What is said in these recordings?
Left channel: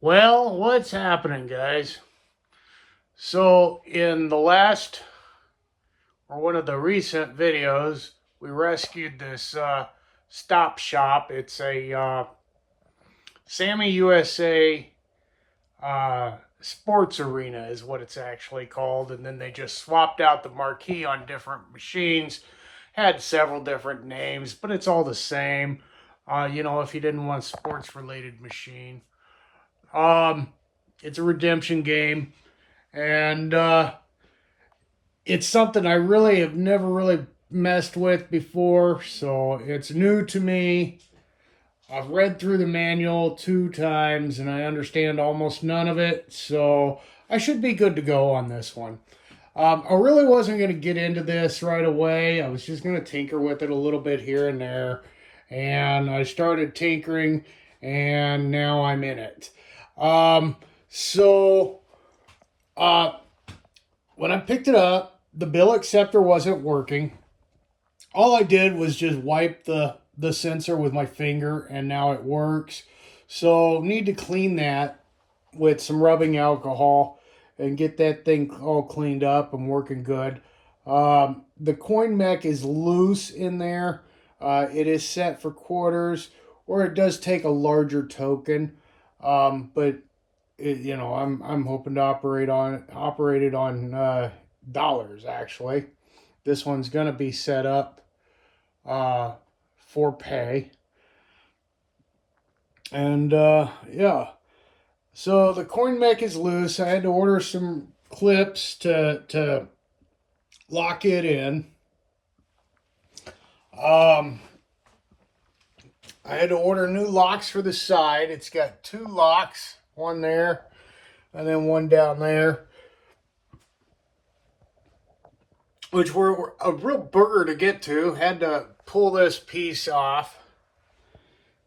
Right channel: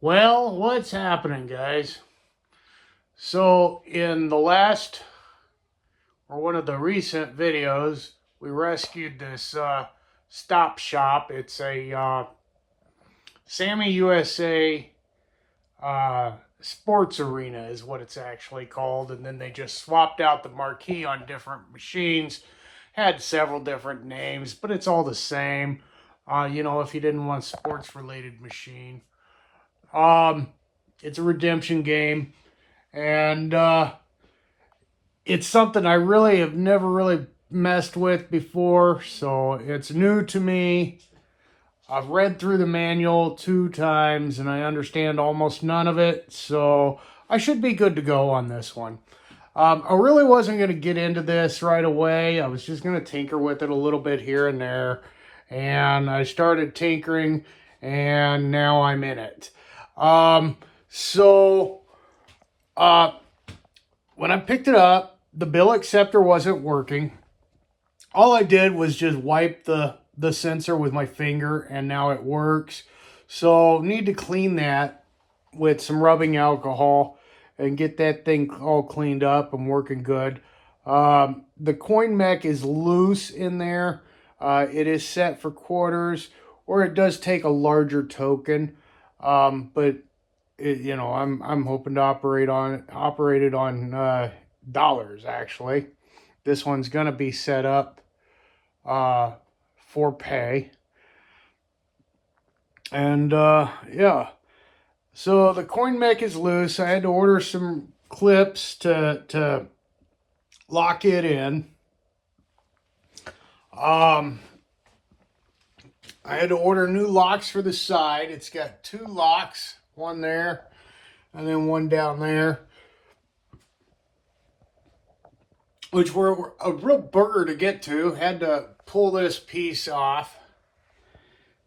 Well, what's happening, guys? So, in the last or one of the recent videos, we rescued this Stop Shop. It's a Sammy USA sports arena, is what it's actually called. And then they just swapped out the marquee on different machines. Had several different names, but it's all the same. If you didn't want a sports related machine. Um, it's a redemption game, and it's something I really have never really messed with before, so it's new to me. I've read through the manual 2 times, and I understand almost none of it, so I should be good to go on this one. I really wasn't going to get into this right away. I was just going to tinker with it a little bit here and there, and I started tinkering, and now I'm in it. So when I picked it up, the bill acceptor wasn't working. All I did was just wipe the sensor with my finger, and now it works. So need to clean that with some rubbing alcohol and get that thing all cleaned up and working good. The coin mech is loose in there. It is set for quarters, or it does take a larger token. But I'm hoping to operate it on dollars actually. This one's gonna be set up for pay, and yeah. So the coin mech is loose. I had to order some clips to lock it in. I had to order new locks for the side. It's got 2 locks, one there and then one down there, which were a real burger to get to. Had to pull this piece off.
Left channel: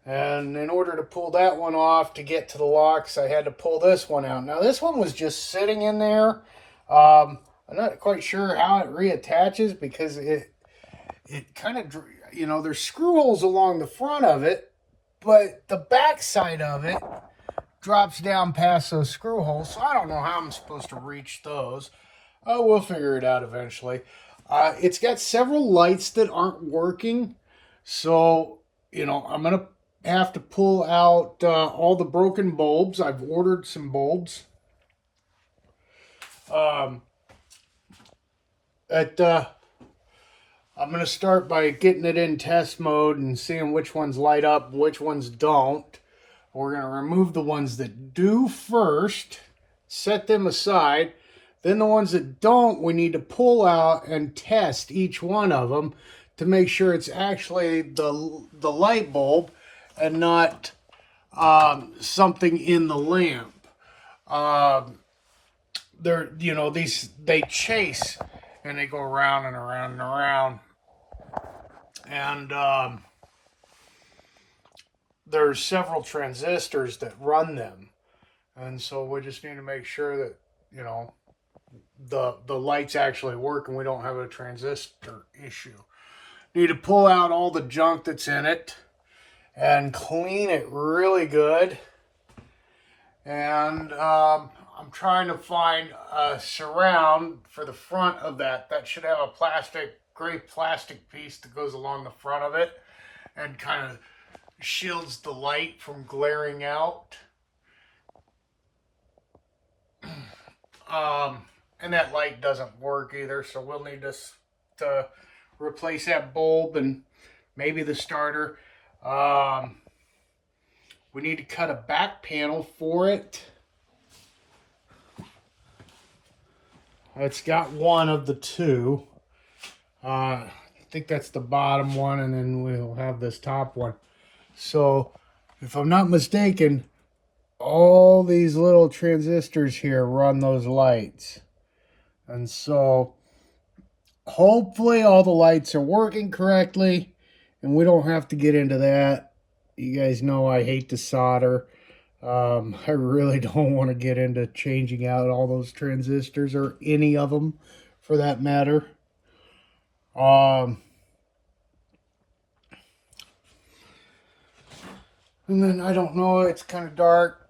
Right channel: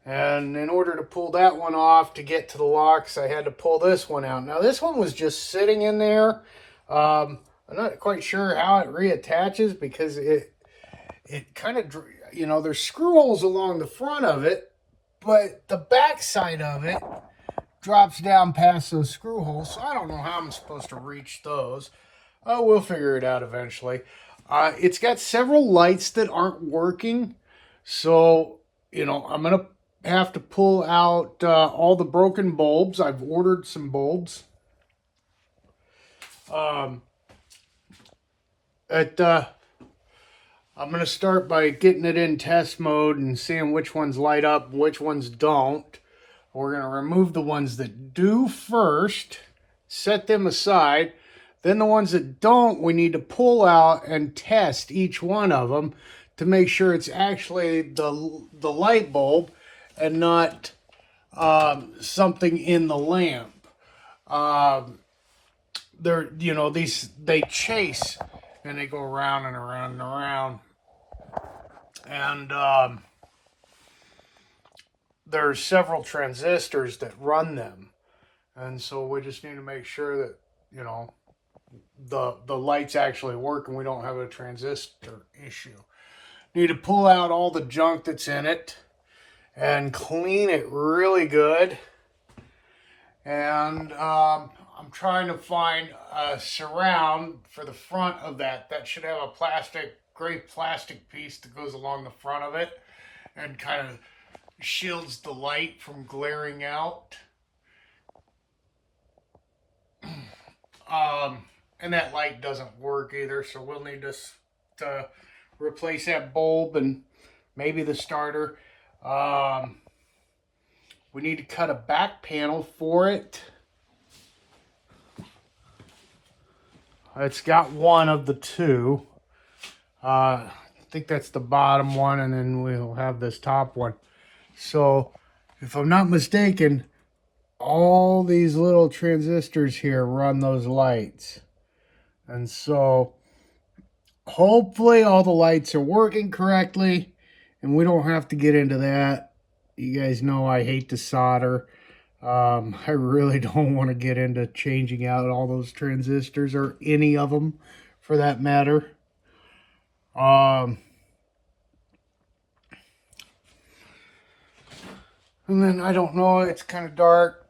And in order to pull that one off to get to the locks, I had to pull this one out. Now, this one was just sitting in there. I'm not quite sure how it reattaches because it kind of, there's screw holes along the front of it, but the back side of it drops down past those screw holes. So I don't know how I'm supposed to reach those. Oh, we'll figure it out eventually. It's got several lights that aren't working. So, I'm going to have to pull out all the broken bulbs. I've ordered some bulbs. I'm going to start by getting it in test mode and seeing which ones light up, which ones don't. We're going to remove the ones that do first, set them aside. Then the ones that don't, we need to pull out and test each one of them to make sure it's actually the light bulb and not something in the lamp. They chase and they go around and around and around. And there's several transistors that run them. And so we just need to make sure that, the lights actually work and we don't have a transistor issue. Need to pull out all the junk that's in it and clean it really good. And I'm trying to find a surround for the front of that. That should have a gray plastic piece that goes along the front of it and kind of shields the light from glaring out. And that light doesn't work either, so we'll need to replace that bulb and maybe the starter. We need to cut a back panel for it. It's got one of the 2. I think that's the bottom one, and then we'll have this top one. So, if I'm not mistaken, all these little transistors here run those lights. And so, hopefully all the lights are working correctly, and we don't have to get into that. You guys know I hate to solder. I really don't want to get into changing out all those transistors, or any of them for that matter. And then I don't know, it's kind of dark.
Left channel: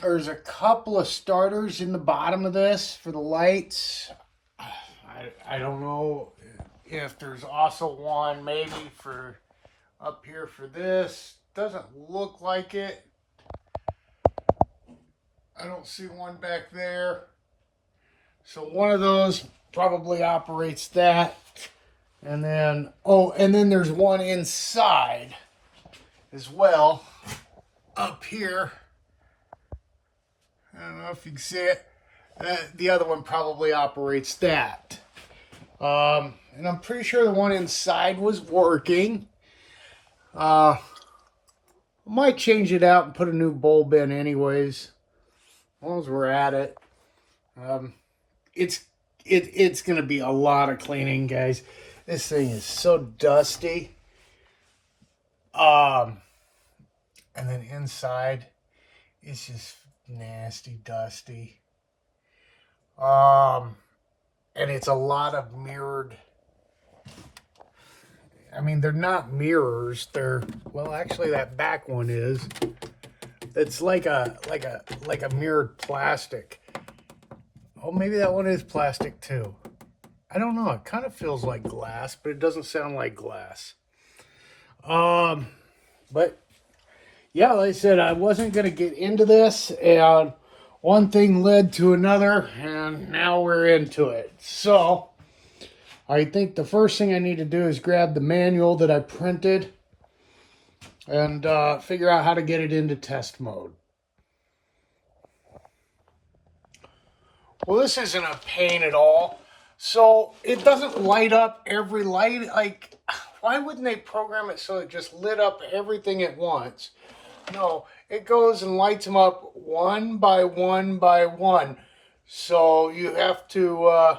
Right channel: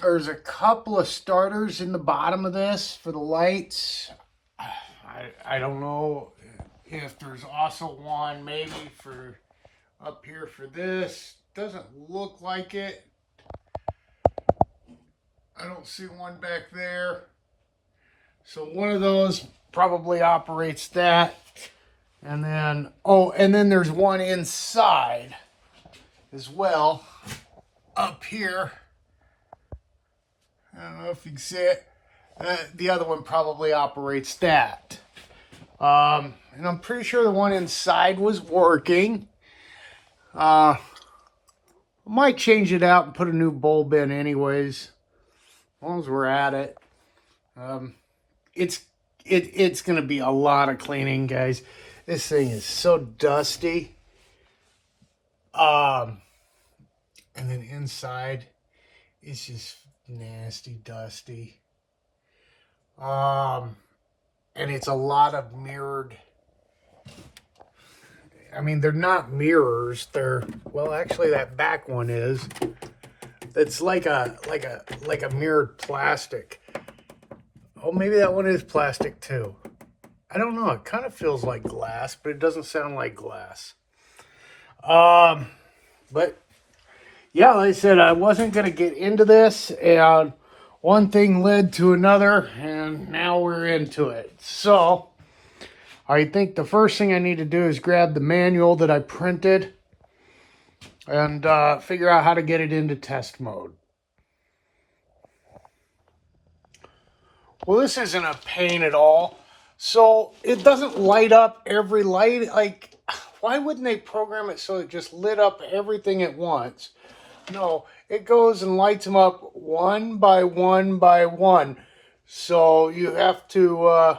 There's a couple of starters in the bottom of this for the lights. I don't know if there's also one maybe for up here for this. Doesn't look like it. I don't see one back there. So one of those probably operates that. And then, oh, and then there's one inside as well up here. I don't know if you can see it. The other one probably operates that. And I'm pretty sure the one inside was working. Might change it out and put a new bulb in anyways. As long as we're at it. It's going to be a lot of cleaning, guys. This thing is so dusty. And then inside, it's just nasty, dusty. And it's a lot of mirrored. I mean, they're not mirrors. They're, well, actually, that back one is. It's like a mirrored plastic. Oh, maybe that one is plastic too. I don't know. It kind of feels like glass, but it doesn't sound like glass. But yeah, like I said, I wasn't going to get into this, and one thing led to another, and now we're into it. So I think the first thing I need to do is grab the manual that I printed and figure out how to get it into test mode. Well, this isn't a pain at all. So it doesn't light up every light. Like, why wouldn't they program it so it just lit up everything at once? No, it goes and lights them up one by one by one. So you have to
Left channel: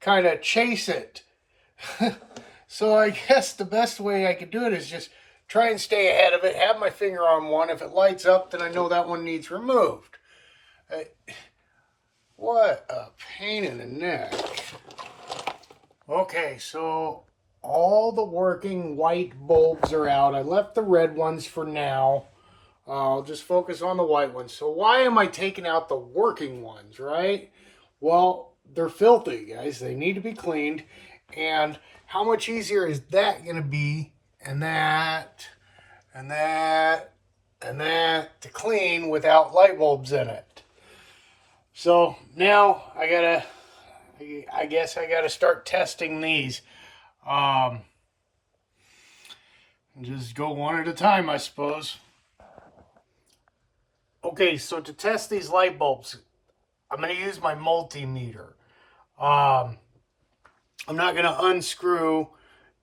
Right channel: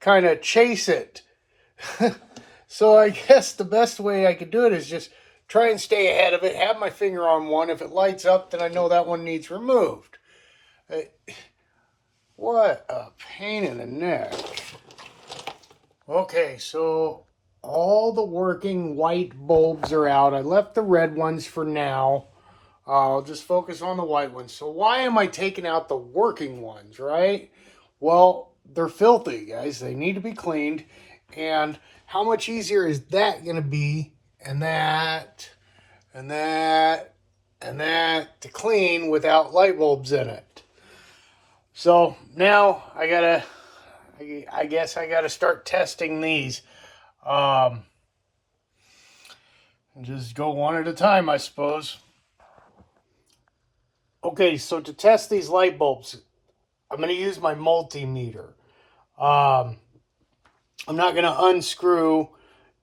kind of chase it. So I guess the best way I could do it is just try and stay ahead of it, have my finger on one. If it lights up, then I know that one needs removed. What a pain in the neck. Okay, so all the working white bulbs are out. I left the red ones for now. I'll just focus on the white ones. So why am I taking out the working ones, right? Well, they're filthy, guys. They need to be cleaned. And how much easier is that going to be? And that, and that, and that to clean without light bulbs in it. So now I guess I gotta start testing these. Just go one at a time, I suppose. Okay, so to test these light bulbs, I'm going to use my multimeter. I'm not going to unscrew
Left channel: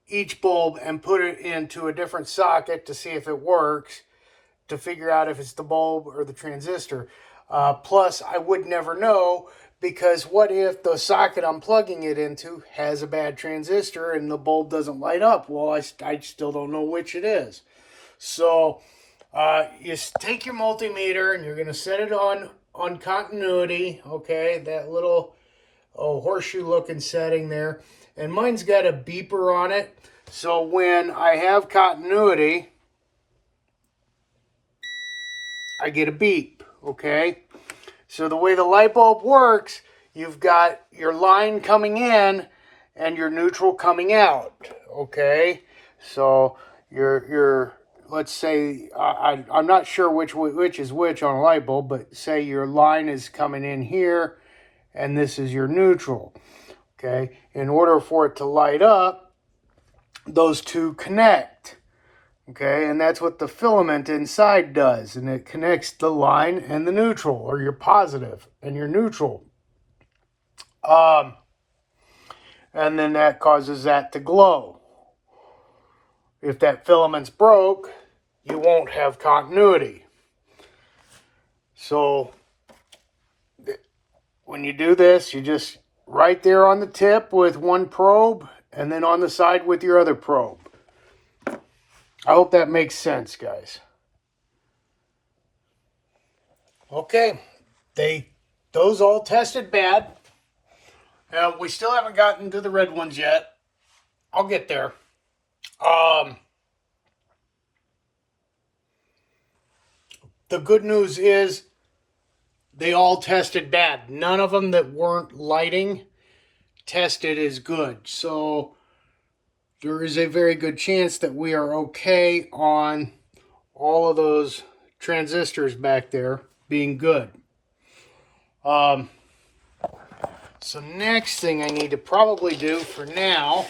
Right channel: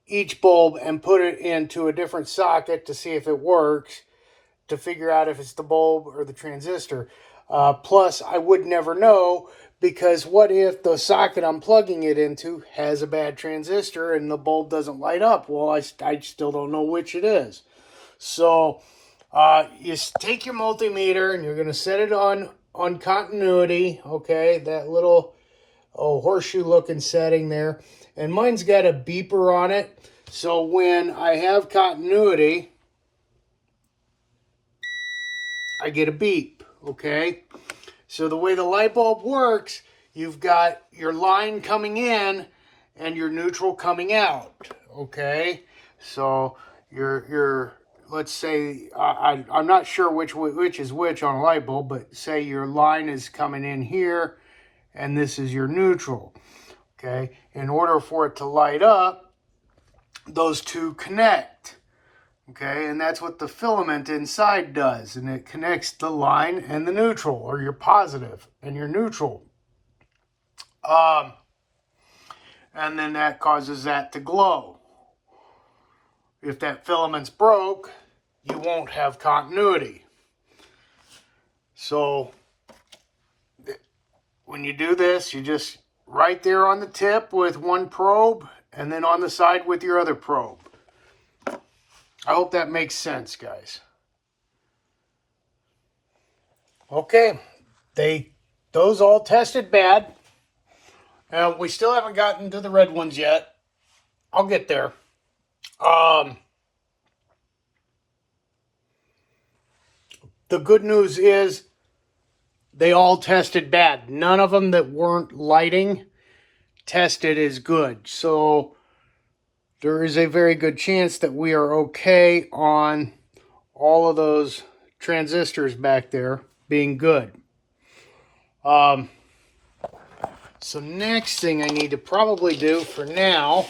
each bulb and put it into a different socket to see if it works, to figure out if it's the bulb or the transistor. Plus, I would never know, because what if the socket I'm plugging it into has a bad transistor and the bulb doesn't light up? Well, I still don't know which it is. So you take your multimeter and you're going to set it on continuity, okay, that little horseshoe looking setting there. And mine's got a beeper on it, so when I have continuity, I get a beep, okay? So the way the light bulb works, you've got your line coming in and your neutral coming out, okay? So your let's say, I'm not sure which is which on a light bulb, but say your line is coming in here and this is your neutral, okay? In order for it to light up, those two connect, okay? And that's what the filament inside does, and it connects the line and the neutral, or your positive and your neutral. And then that causes that to glow. If that filament's broke, you won't have continuity. So when you do this, you just right there on the tip with one probe, and then on the side with your other probe. I hope that makes sense, guys. Okay, those all tested bad. We still haven't gotten to the red ones yet. I'll get there. The good news is they all tested bad. None of them that weren't lighting tested as good. So there is a very good chance that we are okay on all of those transistors back there being good. So next thing I need to probably do for now,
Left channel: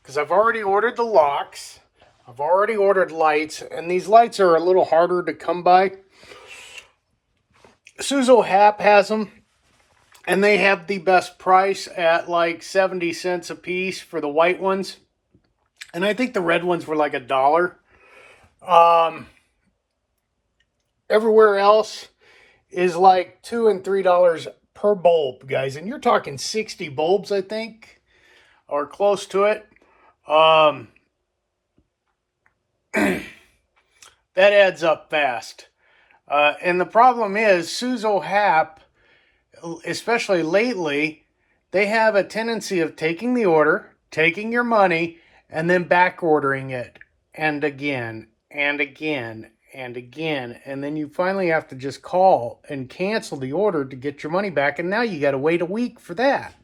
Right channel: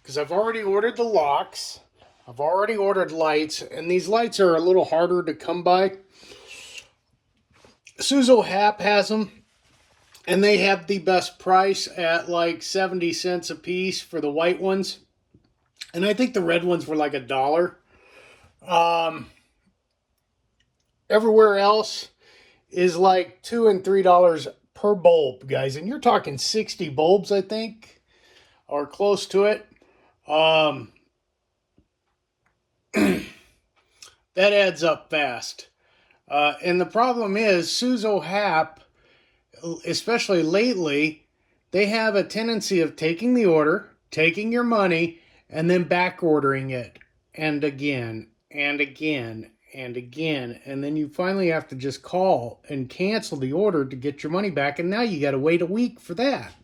because I've already ordered the locks, I've already ordered lights, and these lights are a little harder to come by. Suzo Hap has them, and they have the best price at like 70 cents a piece for the white ones. And I think the red ones were like $1. Everywhere else is like $2 and $3 per bulb, guys. And you're talking 60 bulbs, I think, or close to it. That adds up fast. And the problem is, Suzo Hap, especially lately, they have a tendency of taking the order, taking your money, and then back ordering it. And again, and again, and again. And then you finally have to just call and cancel the order to get your money back. And now you got to wait a week for that.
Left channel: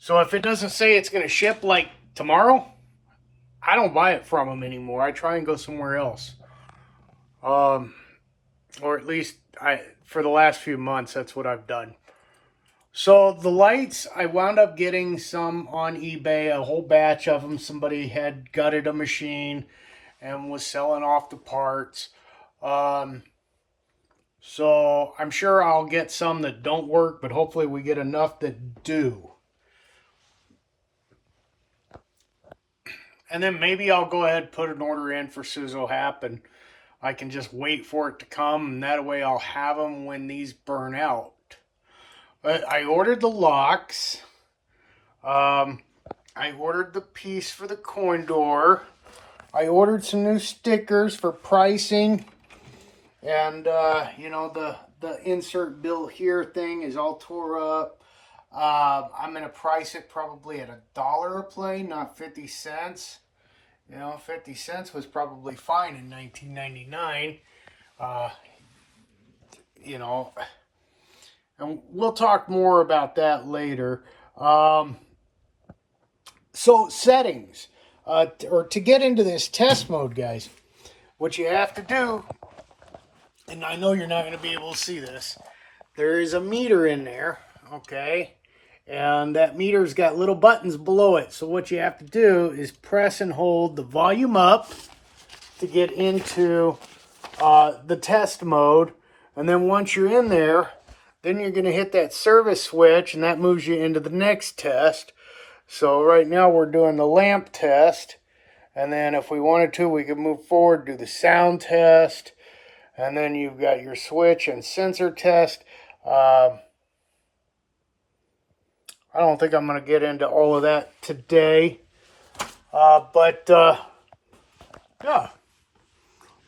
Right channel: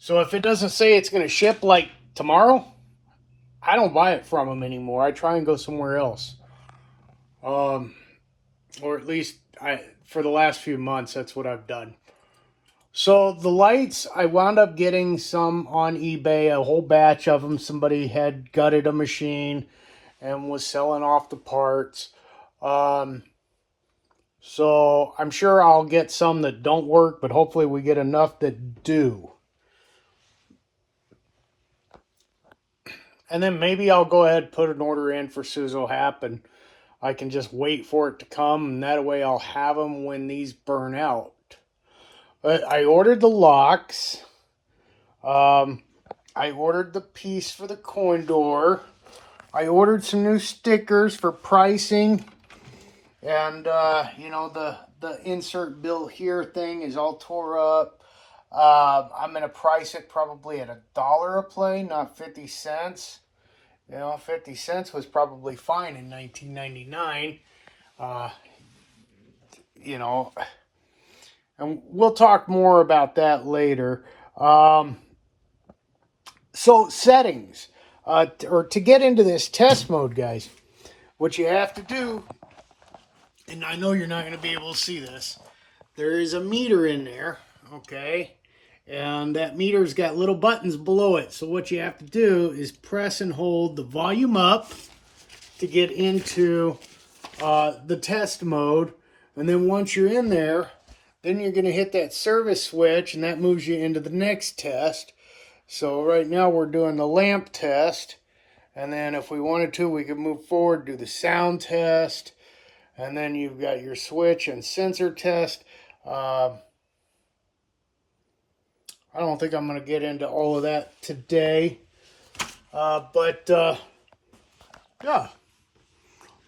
So if it doesn't say it's going to ship like tomorrow, I don't buy it from them anymore. I try and go somewhere else. Or at least for the last few months, that's what I've done. So the lights, I wound up getting some on eBay, a whole batch of them. Somebody had gutted a machine and was selling off the parts. So I'm sure I'll get some that don't work, but hopefully we get enough that do. And then maybe I'll go ahead and put an order in for Suzo Hap, and I can just wait for it to come, and that way I'll have them when these burn out. But I ordered the locks. I ordered the piece for the coin door. I ordered some new stickers for pricing. And, you know, the insert bill here thing is all tore up. I'm going to price it probably at $1 a plane, not 50 cents. You know, 50 cents was probably fine in 1999. You know, and we'll talk more about that later. So settings, or to get into this test mode, guys, what you have to do, and I know you're not going to be able to see this, there is a meter in there, okay? And that meter's got little buttons below it. So what you have to do is press and hold the volume up to get into the test mode. And then once you're in there, then you're going to hit that service switch, and that moves you into the next test. So right now we're doing the lamp test. And then if we wanted to, we could move forward, do the sound test. And then you've got your switch and sensor test. I don't think I'm going to get into all of that today. Yeah.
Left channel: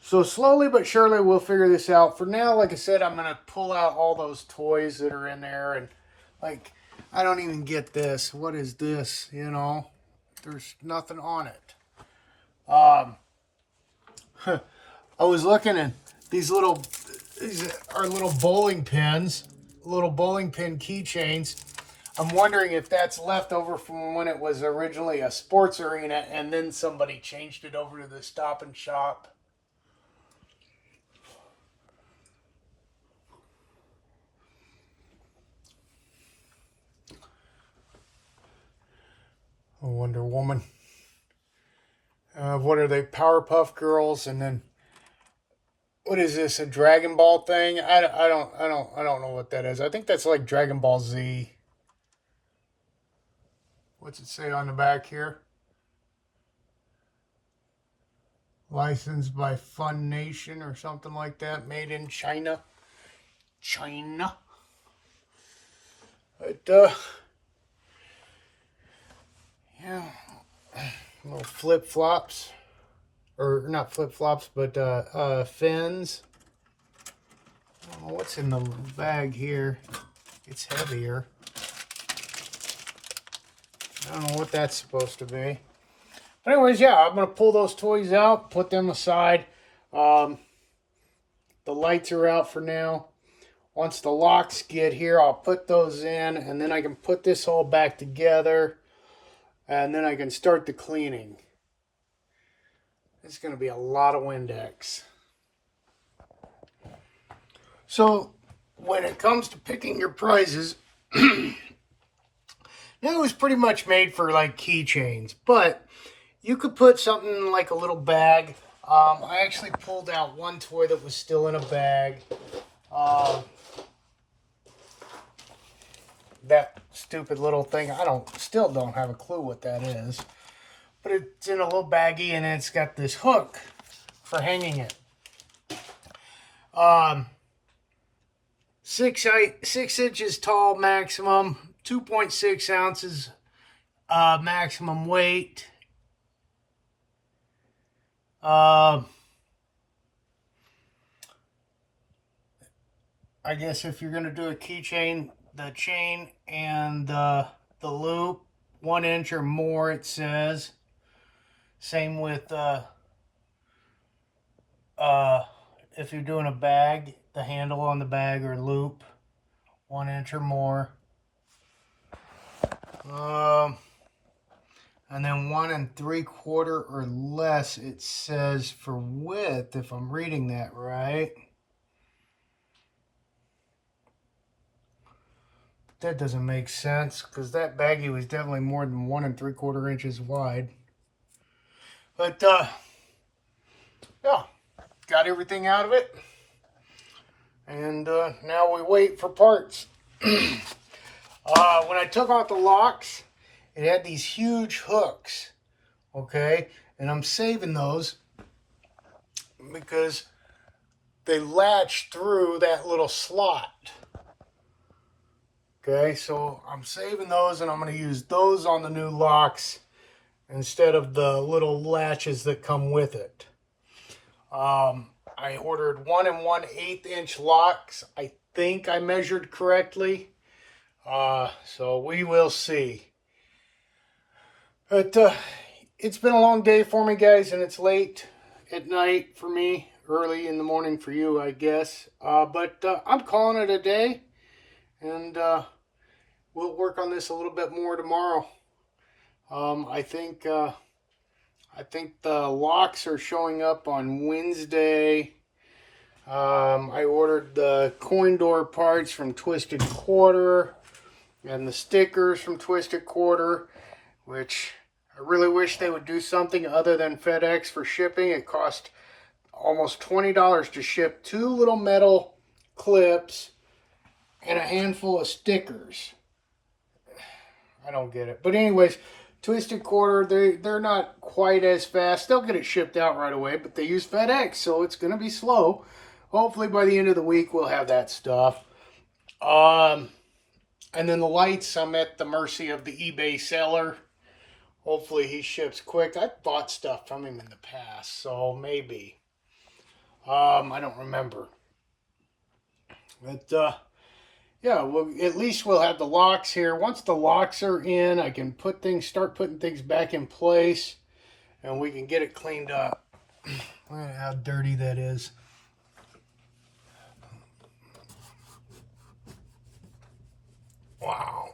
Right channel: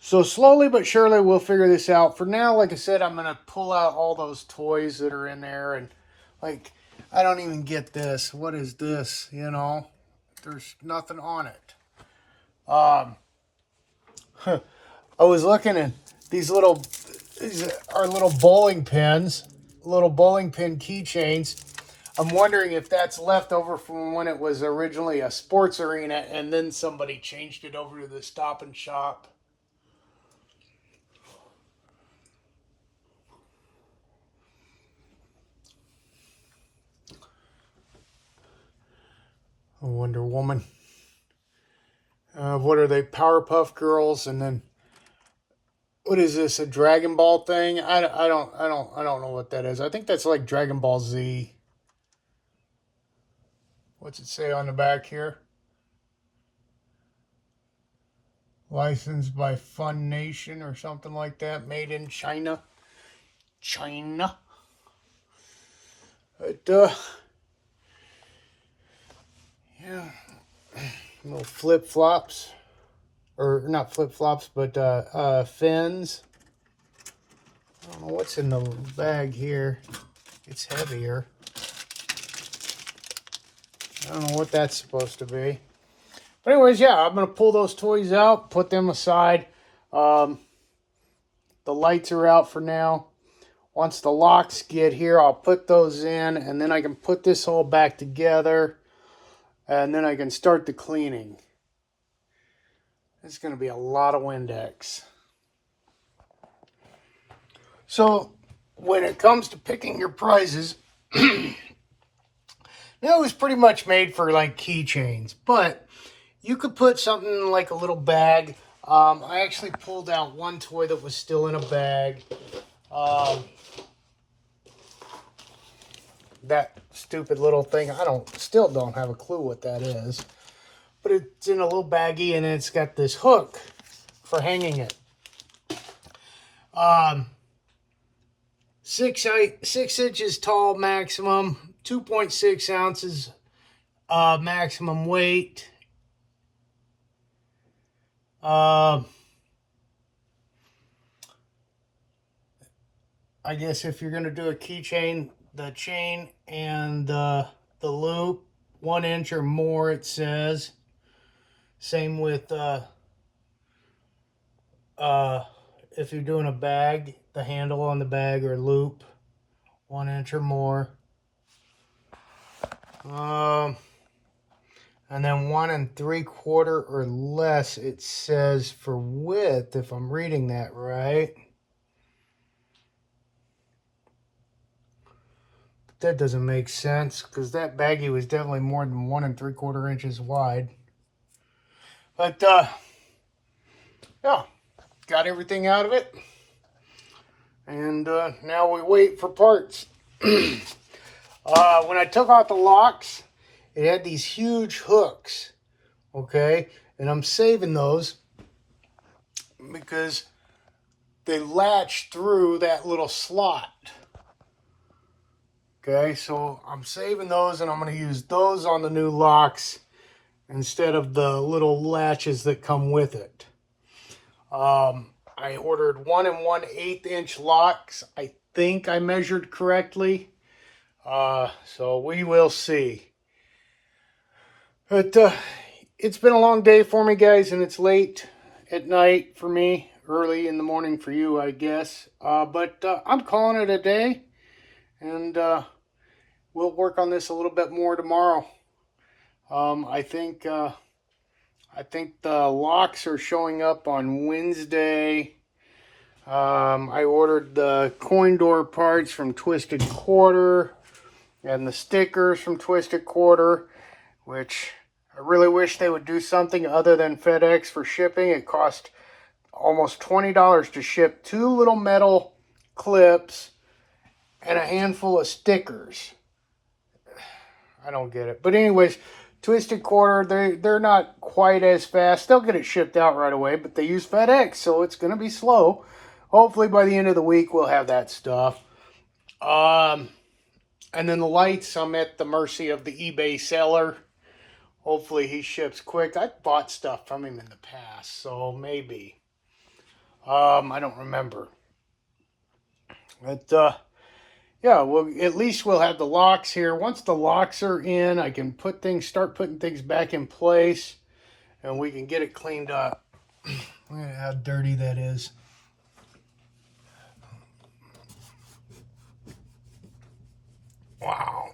So slowly but surely we'll figure this out. For now, like I said, I'm going to pull out all those toys that are in there. And like, I don't even get this. What is this? You know, there's nothing on it. I was looking at these are little bowling pins, little bowling pin keychains. I'm wondering if that's left over from when it was originally a sports arena and then somebody changed it over to the Stop and Shop. A Wonder Woman. What are they? Powerpuff Girls, and then what is this? A Dragon Ball thing? I don't know what that is. I think that's like Dragon Ball Z. What's it say on the back here? Licensed by Fun Nation or something like that. Made in China. China. But, yeah. Little flip-flops. Or, not flip-flops, but, fins. I don't know what's in the bag here. It's heavier. I don't know what that's supposed to be. But anyways, yeah, I'm going to pull those toys out, put them aside. The lights are out for now. Once the locks get here, I'll put those in, and then I can put this all back together, and then I can start the cleaning. It's going to be a lot of Windex. So, when it comes to picking your prizes, it was pretty much made for like keychains, but you could put something in like a little bag. I actually pulled out one toy that was still in a bag. That stupid little thing, still don't have a clue what that is. But it's in a little baggie, and it's got this hook for hanging it. 6 inches tall maximum, 2.6 ounces maximum weight. I guess if you're going to do a keychain, the chain and the loop, 1 inch or more, it says. Same with if you're doing a bag, the handle on the bag or loop, 1 inch or more. And then 1 3/4 or less, it says for width, if I'm reading that right. But that doesn't make sense, because that baggie was definitely more than 1 3/4 inches wide. But yeah, got everything out of it. And now we wait for parts. When I took out the locks, it had these huge hooks, okay? And I'm saving those because they latch through that little slot. Okay, so I'm saving those, and I'm going to use those on the new locks instead of the little latches that come with it. I ordered 1 1/8 inch locks. I think I measured correctly. So we will see. But it's been a long day for me, guys, and it's late at night for me, early in the morning for you, I guess. But I'm calling it a day, and we'll work on this a little bit more tomorrow. I think the locks are showing up on Wednesday. I ordered the coin door parts from Twisted Quarter and the stickers from Twisted Quarter, which I really wish they would do something other than FedEx for shipping. It cost almost $20 to ship 2 little metal clips and a handful of stickers. I don't get it. But anyways, Twisted Quarter, they're not quite as fast. They'll get it shipped out right away, but they use FedEx, so it's going to be slow. Hopefully by the end of the week, we'll have that stuff. And then the lights, I'm at the mercy of the eBay seller. Hopefully he ships quick. I've bought stuff from him in the past, so maybe. I don't remember. But, yeah, well, at least we'll have the locks here. Once the locks are in, I can start putting things back in place, and we can get it cleaned up. Look at how dirty that is. Wow.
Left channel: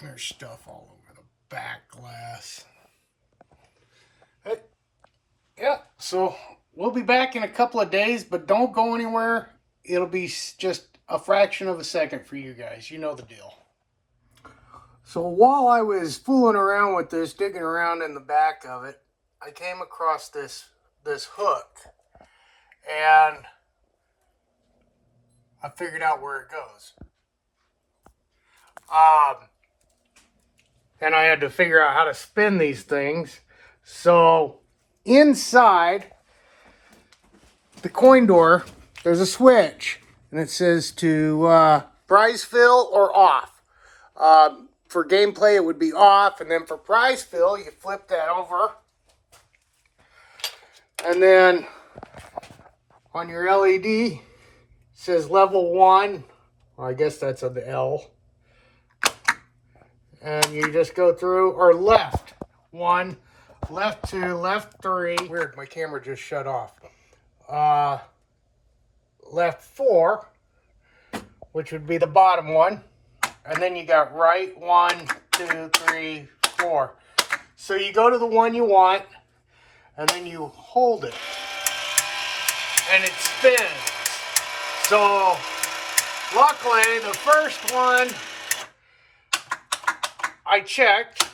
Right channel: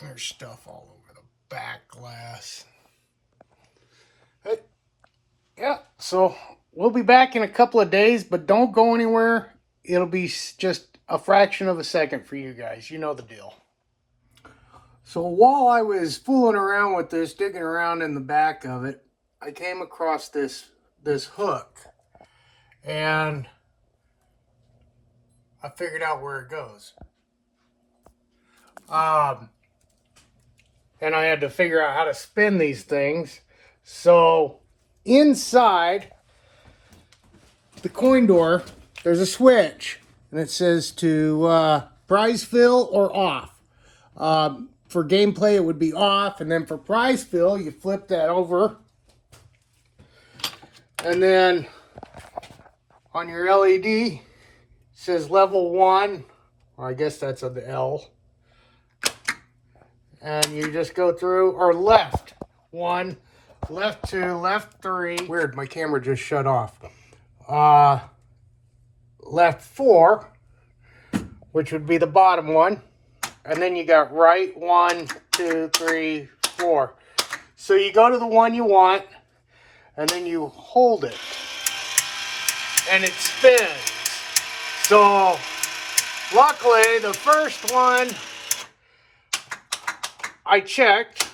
There's stuff all over the back glass. Yeah, so we'll be back in a couple of days, but don't go anywhere. It'll be just a fraction of a second for you guys. You know the deal. So while I was fooling around with this, digging around in the back of it, I came across this hook, and I figured out where it goes. And I had to figure out how to spin these things. So inside the coin door, there's a switch, and it says to prize fill or off. For gameplay, it would be off, and then for prize fill, you flip that over. And then on your LED, it says level 1, or I guess that's of the L. And you just go through, or left 1, left 2, left 3. Weird, my camera just shut off. Left 4, which would be the bottom one. And then you got right 1, 2, 3, 4. So you go to the one you want, and then you hold it. And it spins. So, luckily, the first one I checked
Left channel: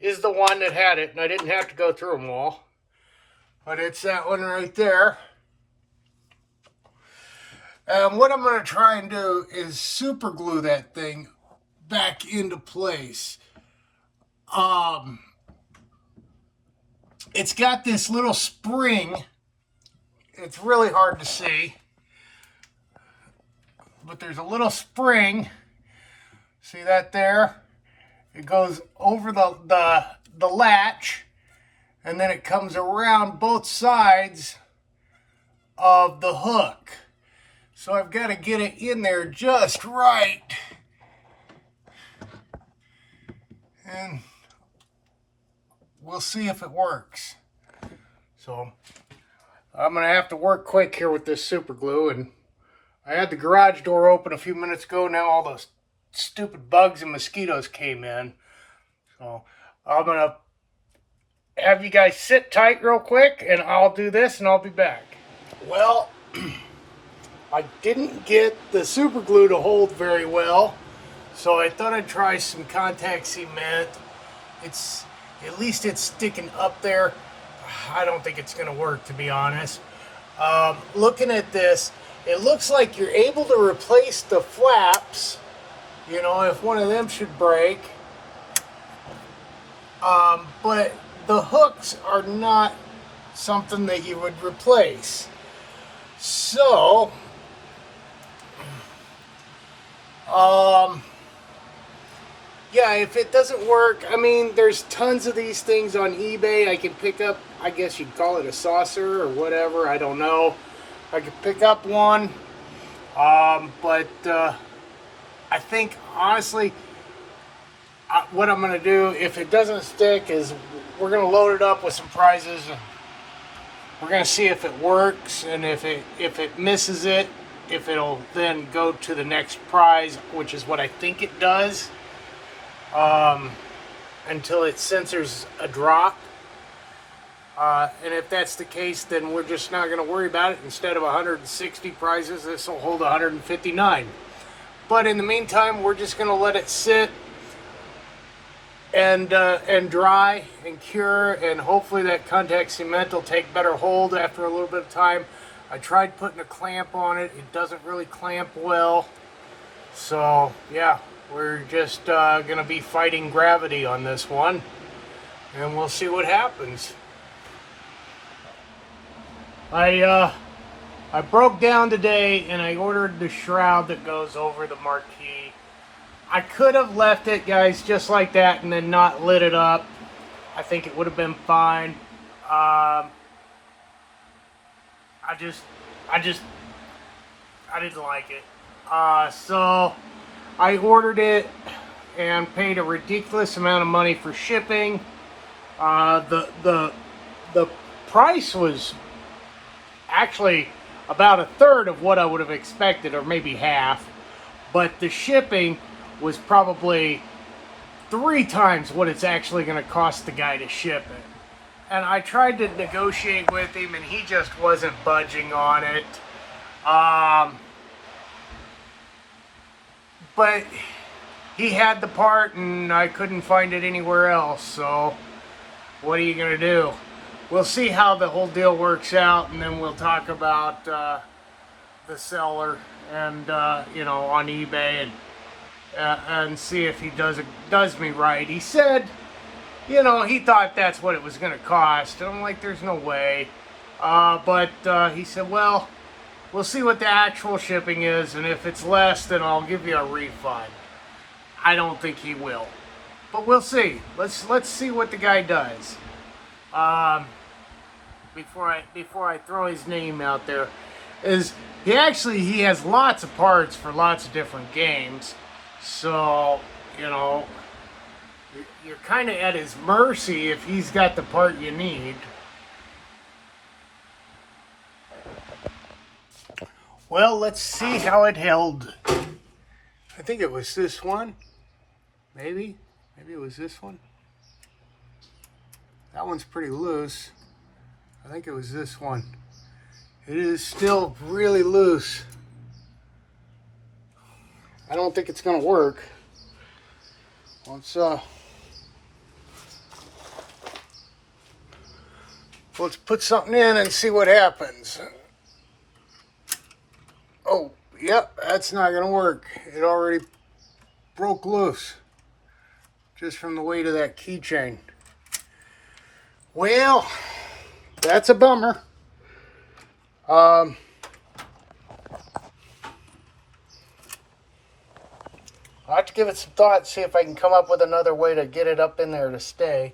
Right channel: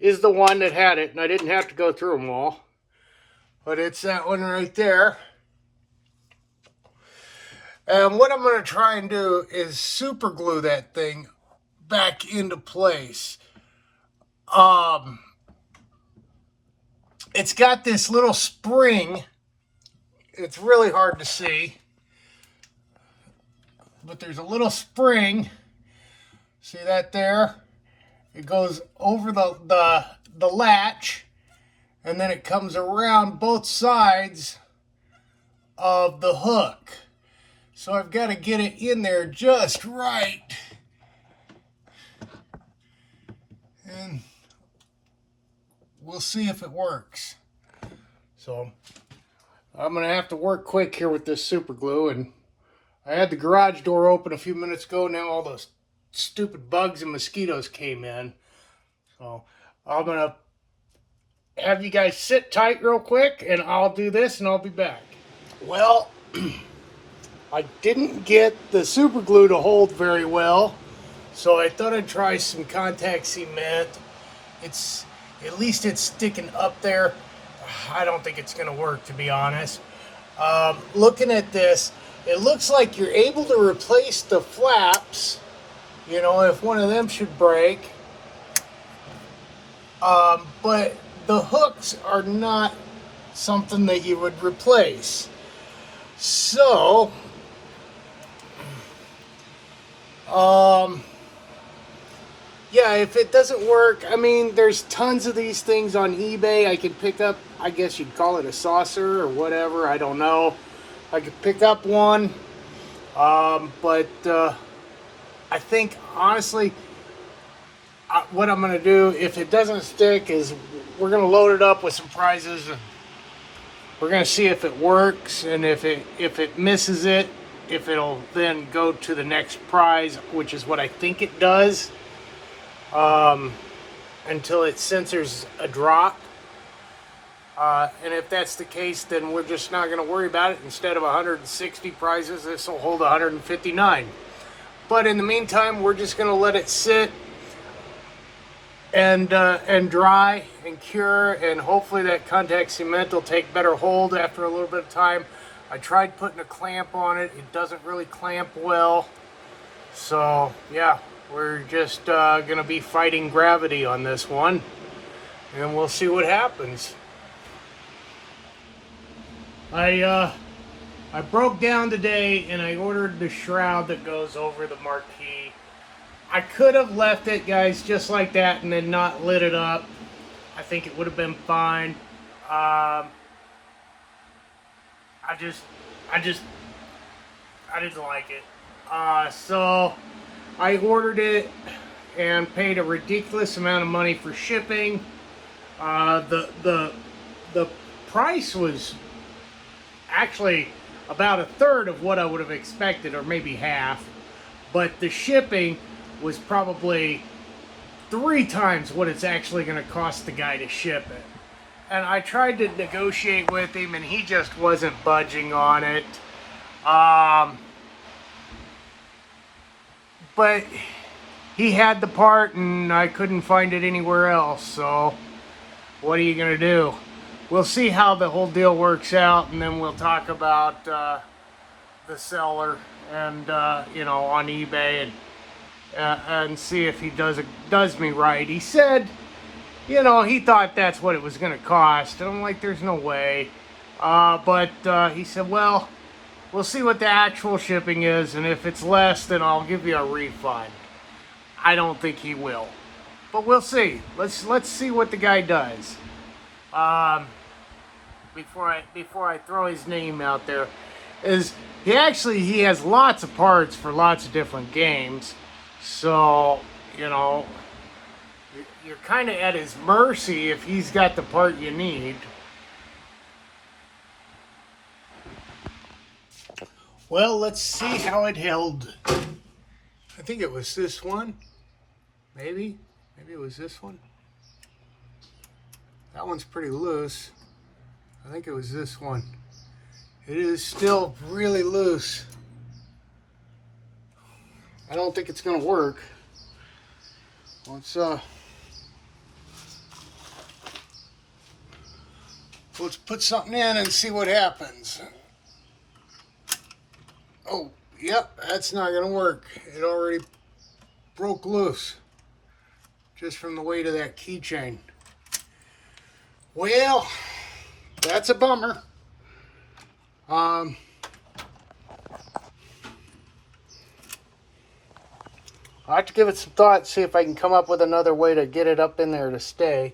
is the one that had it, and I didn't have to go through them all. But it's that one right there. And what I'm going to try and do is super glue that thing back into place. It's got this little spring. It's really hard to see, but there's a little spring. See that there? It goes over the latch, and then it comes around both sides of the hook. So I've got to get it in there just right. And we'll see if it works. So I'm going to have to work quick here with this super glue. And I had the garage door open a few minutes ago. Now all those stupid bugs and mosquitoes came in. So I'm going to have you guys sit tight real quick, and I'll do this and I'll be back. Well, I didn't get the super glue to hold very well, so I thought I'd try some contact cement. At least it's sticking up there. I don't think it's going to work, to be honest. Looking at this, it looks like you're able to replace the flaps, you know, if one of them should break. But the hooks are not something that you would replace. So, yeah, if it doesn't work, I mean, there's tons of these things on eBay. I can pick up, I guess you'd call it a saucer or whatever, I don't know. I could pick up one, but I think, honestly, what I'm going to do, if it doesn't stick, is we're going to load it up with some prizes. We're going to see if it works, and if it misses it, if it'll then go to the next prize, which is what I think it does, until it censors a drop. And if that's the case, then we're just not going to worry about it. Instead of 160 prizes, this will hold 159. But in the meantime, we're just going to let it sit and dry and cure, and hopefully that contact cement will take better hold after a little bit of time. I tried putting a clamp on it. It doesn't really clamp well. So, yeah, we're just going to be fighting gravity on this one, and we'll see what happens. I broke down today, and I ordered the shroud that goes over the marquee. I could have left it, guys, just like that, and then not lit it up. I think it would have been fine. I didn't like it. So I ordered it and paid a ridiculous amount of money for shipping. The price was actually about a third of what I would have expected, or maybe half. But the shipping was probably 3 times what it's actually going to cost the guy to ship it. And I tried to negotiate with him, and he just wasn't budging on it. But he had the part, and I couldn't find it anywhere else. So what are you going to do? We'll see how the whole deal works out, and then we'll talk about the seller and you know, on eBay, and see if he does me right. He said, you know, he thought that's what it was going to cost. I'm like, there's no way. But he said, well, we'll see what the actual shipping is, and if it's less, then I'll give you a refund. I don't think he will, but we'll see. Let's see what the guy does. Before I throw his name out there, is he has lots of parts for lots of different games. So you know, you're kind of at his mercy if he's got the part you need. Well, let's see how it held. I think it was this one. Maybe it was this one. That one's pretty loose. I think it was this one. It is still really loose. I don't think it's going to work. Let's put something in and see what happens. Oh, yep, that's not going to work. It already broke loose just from the weight of that keychain. Well, that's a bummer. I'll have to give it some thought, see if I can come up with another way to get it up in there to stay.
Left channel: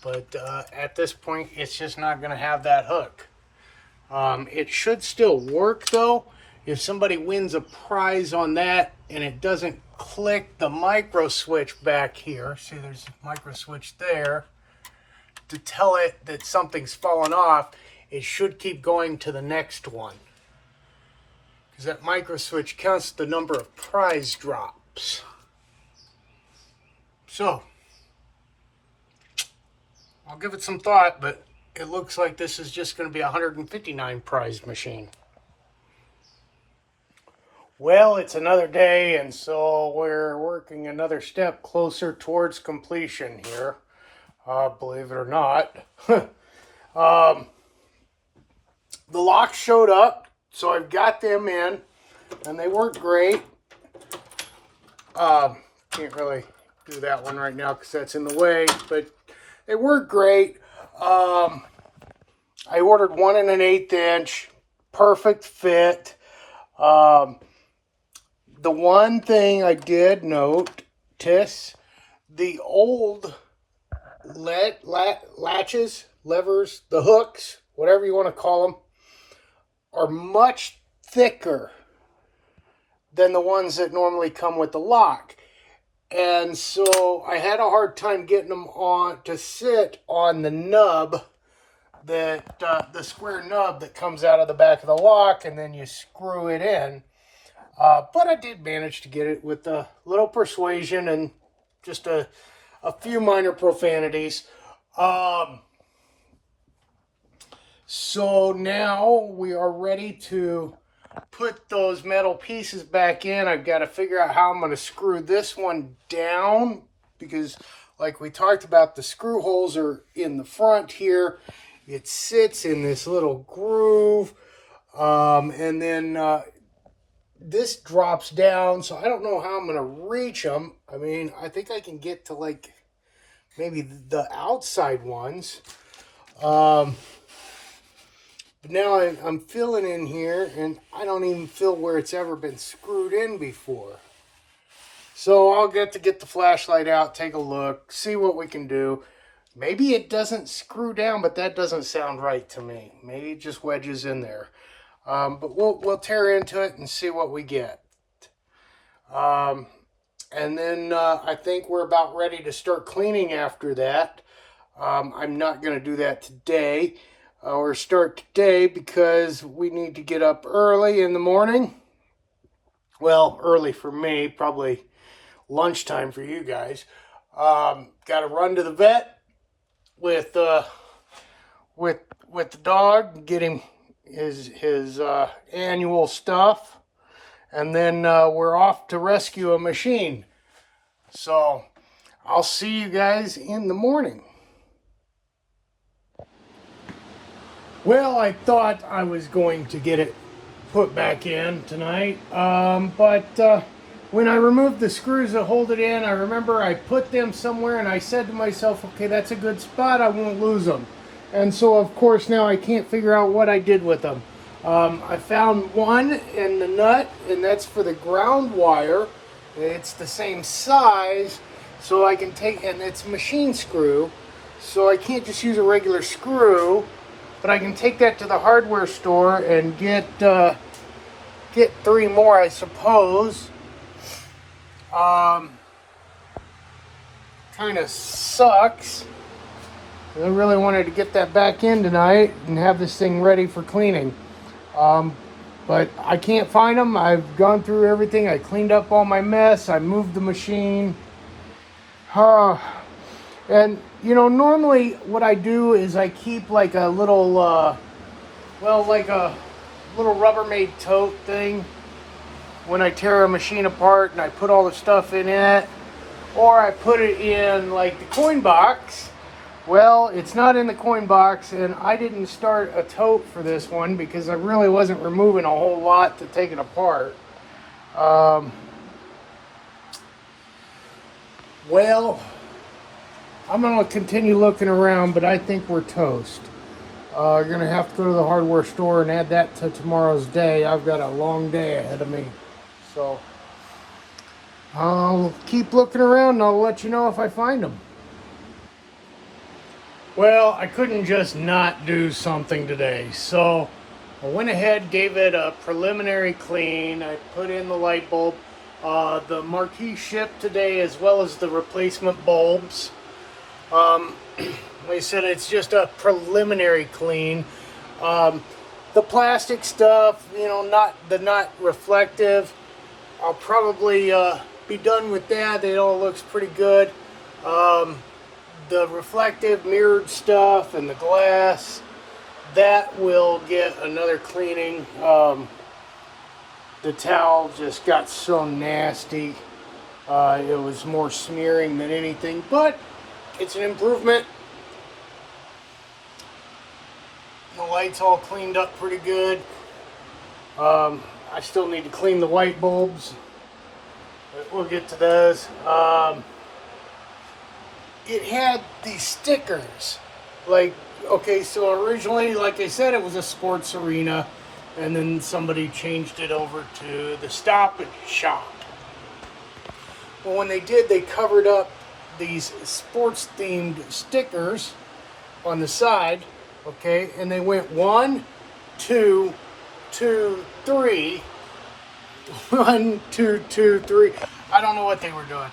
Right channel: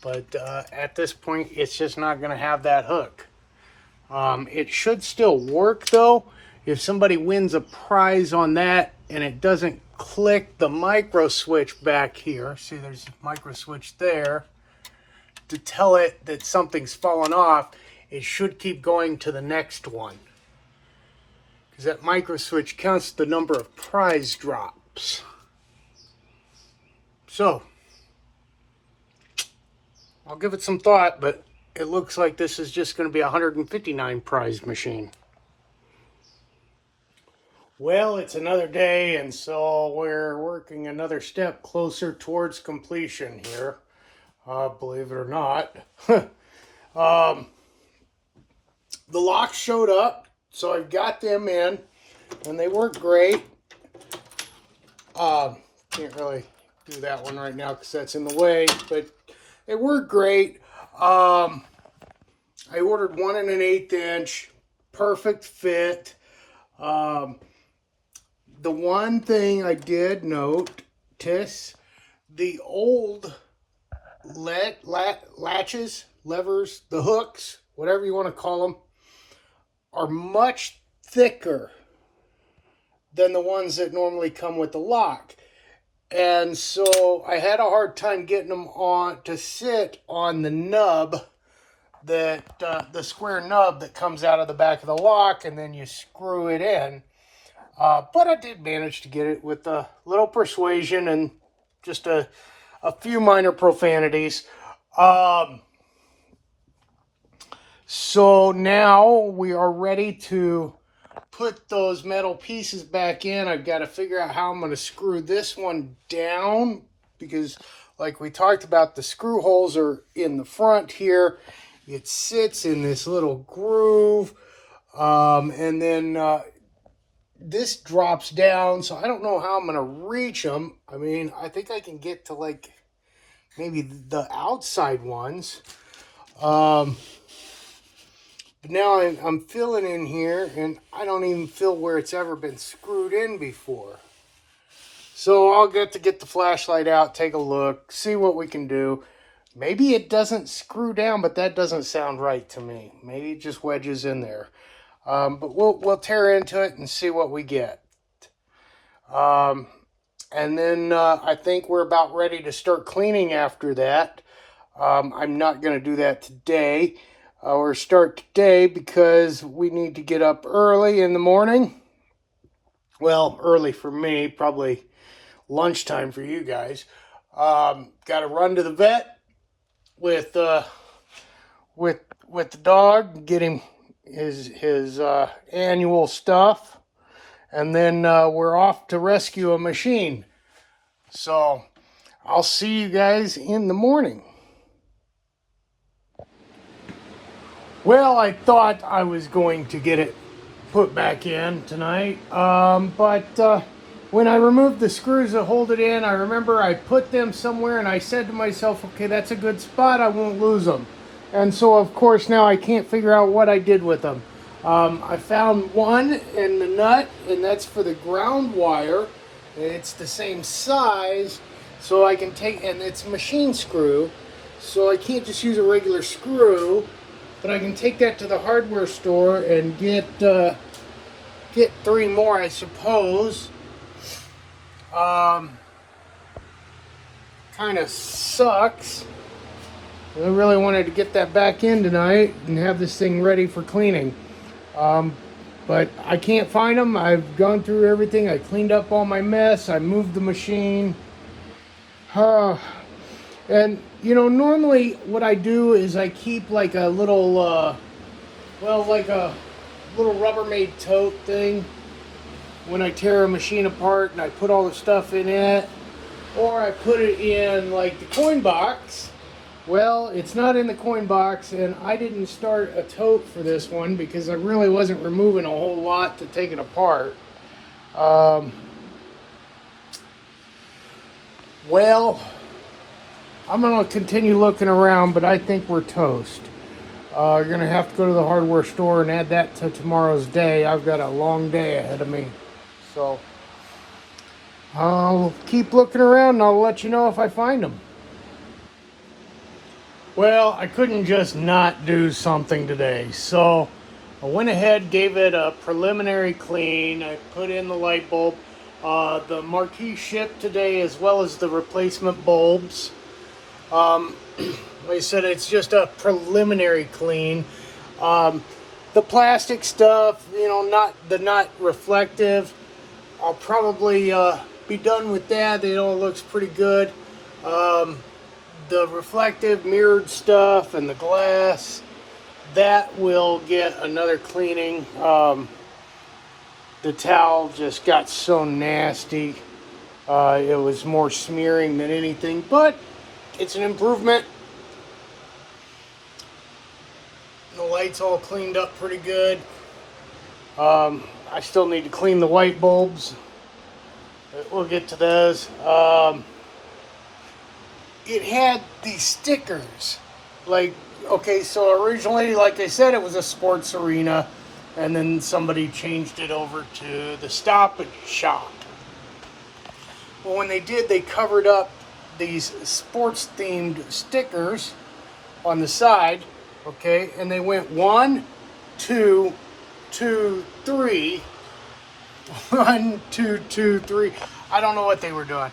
But at this point, it's just not going to have that hook. It should still work, though. If somebody wins a prize on that and it doesn't click the micro switch back here, see there's a micro switch there, to tell it that something's fallen off, it should keep going to the next one. Because that micro switch counts the number of prize drops. So, I'll give it some thought, but it looks like this is just going to be a 159 prize machine. Well, it's another day, and so we're working another step closer towards completion here. Believe it or not. The locks showed up, so I've got them in, and they work great. Can't really do that one right now because that's in the way, but they work great. I ordered 1 1/8 inch, perfect fit. The one thing I did notice, the old latches, levers, the hooks, whatever you want to call them, are much thicker than the ones that normally come with the lock. And so I had a hard time getting them on to sit on the nub, that the square nub that comes out of the back of the lock, and then you screw it in. But I did manage to get it with a little persuasion and just a few minor profanities. So now we are ready to put those metal pieces back in. I've got to figure out how I'm going to screw this one down, because like we talked about, the screw holes are in the front here. It sits in this little groove. And then this drops down, so I don't know how I'm going to reach them. I mean, I think I can get to like maybe the outside ones. But now I'm filling in here, and I don't even feel where it's ever been screwed in before. So I'll get the flashlight out, take a look, see what we can do. Maybe it doesn't screw down, but that doesn't sound right to me. Maybe it just wedges in there. But we'll tear into it and see what we get. And then I think we're about ready to start cleaning after that. I'm not going to do that today or start today because we need to get up early in the morning. Well, early for me, probably lunchtime for you guys. Got to run to the vet with the dog, get him his annual stuff, and then we're off to rescue a machine. So I'll see you guys in the morning. Well, I thought I was going to get it put back in tonight, but when I removed the screws that hold it in, I remember I put them somewhere and I said to myself, okay, that's a good spot, I won't lose them. And so, of course, now I can't figure out what I did with them. I found one in the nut, and that's for the ground wire. It's the same size, so I can take, and it's a machine screw, so I can't just use a regular screw, but I can take that to the hardware store and get 3 more, I suppose. kind of sucks. I really wanted to get that back in tonight and have this thing ready for cleaning. But I can't find them. I've gone through everything. I cleaned up all my mess. I moved the machine. And, you know, normally what I do is I keep like a little, like a little Rubbermaid tote thing when I tear a machine apart, and I put all the stuff in it. Or I put it in like the coin box. Well, it's not in the coin box, and I didn't start a tote for this one because I really wasn't removing a whole lot to take it apart. Well, I'm going to continue looking around, but I think we're toast. You're going to have to go to the hardware store and add that to tomorrow's day. I've got a long day ahead of me. So I'll keep looking around and I'll let you know if I find them. Well, I couldn't just not do something today. So I went ahead, gave it a preliminary clean. I put in the light bulb. The marquee shipped today, as well as the replacement bulbs. Like I said, it's just a preliminary clean. The plastic stuff, you know, not reflective. I'll probably be done with that. It all looks pretty good. The reflective mirrored stuff and the glass, that will get another cleaning. The towel just got so nasty. It was more smearing than anything, but it's an improvement. The light's all cleaned up pretty good. I still need to clean the white bulbs. We'll get to those. It had these stickers. Like, okay, so originally, like I said, it was a sports arena, and then somebody changed it over to the Stop Shop. Well, when they did, they covered up these sports-themed stickers on the side, okay, and they went 1, 2, 2, 3. 1, 2, 2, 3. I don't know what they were doing.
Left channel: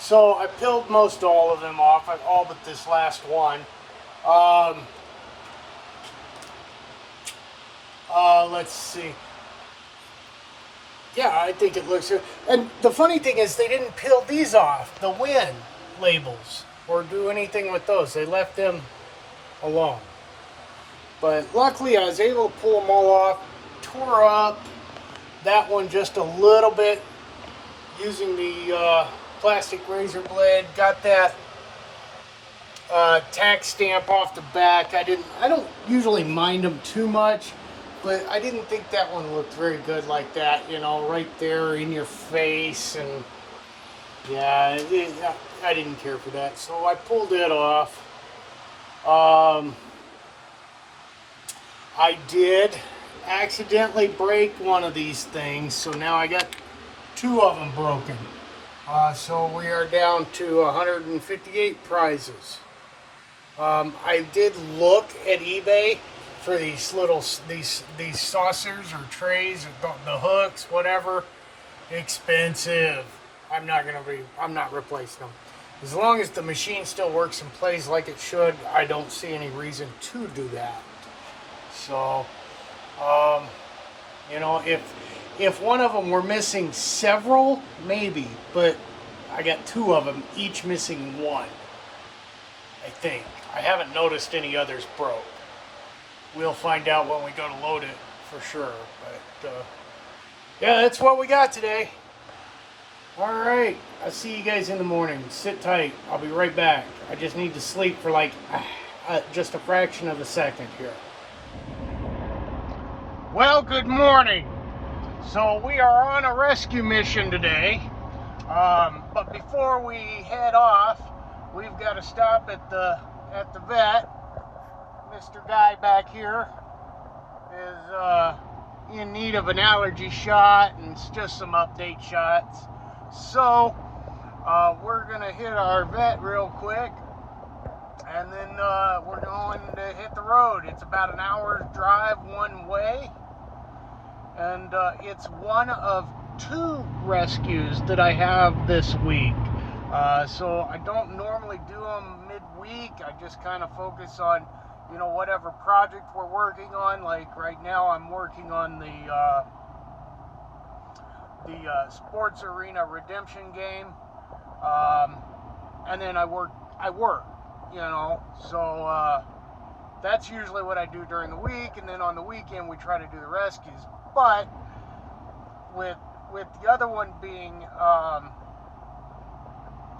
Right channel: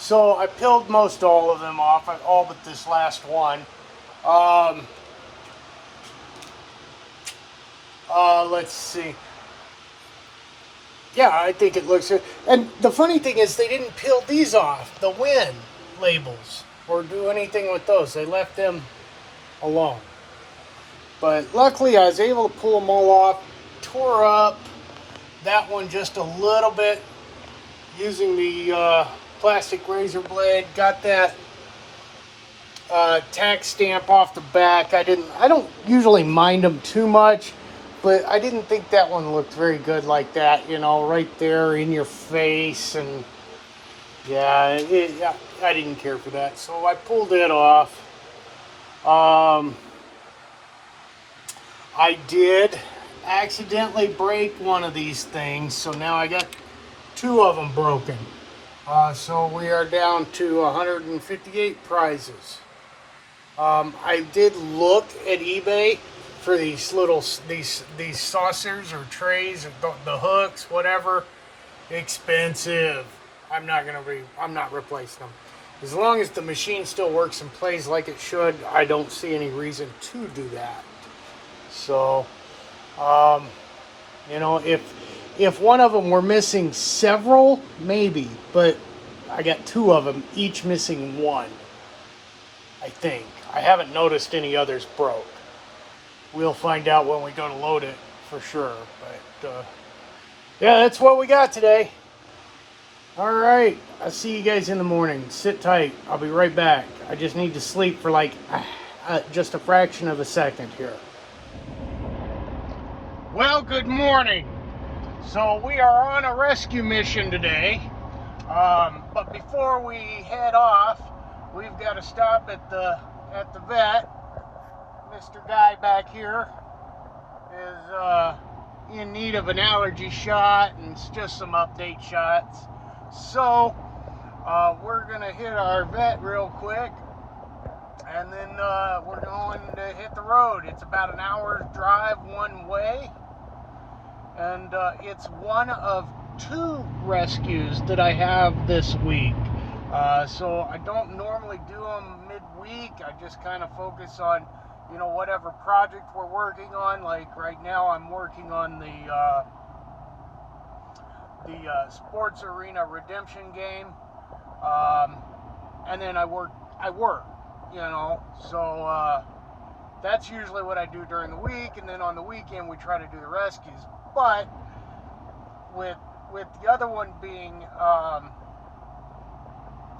So I peeled most all of them off, all but this last one. Let's see. Yeah, I think it looks good. And the funny thing is, they didn't peel these off, the win labels, or do anything with those. They left them alone. But luckily, I was able to pull them all off. Tore up that one just a little bit using the plastic razor blade. Got that tax stamp off the back. I don't usually mind them too much, but I didn't think that one looked very good like that, you know, right there in your face. And yeah, I didn't care for that, so I pulled it off. I did accidentally break one of these things, so now I got 2 of them broken. So we are down to 158 prizes. I did look at eBay for these little these saucers or trays, or the hooks, whatever. Expensive. I'm not replacing them. As long as the machine still works and plays like it should, I don't see any reason to do that. So, you know, if one of them were missing several, maybe, but I got 2 of them, each missing 1, I think. I haven't noticed any others broke. We'll find out when we go to load it for sure. But, yeah, that's what we got today. All right, I'll see you guys in the morning. Sit tight. I'll be right back. I just need to sleep for like just a fraction of a second here. Well, good morning. So we are on a rescue mission today. But before we head off, we've got to stop at the vet. Mr. Guy back here is in need of an allergy shot and just some update shots. So we're gonna hit our vet real quick, and then we're going to hit the road. It's about an hour's drive one way, and it's one of 2 rescues that I have this week. So I don't normally do them midweek. I just kind of focus on, you know, whatever project we're working on. Like right now, I'm working on the sports arena redemption game, and then I work, you know. So that's usually what I do during the week, and then on the weekend we try to do the rescues. But with the other one being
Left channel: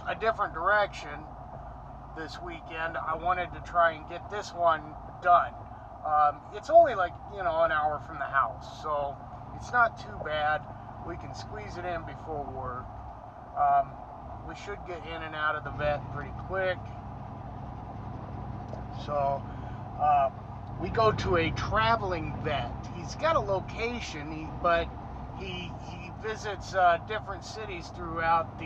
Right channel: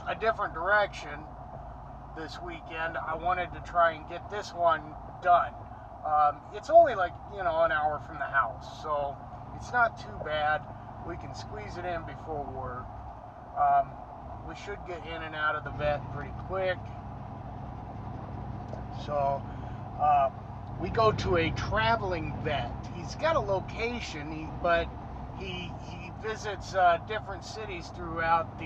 a different direction this weekend, I wanted to try and get this one done. It's only like, you know, an hour from the house, so it's not too bad. We can squeeze it in before work. We should get in and out of the vet pretty quick. So we go to a traveling vet. He's got a location, but he visits different cities throughout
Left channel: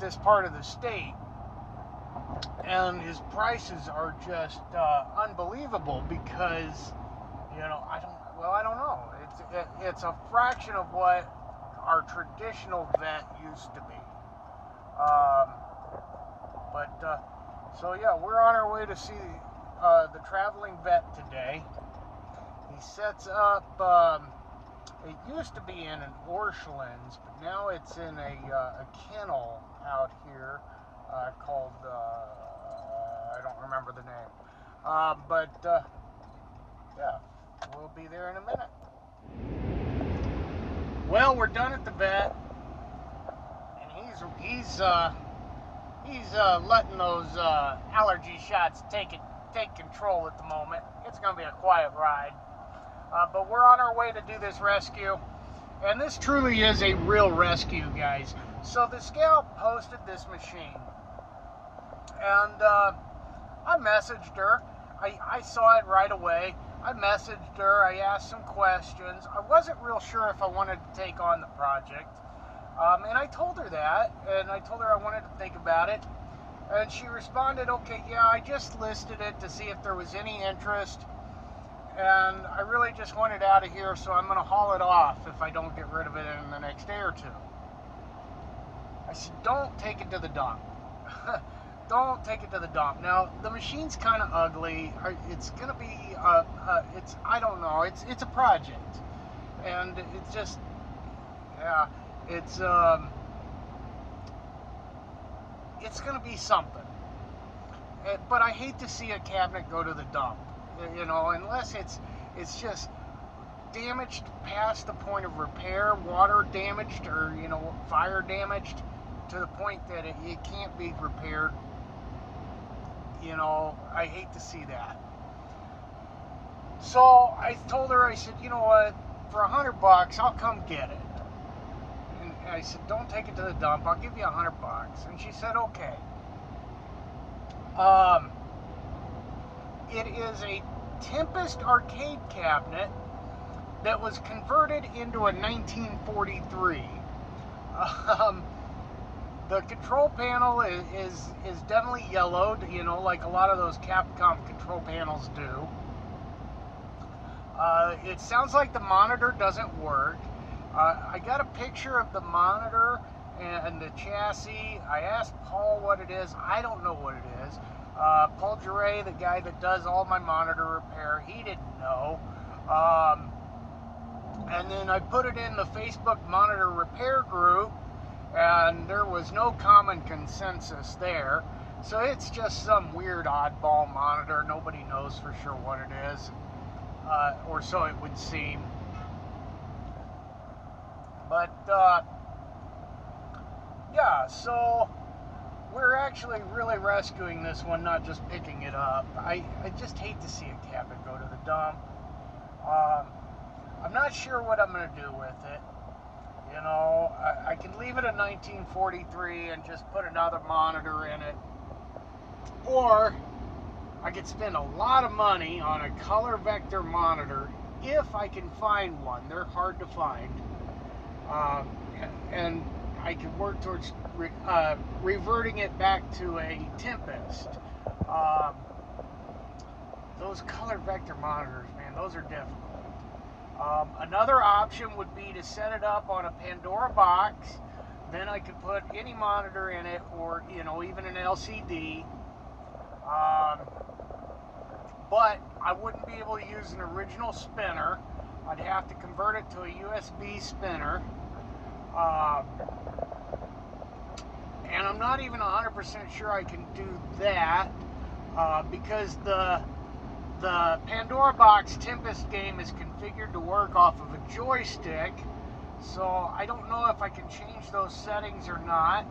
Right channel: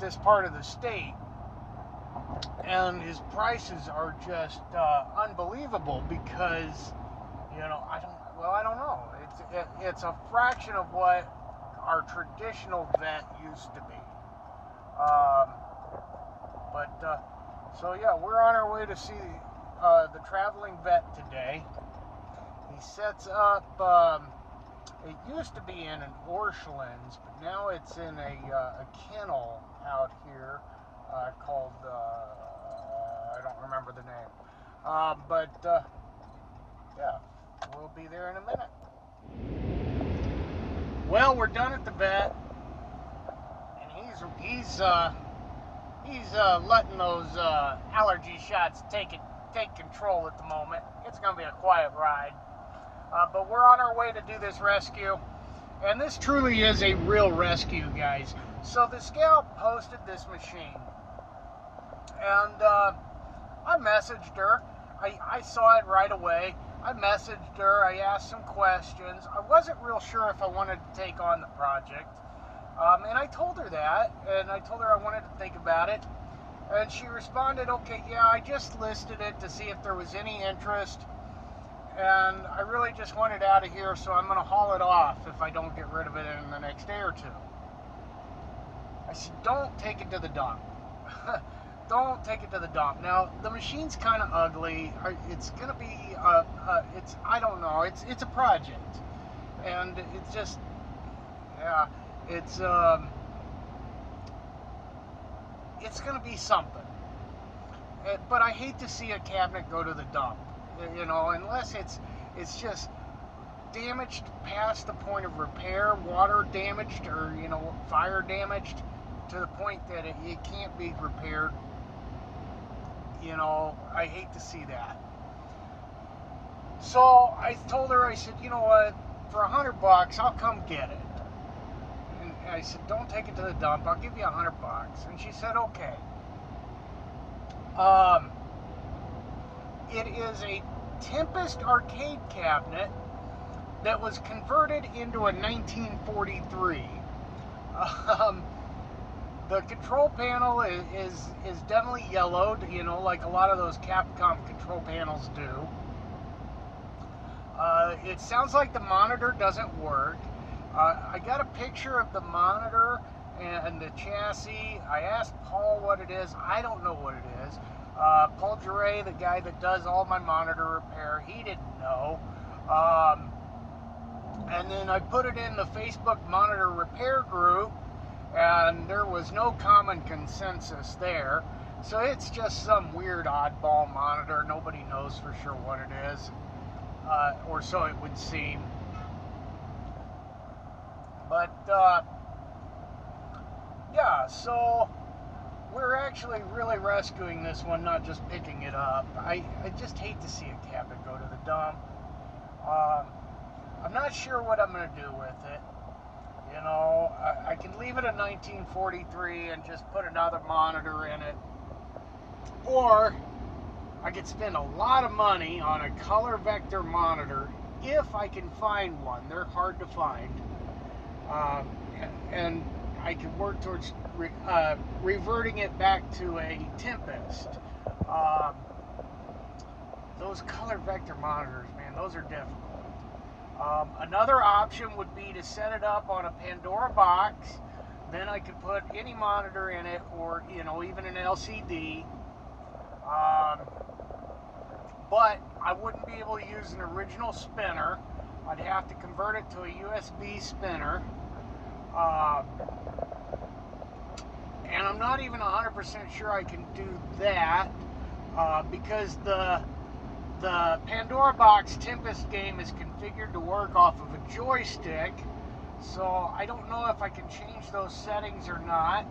this part of the state, and his prices are just unbelievable because, you know, I don't know. It's a fraction of what our traditional vet used to be. So yeah, we're on our way to see the traveling vet today. He sets up. It used to be in an Orchlands, but now it's in a kennel out here called, I don't remember the name. Yeah, we'll be there in a minute. Well, we're done at the vet, and he's letting those allergy shots take control at the moment. It's going to be a quiet ride. But we're on our way to do this rescue, and this truly is a real rescue, guys. So the scout posted this machine, and I messaged her. I saw it right away. I messaged her. I asked some questions. I wasn't real sure if I wanted to take on the project, and I told her that, and I told her I wanted to think about it, and she responded, okay, yeah, I just listed it to see if there was any interest. And I really just want it out of here, so I'm going to haul it off if I don't get rid of it in the next day or two. I said, don't take it to the dump. Don't take it to the dump. Now, the machine's kind of ugly. It's going to be, I don't know. It's a project. And it's just, yeah, it's going to be something. But I hate to see a cabinet go to the dump. You know, unless it's just damaged past the point of repair, water damaged, or, you know, fire damaged to the point that it can't be repaired. You know, I hate to see that. So I told her, I said, you know what, for $100, I'll come get it. And I said, don't take it to the dump. I'll give you $100. And she said, okay. It is a Tempest arcade cabinet that was converted into a 1943. The control panel is definitely yellowed, you know, like a lot of those Capcom control panels do. It sounds like the monitor doesn't work. I got a picture of the monitor and the chassis. I asked Paul what it is. I don't know what it is. Paul Duray, the guy that does all my monitor repair, he didn't know. And then I put it in the Facebook monitor repair group, and there was no common consensus there. So it's just some weird oddball monitor. Nobody knows for sure what it is, or so it would seem. But yeah, so we're actually really rescuing this one, not just picking it up. I just hate to see a cabinet go to the dump. I'm not sure what I'm going to do with it. You know, I can leave it in 1943 and just put another monitor in it. Or I could spend a lot of money on a color vector monitor if I can find one. They're hard to find. And I could work towards reverting it back to a Tempest. Those color vector monitors, man, those are difficult. Another option would be to set it up on a Pandora box then I could put any monitor in it, or, you know, even an LCD. But I wouldn't be able to use an original spinner. I'd have to convert it to a USB spinner. And I'm not even 100% sure I can do that, because the Pandora Box Tempest game is configured to work off of a joystick, so I don't know if I can change those settings or not.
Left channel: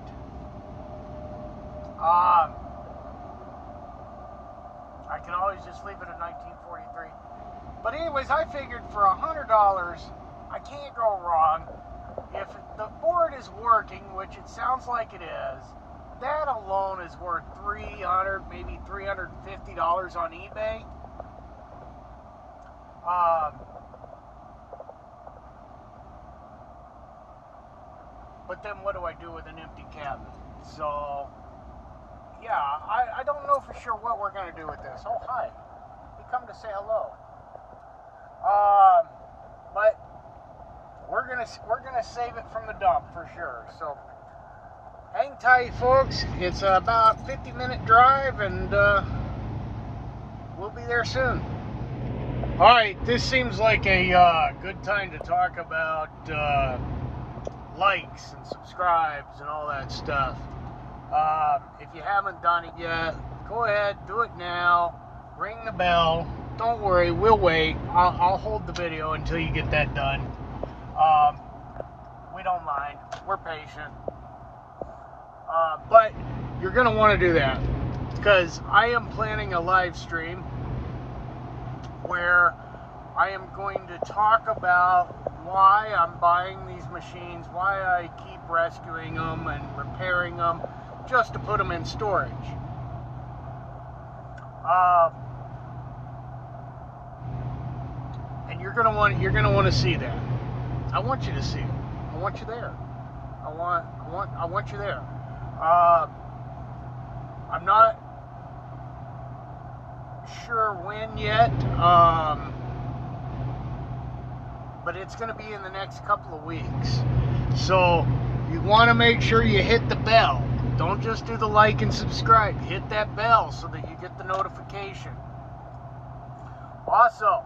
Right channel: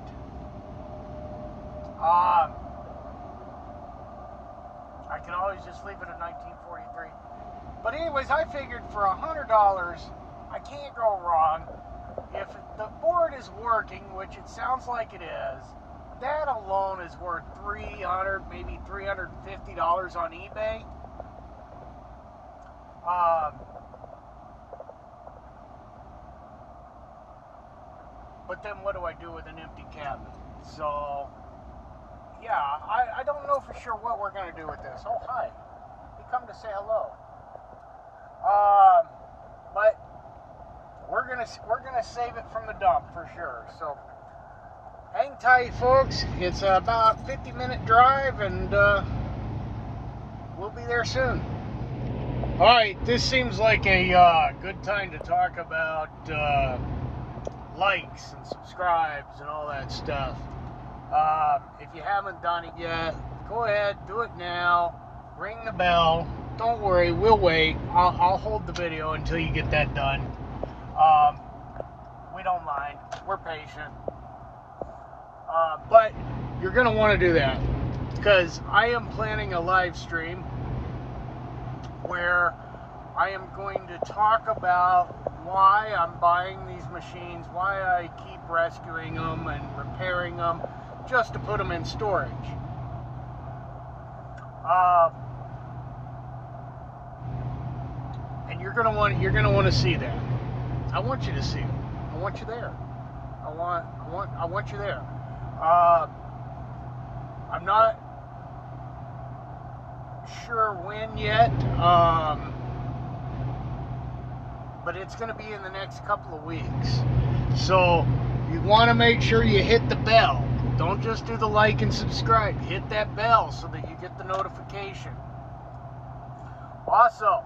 I can always just leave it at 1943. But anyways, I figured for $100, I can't go wrong. If the board is working, which it sounds like it is, that alone is worth $300, maybe $350 on eBay. But then what do I do with an empty cabinet? So, yeah, I don't know for sure what we're going to do with this. Oh, hi. You come to say hello. But we're gonna save it from the dump for sure. So hang tight, folks. It's about a 50-minute drive, and we'll be there soon. All right, this seems like a good time to talk about likes and subscribes and all that stuff. If you haven't done it yet, go ahead, do it now. Ring the bell. Don't worry, we'll wait. I'll hold the video until you get that done. We don't mind. We're patient. But you're going to want to do that, because I am planning a live stream where I am going to talk about why I'm buying these machines, why I keep rescuing them and repairing them just to put them in storage. And you're gonna want to see that. I want you to see it. I want you there. I want you there. I'm not sure when yet, but it's going to be in the next couple of weeks. So you want to make sure you hit the bell. Don't just do the like and subscribe. Hit that bell so that you get the notification. Also,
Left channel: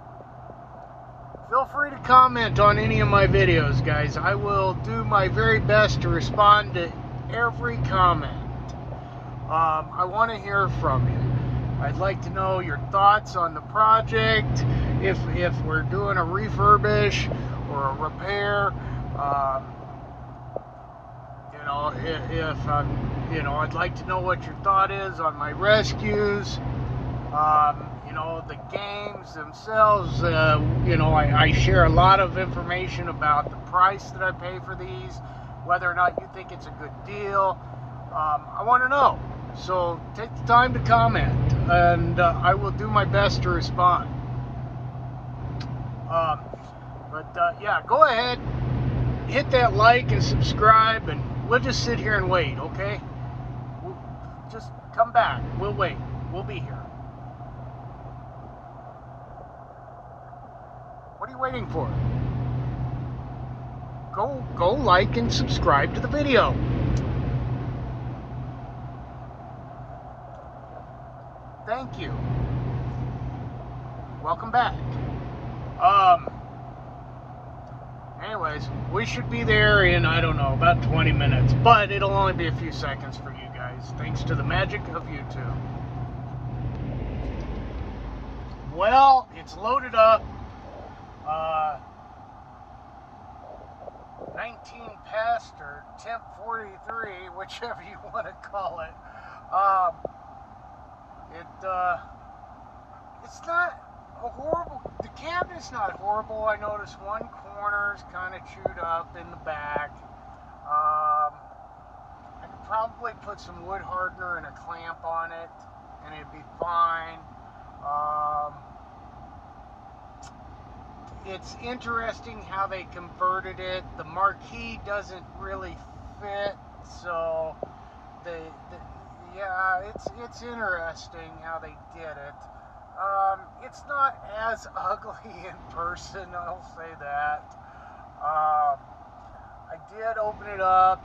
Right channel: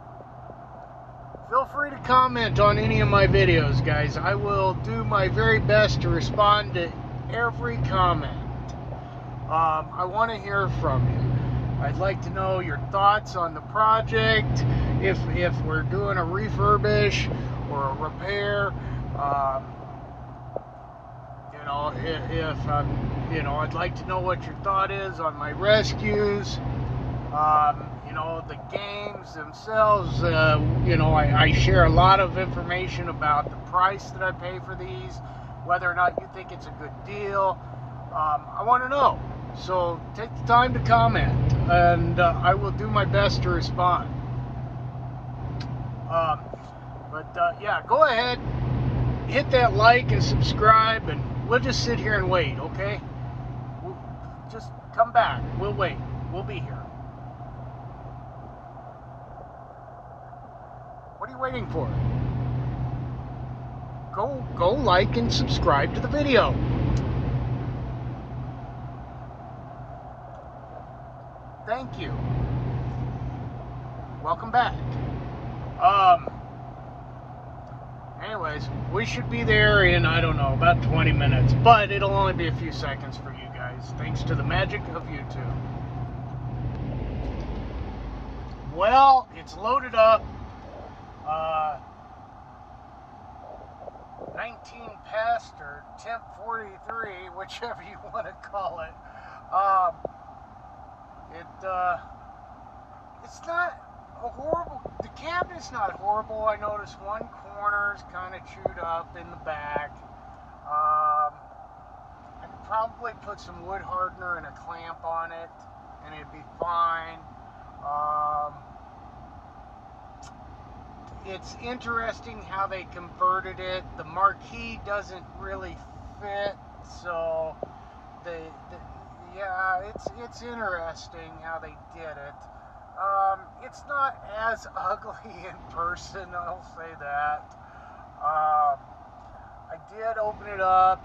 feel free to comment on any of my videos, guys. I will do my very best to respond to every comment. I want to hear from you. I'd like to know your thoughts on the project, if we're doing a refurbish or a repair. I'd like to know what your thought is on my rescues. The games themselves, I share a lot of information about the price that I pay for these, whether or not you think it's a good deal. I want to know. So take the time to comment, and I will do my best to respond. Yeah, go ahead, hit that like and subscribe, and we'll just sit here and wait, okay? We'll just come back. We'll wait. We'll be here. What are you waiting for? Go like and subscribe to the video. Thank you. Welcome back. Anyways, we should be there in, I don't know, about 20 minutes. But it'll only be a few seconds for you guys, thanks to the magic of YouTube. Well, it's loaded up. 19 past or temp 43, whichever you want to call it. It's not a horrible, the cabinet's not horrible. I noticed one corner's kind of chewed up in the back. I could probably put some wood hardener and a clamp on it, and it'd be fine. It's interesting how they converted it. The marquee doesn't really fit, so it's interesting how they did it. It's not as ugly in person, I'll say that. I did open it up.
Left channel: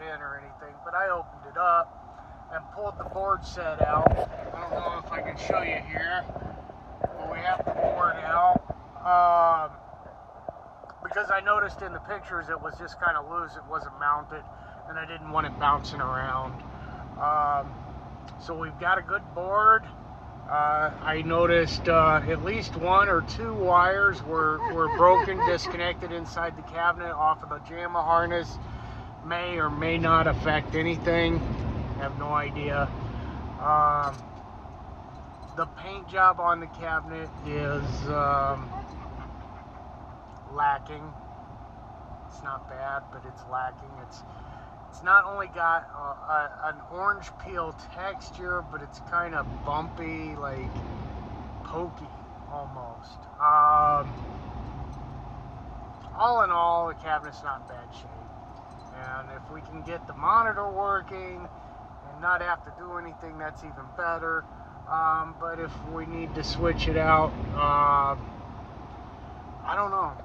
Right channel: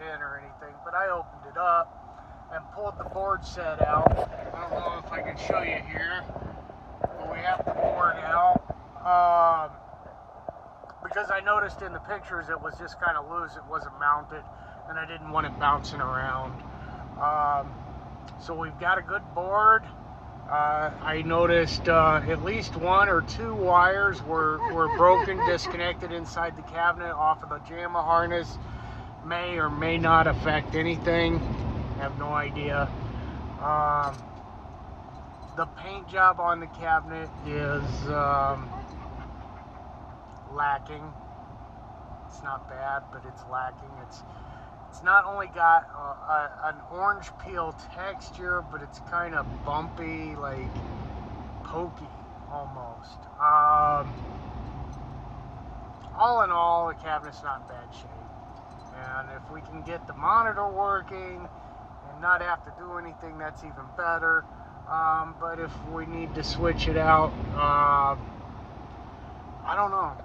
it in or anything, but I opened it up and pulled the board set out. I don't know if I can show you here, but we have the board out. Because I noticed in the pictures it was just kind of loose, it wasn't mounted, and I didn't want it bouncing around. So we've got a good board. I noticed at least 1 or 2 wires were broken, disconnected inside the cabinet off of the JAMA harness. May or may not affect anything. I have no idea. The paint job on the cabinet is lacking. It's not bad, but it's lacking. It's not only got an orange peel texture, but it's kind of bumpy, like pokey almost. All in all, the cabinet's not in bad shape. And if we can get the monitor working and not have to do anything, that's even better. But if we need to switch it out, I don't know.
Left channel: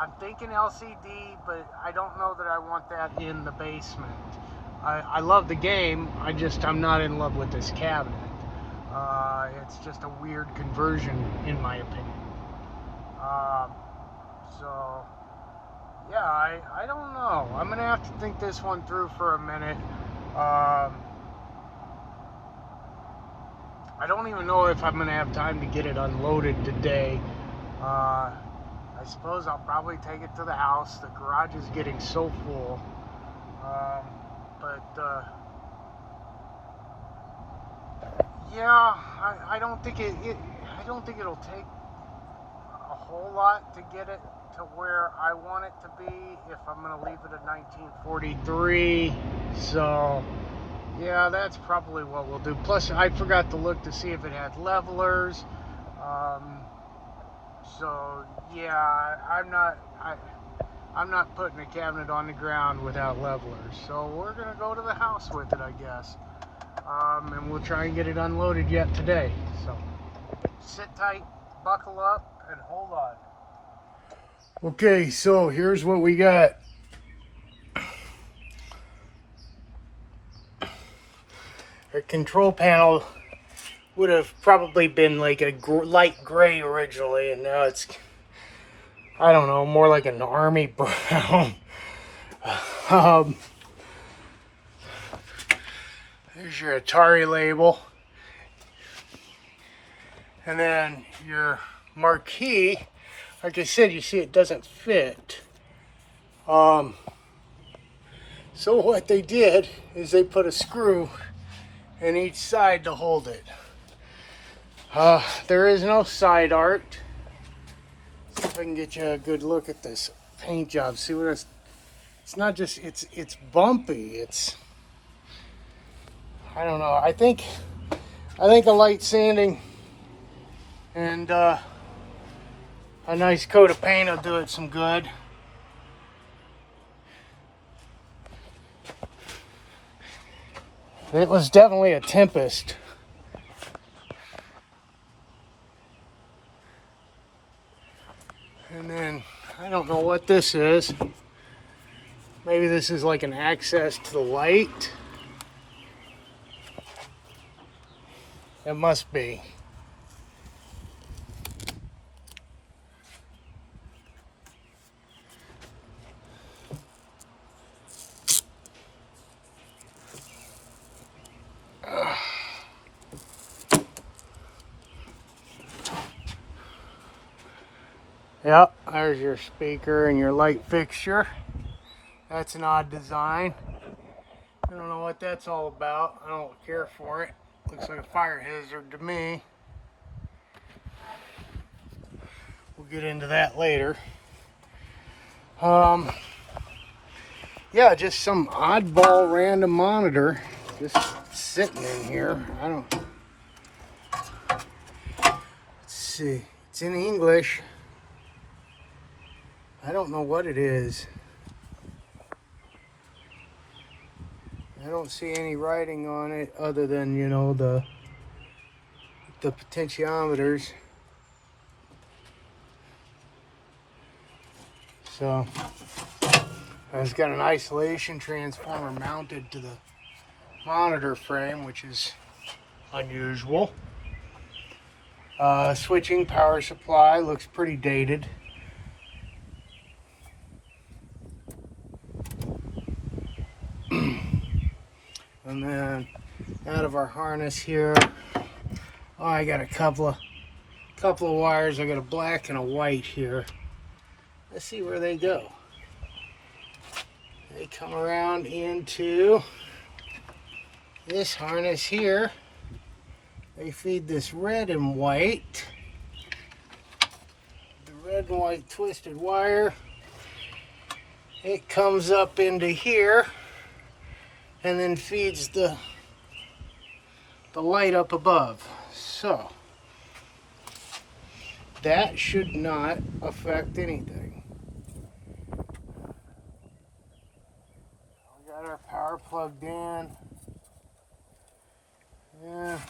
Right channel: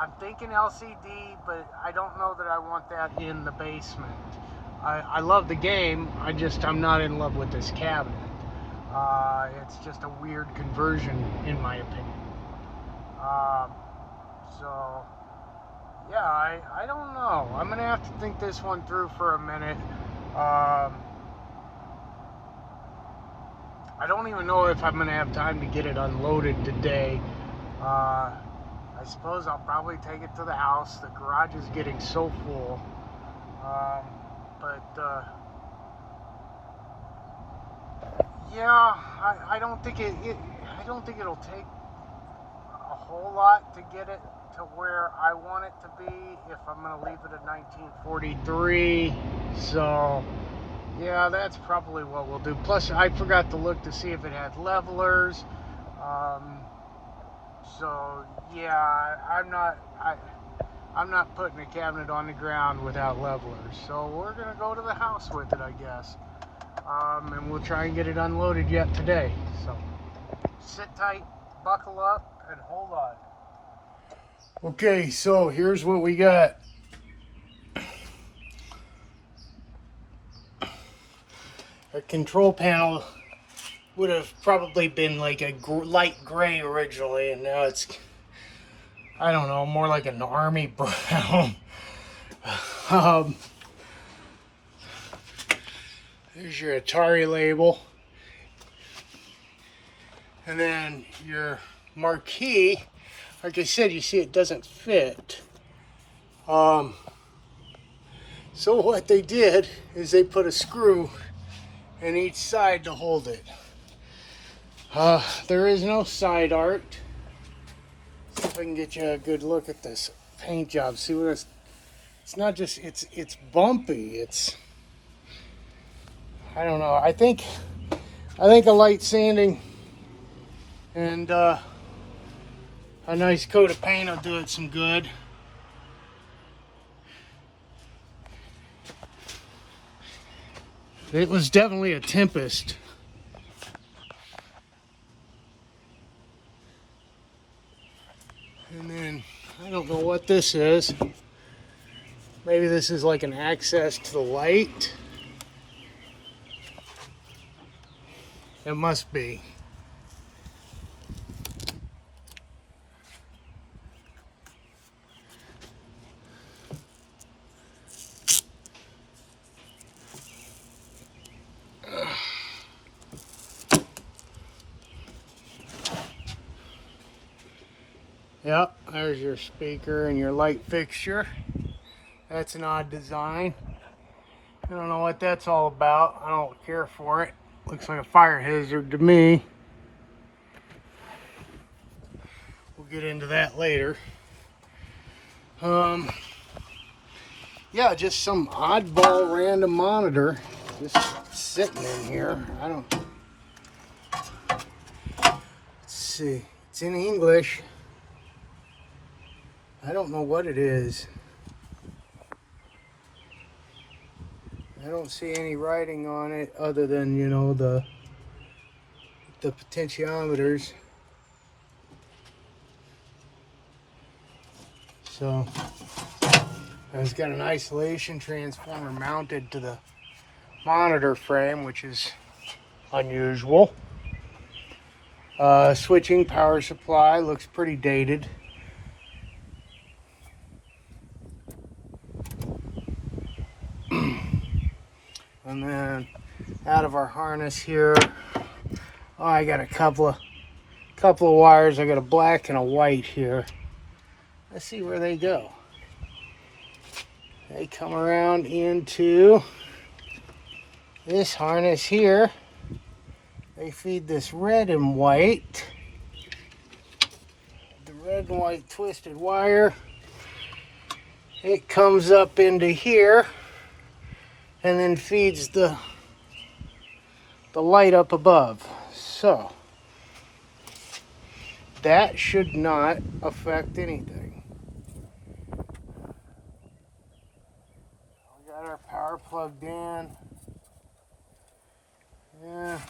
I'm thinking LCD, but I don't know that I want that in the basement. I love the game, I'm not in love with this cabinet. It's just a weird conversion, in my opinion. So, yeah, I don't know. I'm going to have to think this one through for a minute. I don't even know if I'm going to have time to get it unloaded today. I suppose I'll probably take it to the house. The garage is getting so full. Yeah, I don't think I don't think it'll take a whole lot to get it to where I want it to be if I'm going to leave it at 1943. So, yeah, that's probably what we'll do. Plus, I forgot to look to see if it had levelers. So, yeah, I'm not putting a cabinet on the ground without levelers. So we're going to go to the house with it, I guess. And we'll try and get it unloaded yet today. So sit tight, buckle up, and hold on. Okay, so here's what we got. The control panel would have probably been like a light gray originally, and now it's, I don't know, more like an army brown. Here's your Atari label. And then your marquee, like I said, you see it doesn't fit. So what they did is they put a screw in each side to hold it. There is no side art. See if I can get you a good look at this paint job. See what it's not just, it's bumpy. It's, I don't know. I think a light sanding and a nice coat of paint will do it some good. It was definitely a tempest. And then, I don't know what this is. Maybe this is like an access to the light. It must be. Yep, there's your speaker and your light fixture. That's an odd design. I don't know what that's all about. I don't care for it. Looks like a fire hazard to me. We'll get into that later. Yeah, just some oddball random monitor just sitting in here. Let's see. It's in English. I don't know what it is. I don't see any writing on it other than, you know, the potentiometers. So, And it's got an isolation transformer mounted to the monitor frame, which is unusual. Switching power supply looks pretty dated. And then out of our harness here, oh, I got a couple of wires. I got a black and a white here. Let's see where they go. They come around into this harness here. They feed this red and white. The red and white twisted wire. It comes up into here and then feeds the light up above. So that should not affect anything. We got our power plugged in. Yeah.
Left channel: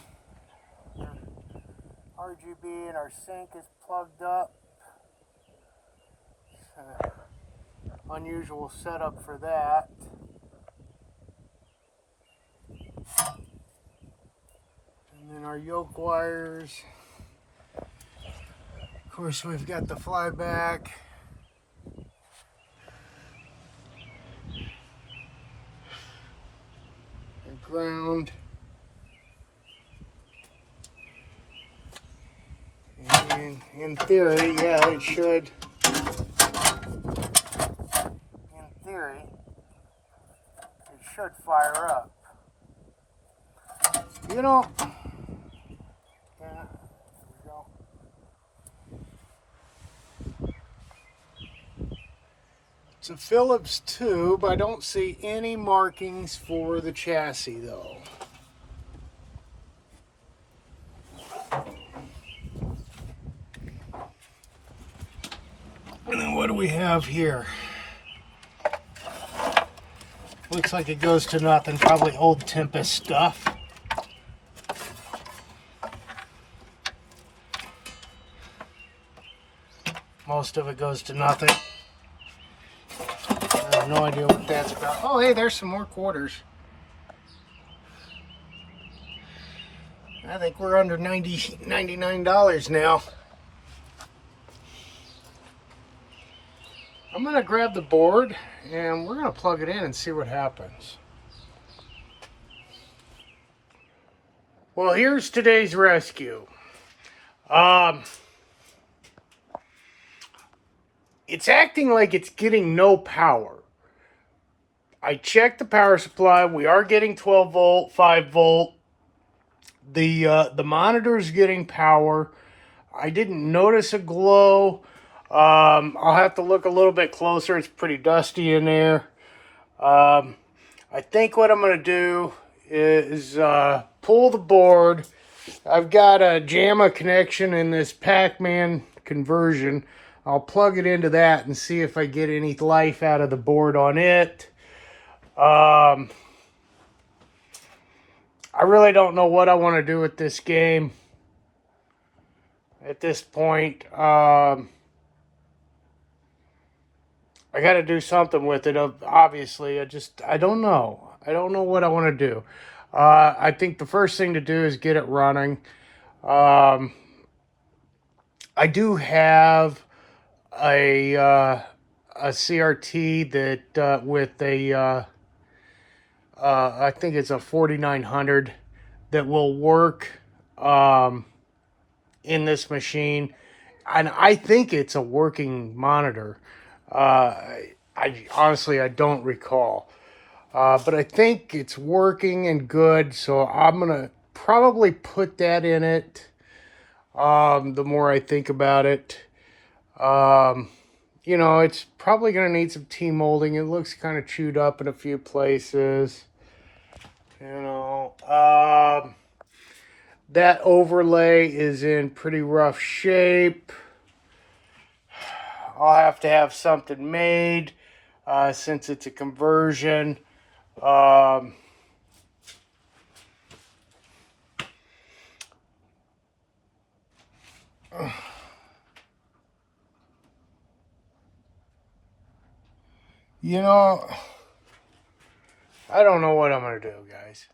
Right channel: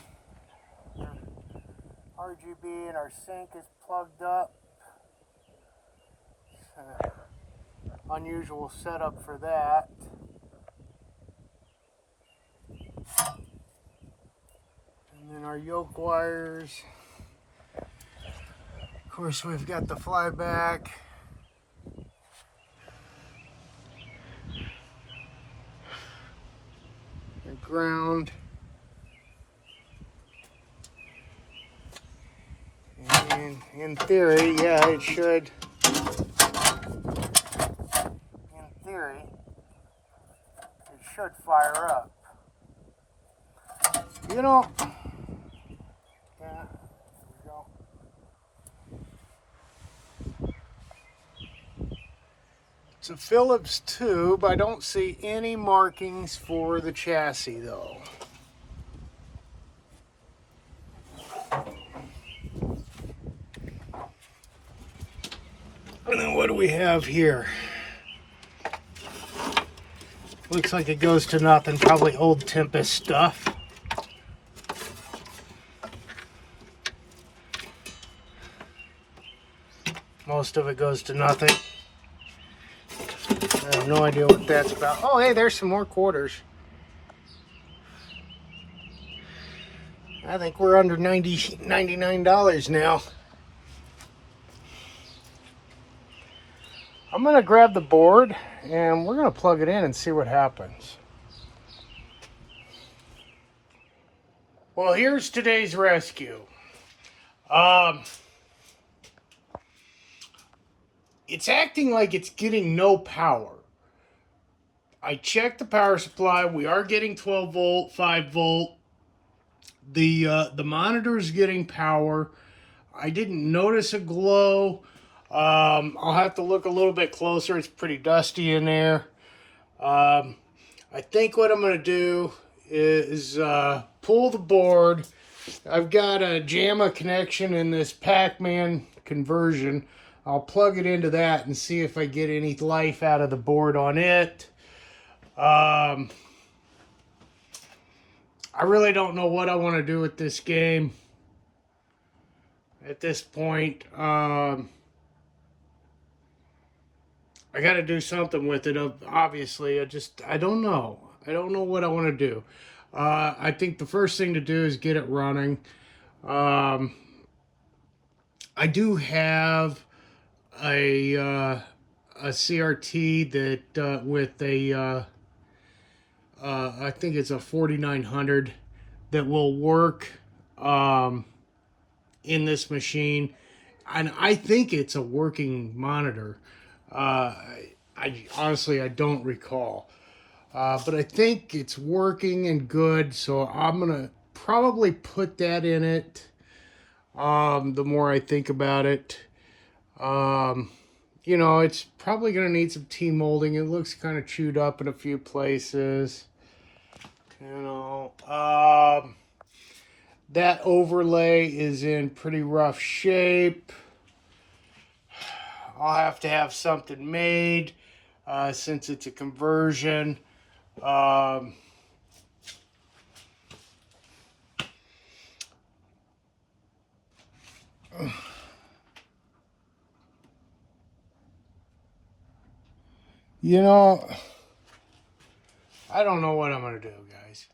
RGB and our sink is plugged up. Unusual setup for that. And then our yoke wires. Of course, we've got the flyback. The ground. And in theory, yeah, it should. In theory, it should fire up. You know, yeah, there we go. It's a Phillips tube. I don't see any markings for the chassis though. And then what do we have here? Looks like it goes to nothing, probably old Tempest stuff. Most of it goes to nothing. I have no idea what that's about. Oh, hey, there's some more quarters. I think we're under $99 now. I'm gonna grab the board and we're gonna plug it in and see what happens. Well, here's today's rescue. It's acting like it's getting no power. I checked the power supply. We are getting 12 volt, 5 volt. The monitor is getting power. I didn't notice a glow. I'll have to look a little bit closer. It's pretty dusty in there. I think what I'm going to do is pull the board. I've got a JAMA connection in this Pac-Man conversion. I'll plug it into that and see if I get any life out of the board on it. I really don't know what I want to do with this game at this point. I got to do something with it, obviously. I don't know. I don't know what I want to do. I think the first thing to do is get it running. I do have a CRT that with a I think it's a 4900 that will work in this machine, and I think it's a working monitor. I honestly, I don't recall, but I think it's working and good, so I'm gonna probably put that in it. The more I think about it, you know, it's probably gonna need some T-molding. It looks kind of chewed up in a few places. You know, that overlay is in pretty rough shape. I'll have to have something made since it's a conversion. You know, I don't know what I'm going to do, guys.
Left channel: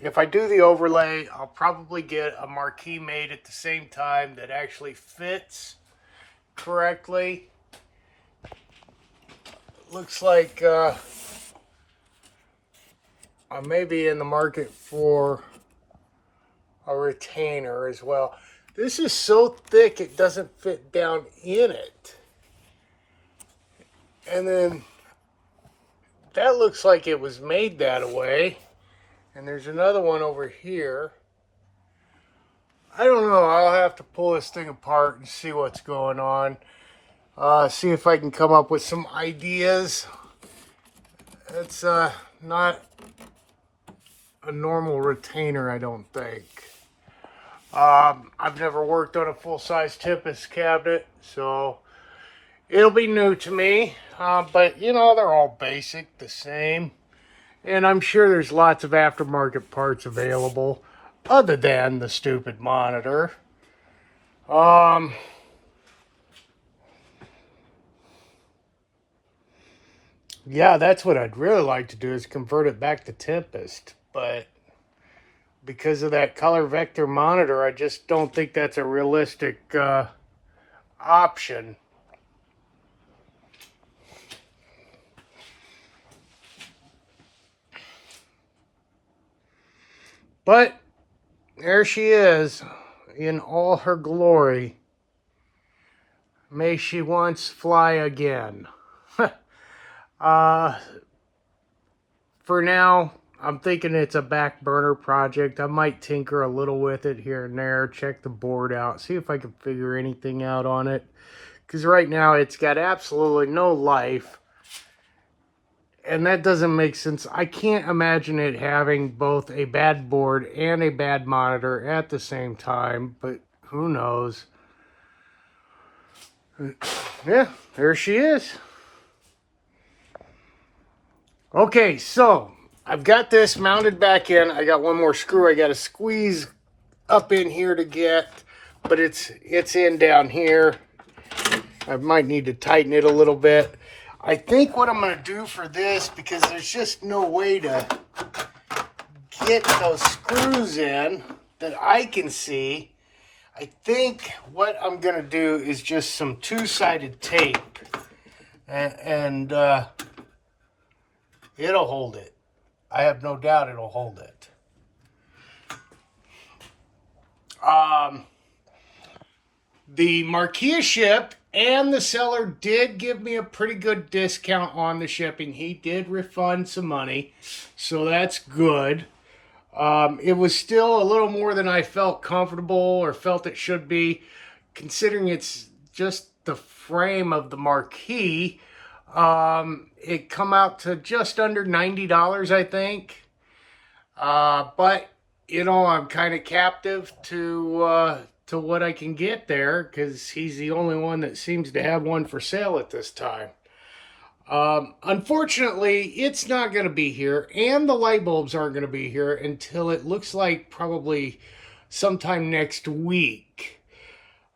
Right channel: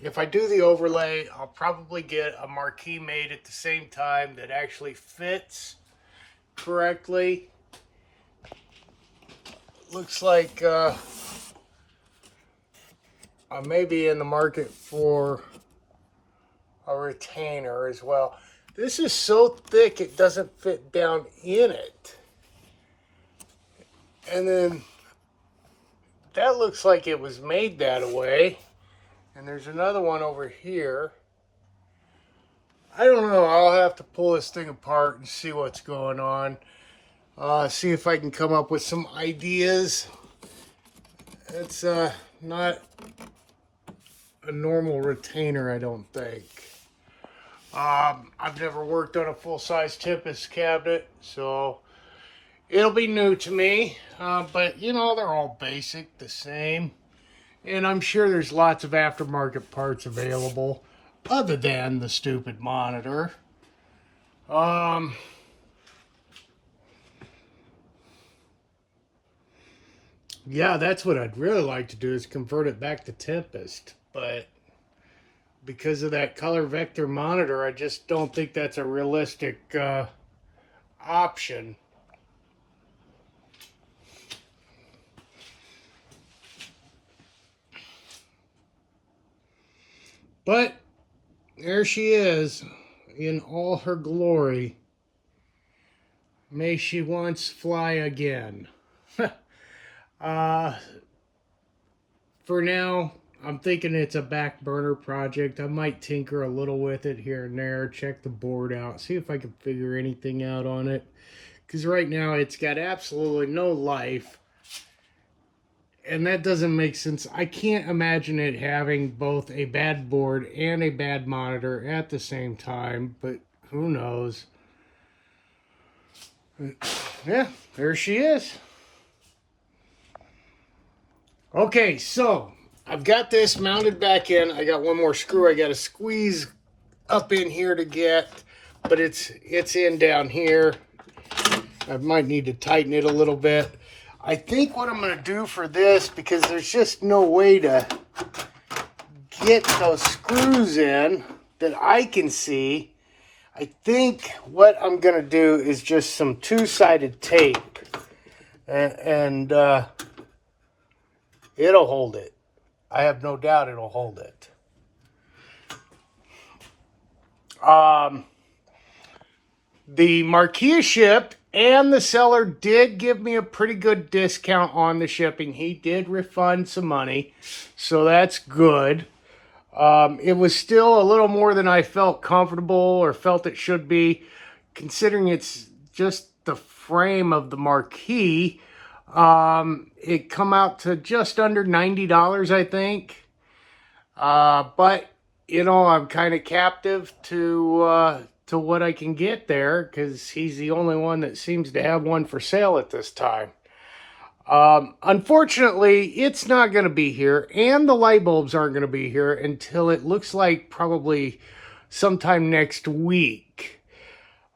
If I do the overlay, I'll probably get a marquee made at the same time that actually fits correctly. Looks like I may be in the market for a retainer as well. This is so thick it doesn't fit down in it. And then that looks like it was made that way. And there's another one over here. I don't know. I'll have to pull this thing apart and see what's going on. See if I can come up with some ideas. It's not a normal retainer, I don't think. I've never worked on a full-size Tempest cabinet, so it'll be new to me. But, you know, they're all basic, the same. And I'm sure there's lots of aftermarket parts available other than the stupid monitor. Yeah, that's what I'd really like to do, is convert it back to Tempest. But because of that color vector monitor, I just don't think that's a realistic option. But there she is in all her glory. May she once fly again. For now, I'm thinking it's a back burner project. I might tinker a little with it here and there, check the board out, see if I can figure anything out on it. Because right now it's got absolutely no life. And that doesn't make sense. I can't imagine it having both a bad board and a bad monitor at the same time, but who knows? Yeah, there she is. Okay, so I've got this mounted back in. I got one more screw I got to squeeze up in here to get, but it's in down here. I might need to tighten it a little bit. I think what I'm going to do for this, because there's just no way to get those screws in that I can see, I think what I'm going to do is just some two-sided tape. And it'll hold it. I have no doubt it'll hold it. The marquee shipped, and the seller did give me a pretty good discount on the shipping. He did refund some money, so that's good. It was still a little more than I felt comfortable or felt it should be, considering it's just the frame of the marquee. It come out to just under $90, I think. But, you know, I'm kind of captive to what I can get there, because he's the only one that seems to have one for sale at this time. Unfortunately, it's not going to be here, and the light bulbs aren't going to be here until it looks like probably sometime next week.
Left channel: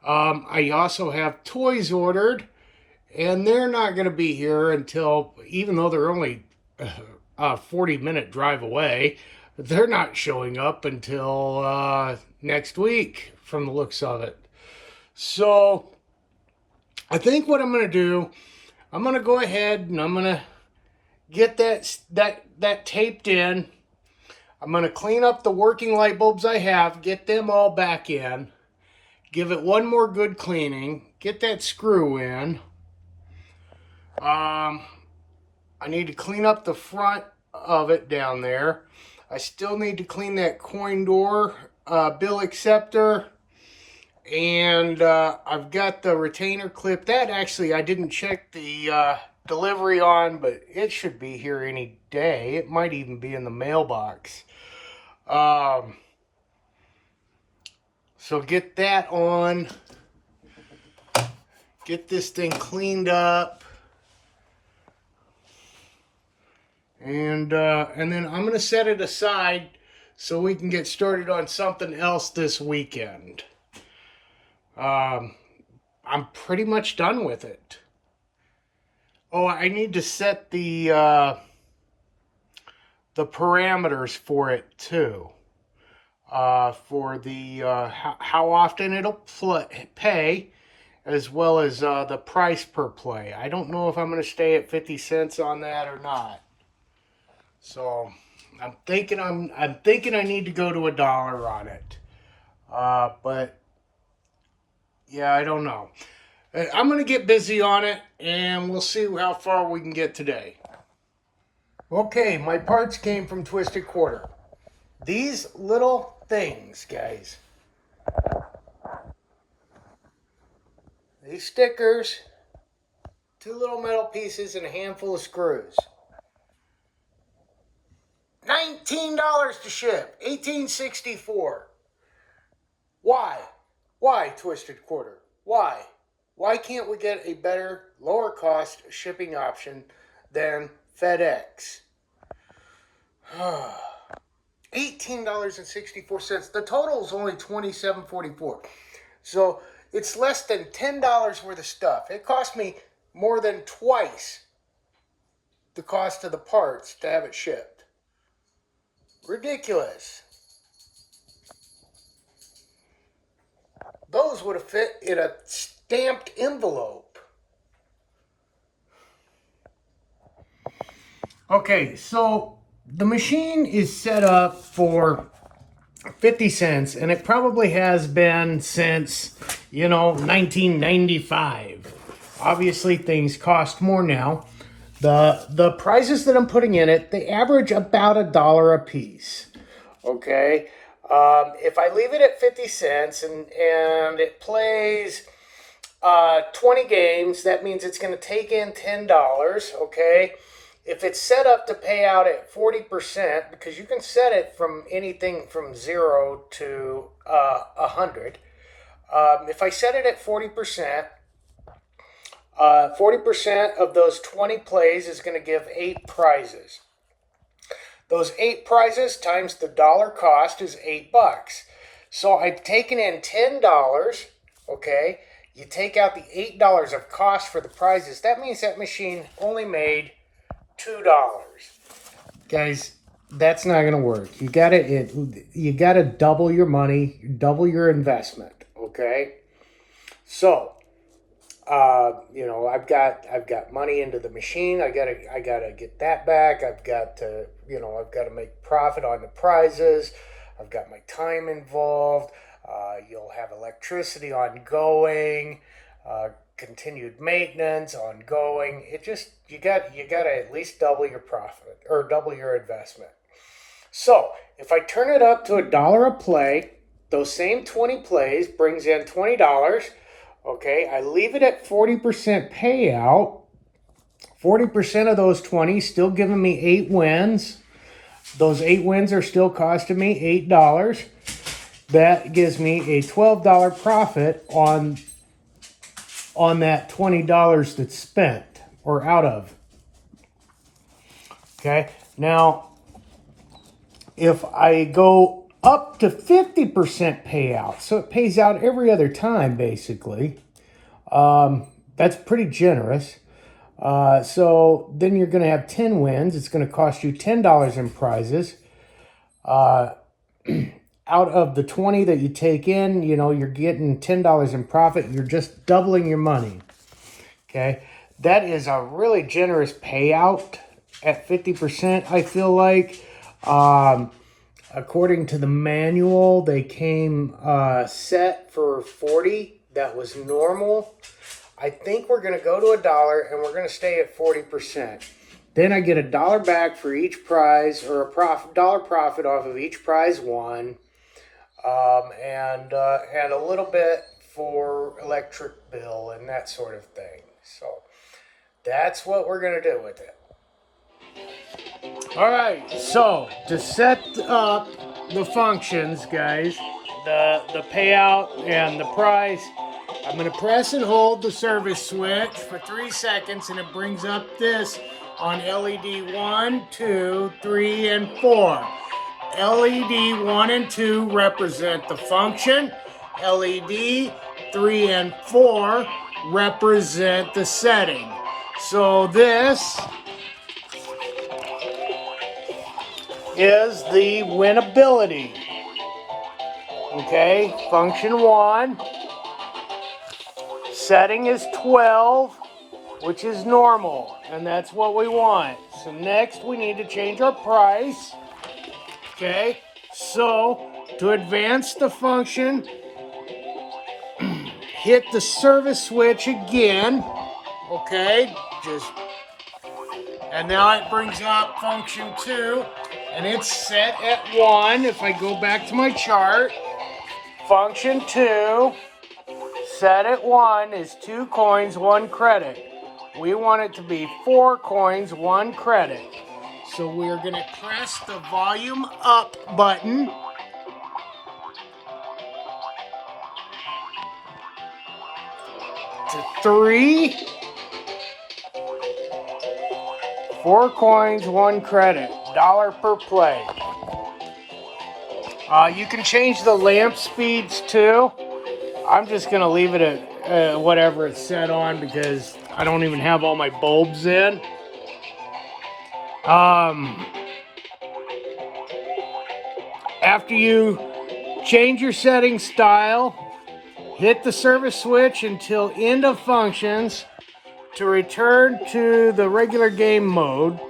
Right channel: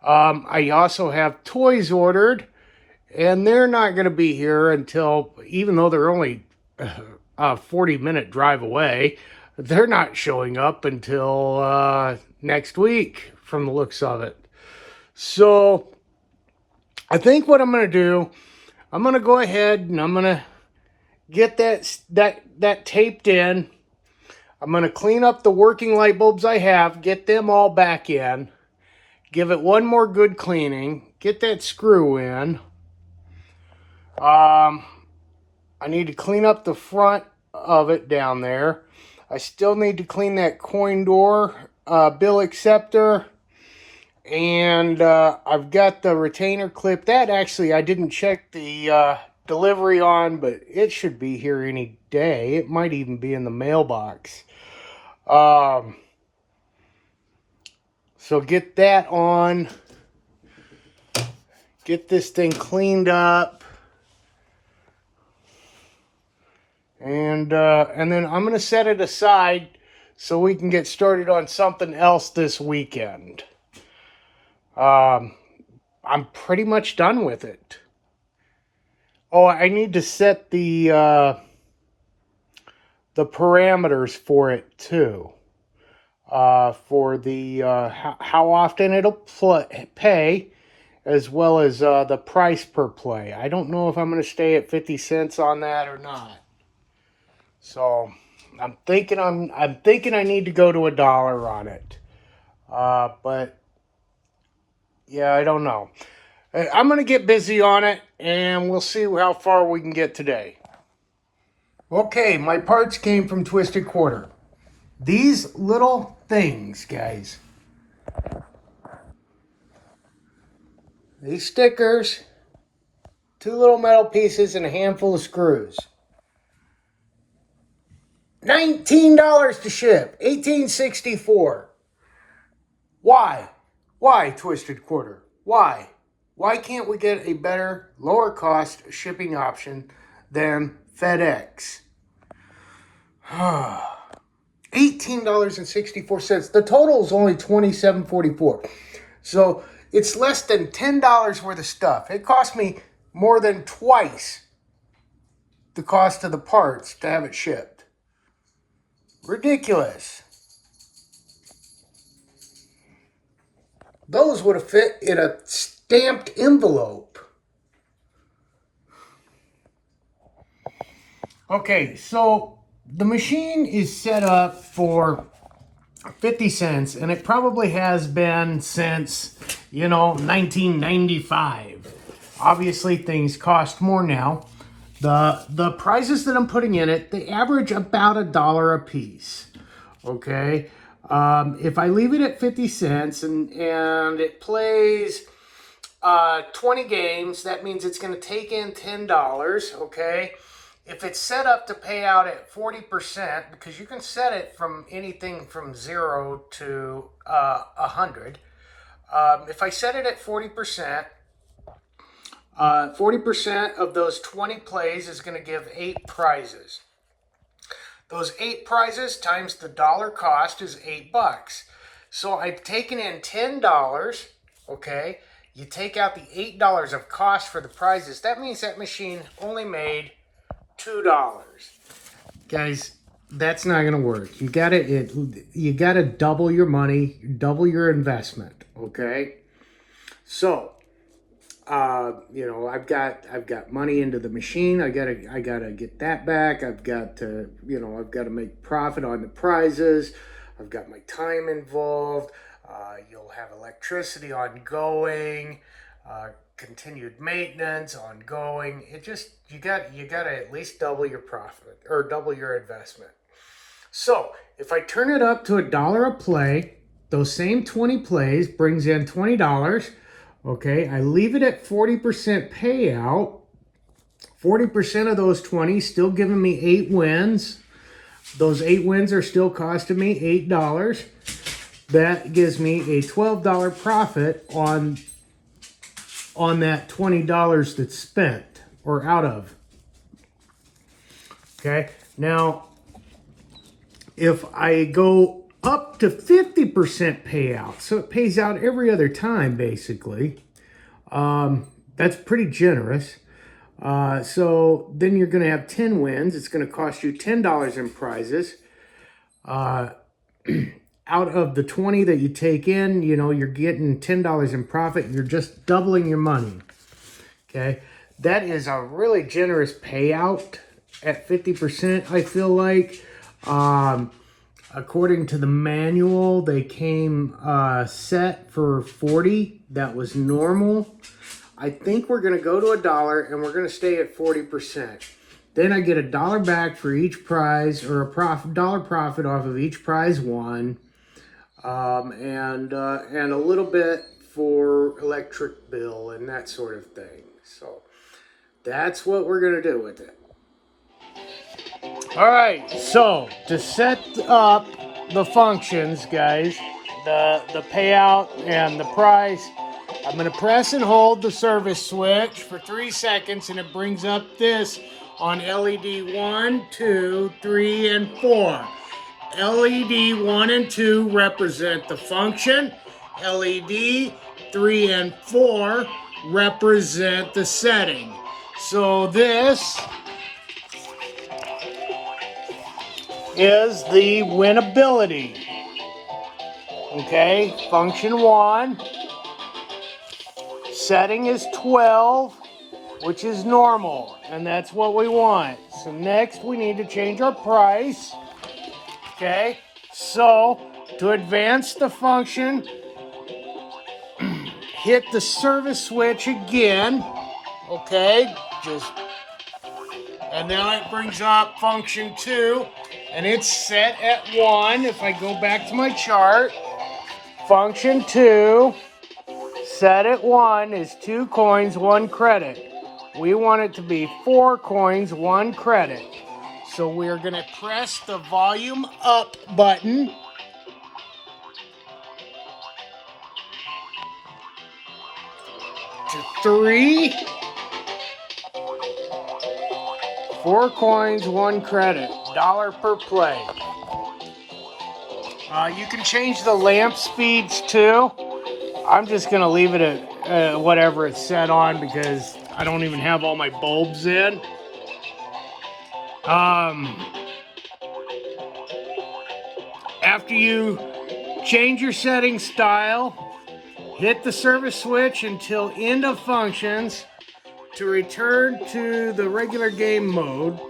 I also have toys ordered, and they're not going to be here until, even though they're only a 40-minute drive away, they're not showing up until next week from the looks of it. So I think what I'm going to do, I'm going to go ahead and I'm going to get that taped in. I'm going to clean up the working light bulbs I have, get them all back in, give it one more good cleaning, get that screw in. I need to clean up the front of it down there. I still need to clean that coin door bill acceptor. And I've got the retainer clip. That actually I didn't check the delivery on, but it should be here any day. It might even be in the mailbox. So get that on. Get this thing cleaned up. And then I'm going to set it aside so we can get started on something else this weekend. I'm pretty much done with it. Oh, I need to set the parameters for it too. For the how often it'll pay, as well as the price per play. I don't know if I'm going to stay at 50 cents on that or not. So I'm thinking I need to go to $1 on it. But yeah, I don't know. I'm going to get busy on it, and we'll see how far we can get today. Okay, my parts came from Twisted Quarter. These little things, guys. These stickers, 2 little metal pieces, and a handful of screws. $19 to ship, $18.64. Why? Why, Twisted Quarter? Why? Why can't we get a better, lower cost shipping option than FedEx? $18.64. The total is only $27.44. So it's less than $10 worth of stuff. It cost me more than twice the cost of the parts to have it shipped. Ridiculous. Those would have fit in a stamped envelope. Okay, so the machine is set up for 50 cents, and it probably has been since, 1995. Obviously, things cost more now. The prices that I'm putting in it, they average about $1 a piece. Okay, if I leave it at 50 cents and it plays 20 games, that means it's going to take in $10. Okay. If it's set up to pay out at 40%, because you can set it from anything from 0 to 100. If I set it at 40%, 40% of those 20 plays is going to give 8 prizes. Those 8 prizes times the dollar cost is $8. So I've taken in $10, okay? You take out the $8 of cost for the prizes. That means that machine only made $2. Guys, that's not going to work. You gotta double your money, double your investment, okay? So, I've got money into the machine. I gotta get that back. I've got to make profit on the prizes. I've got my time involved. You'll have electricity ongoing, continued maintenance ongoing. You gotta at least double your profit or double your investment. So if I turn it up to $1 a play, those same 20 plays brings in $20. Okay, I leave it at 40% payout. 40% of those 20 still giving me 8 wins. Those 8 wins are still costing me $8. That gives me a $12 profit on that $20 that's spent or out of. Okay, now if I go up to 50% payout, so it pays out every other time basically, that's pretty generous. So then you're going to have 10 wins. It's going to cost you $10 in prizes. Out of the 20 that you take in, you're getting $10 in profit. You're just doubling your money. Okay, that is a really generous payout at 50%. I feel like, according to the manual, they came set for 40. That was normal. I think we're going to go to $1 and we're going to stay at 40%. Then I get $1 back for each prize, or dollar profit off of each prize won, and a little bit for electric bill and that sort of thing. So that's what we're going to do with it. All right, so to set up the functions, guys, the payout and the price, I'm going to press and hold the service switch for 3 seconds, and it brings up this on LED 1, 2, 3, and 4. LED 1 and 2 represent the function. LED 3 and 4 represent the setting. So this is the winnability. Okay, function 1. Setting is 12, which is normal, and that's what we want. So next we need to change our price. Okay, so to advance the function, hit the service switch again. Okay, and now it brings up function 2, and it's set at 1. If I go back to my chart, function 2, set at 1 is 2 coins, 1 credit. We want it to be 4 coins, 1 credit. So we're going to press the volume up button. To 3. 4 coins, 1 credit. $1 per play. You can change the lamp speeds too. I'm just going to leave it at whatever it's set on because I don't even have all my bulbs in. After you change your setting style, hit the service switch until end of functions to return to the regular game mode,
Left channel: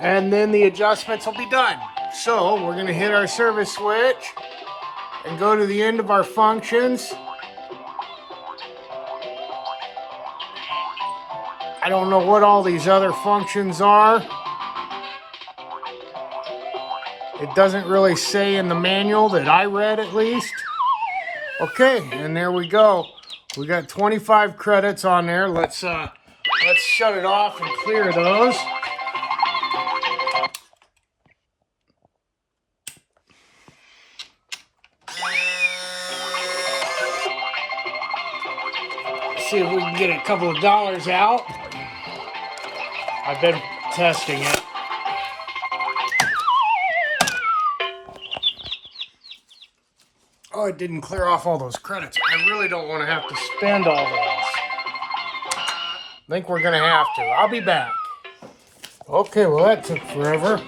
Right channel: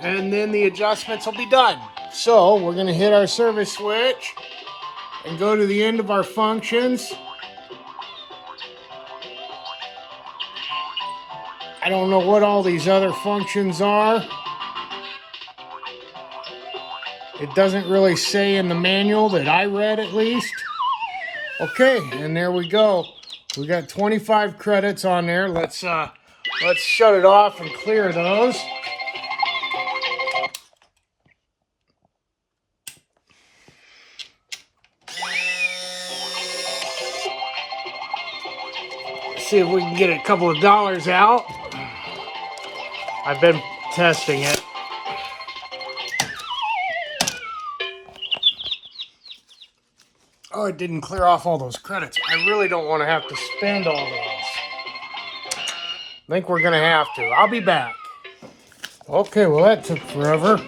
and then the adjustments will be done. So we're going to hit our service switch and go to the end of our functions. I don't know what all these other functions are. It doesn't really say in the manual that I read, at least. Okay, and there we go. We got 25 credits on there. Let's shut it off and clear those. Let's see if we can get a couple of dollars out. I've been testing it. Oh, it didn't clear off all those credits. I really don't want to have to spend all those. I think we're going to have to. I'll be back. Okay, well that took forever.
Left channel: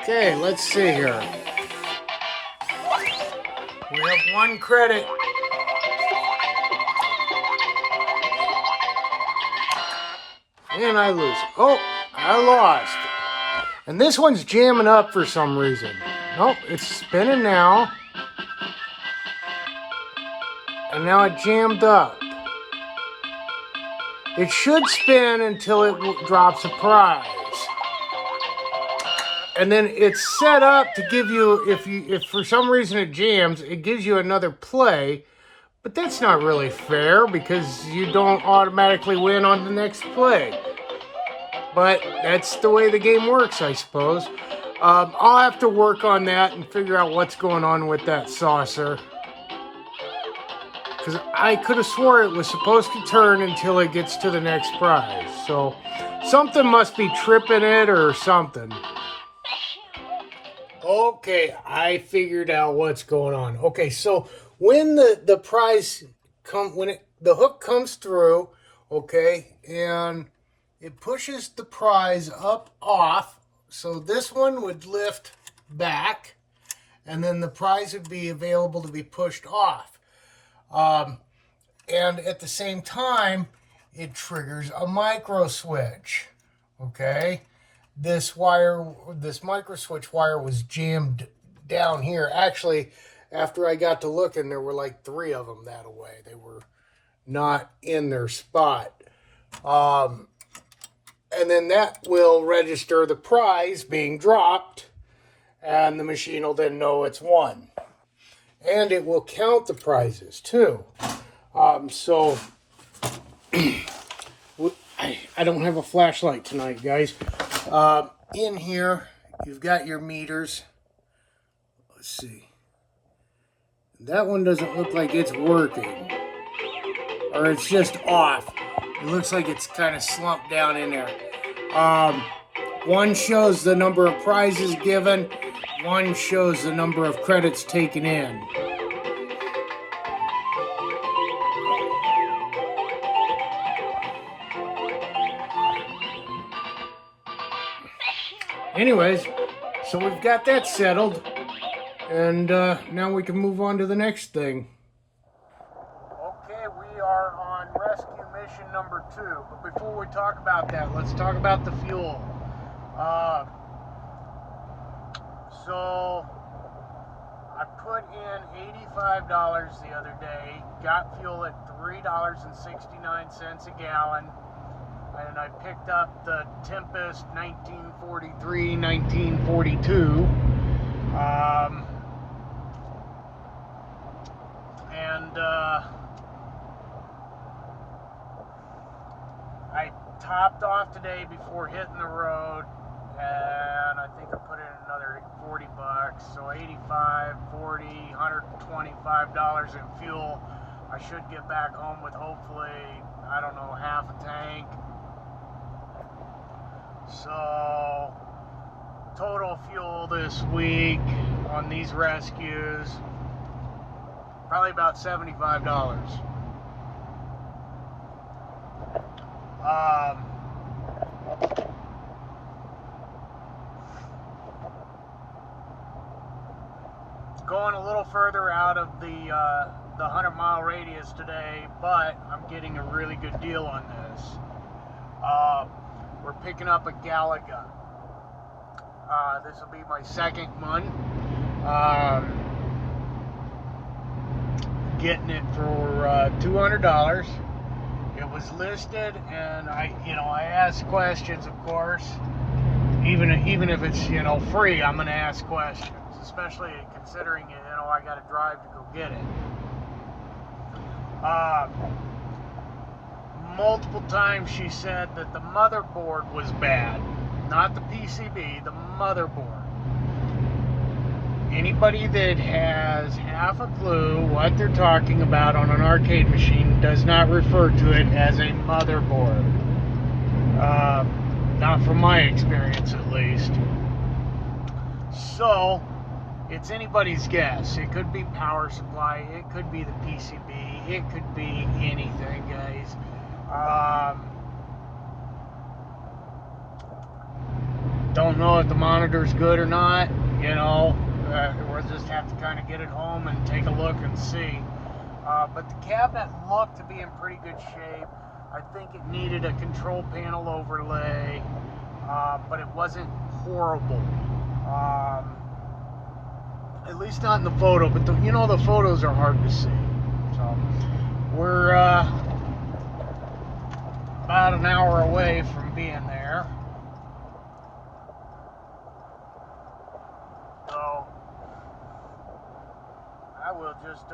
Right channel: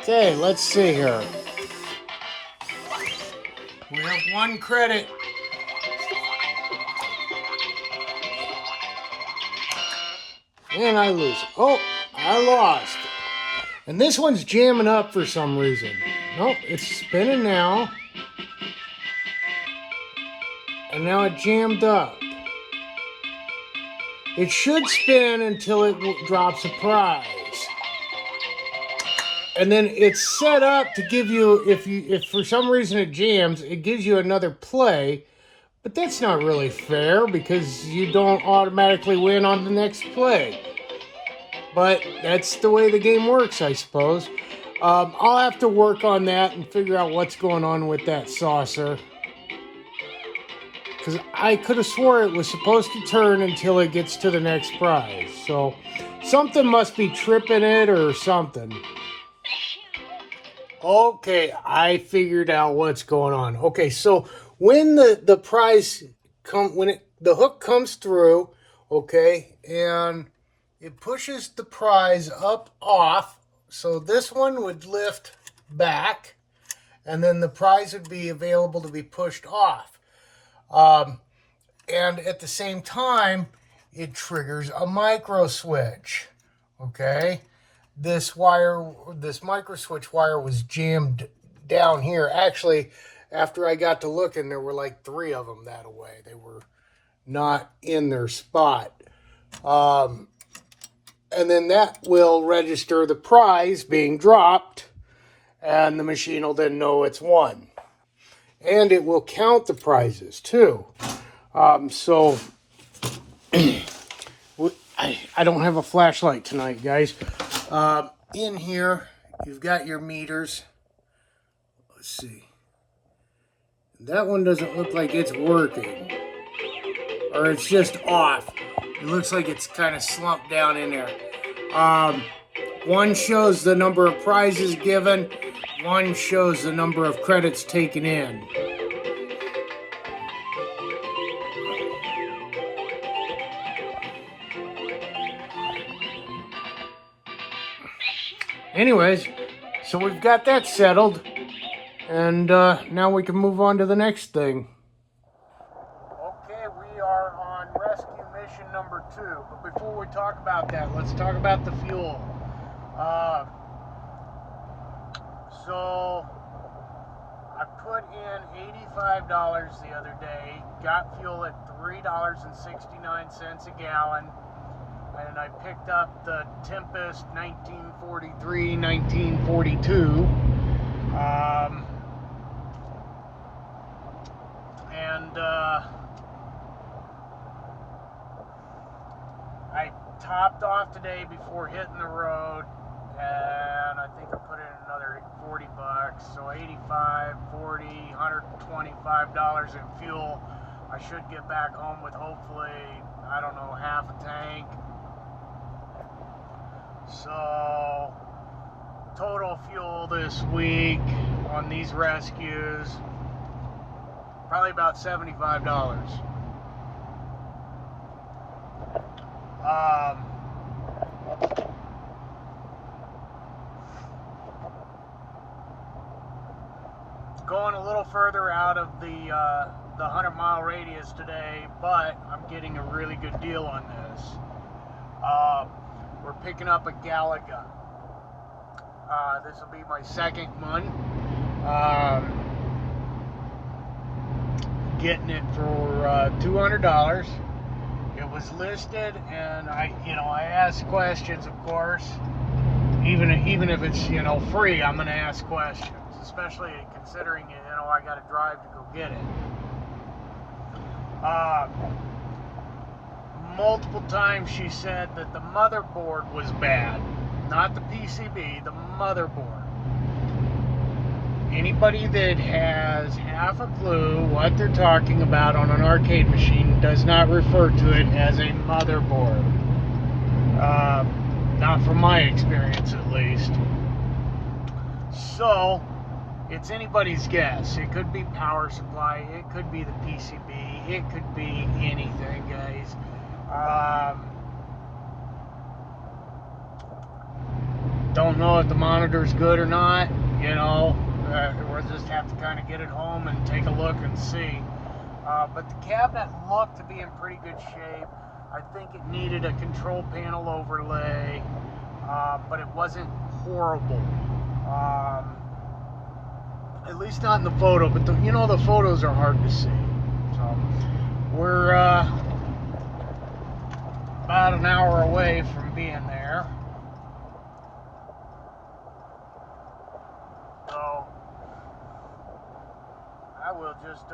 Okay, let's see here. We have 1 credit. And I lose. Oh, I lost. And this one's jamming up for some reason. Nope, it's spinning now. And now it jammed up. It should spin until it drops a prize. And then it's set up to give you, if for some reason it jams, it gives you another play. But that's not really fair because you don't automatically win on the next play. But that's the way the game works, I suppose. I'll have to work on that and figure out what's going on with that saucer. Because I could have swore it was supposed to turn until it gets to the next prize. So something must be tripping it or something. Okay, I figured out what's going on. Okay, so when the prize the hook comes through, okay, and it pushes the prize up off, so this one would lift back, and then the prize would be available to be pushed off. And at the same time, it triggers a micro switch, okay? This micro switch wire was jammed down here. Actually, after I got to looking, there were like 3 of them that way. They were not in their spot. And then that will register the prize being dropped, and the machine will then know it's won. And it will count the prizes too. So I don't have a flashlight tonight, guys. In here, you've got your meters. Let's see. That one doesn't look like it's working. Or it's just off. It looks like it's kind of slumped down in there. One shows the number of prizes given. One shows the number of credits taken in. Anyways, so we've got that settled, and now we can move on to the next thing. Okay, we are on rescue mission number 2, but before we talk about that, let's talk about the fuel. So I put in $85 the other day, got fuel at $3.69 a gallon, and I picked up the Tempest 1943, 1942. I topped off today before hitting the road, and I think I put in another 40 bucks, so 85, 40, $125 in fuel. I should get back home with hopefully, I don't know, half a tank. So total fuel this week on these rescues, probably about $75. Going a little further out of the 100-mile radius today, but I'm getting a really good deal on this. We're picking up a Galaga. This will be my second one. Getting it for $200. It was listed, and I asked questions, of course. Even if it's free, I'm gonna ask questions, especially considering I got to drive to go get it. Multiple times she said that the motherboard was bad, not the PCB, the motherboard. Anybody that has half a clue what they're talking about on an arcade machine does not refer to it as a motherboard. Not from my experience, at least. So, it's anybody's guess. It could be power supply, it could be the PCB, it could be anything, guys. Don't know if the monitor's good or not, we'll just have to kind of get it home and take a look and see. But the cabinet looked to be in pretty good shape. I think it needed a control panel overlay, but it wasn't horrible. At least not in the photo, but the photos are hard to see. So we're about an hour away from being there. So I will just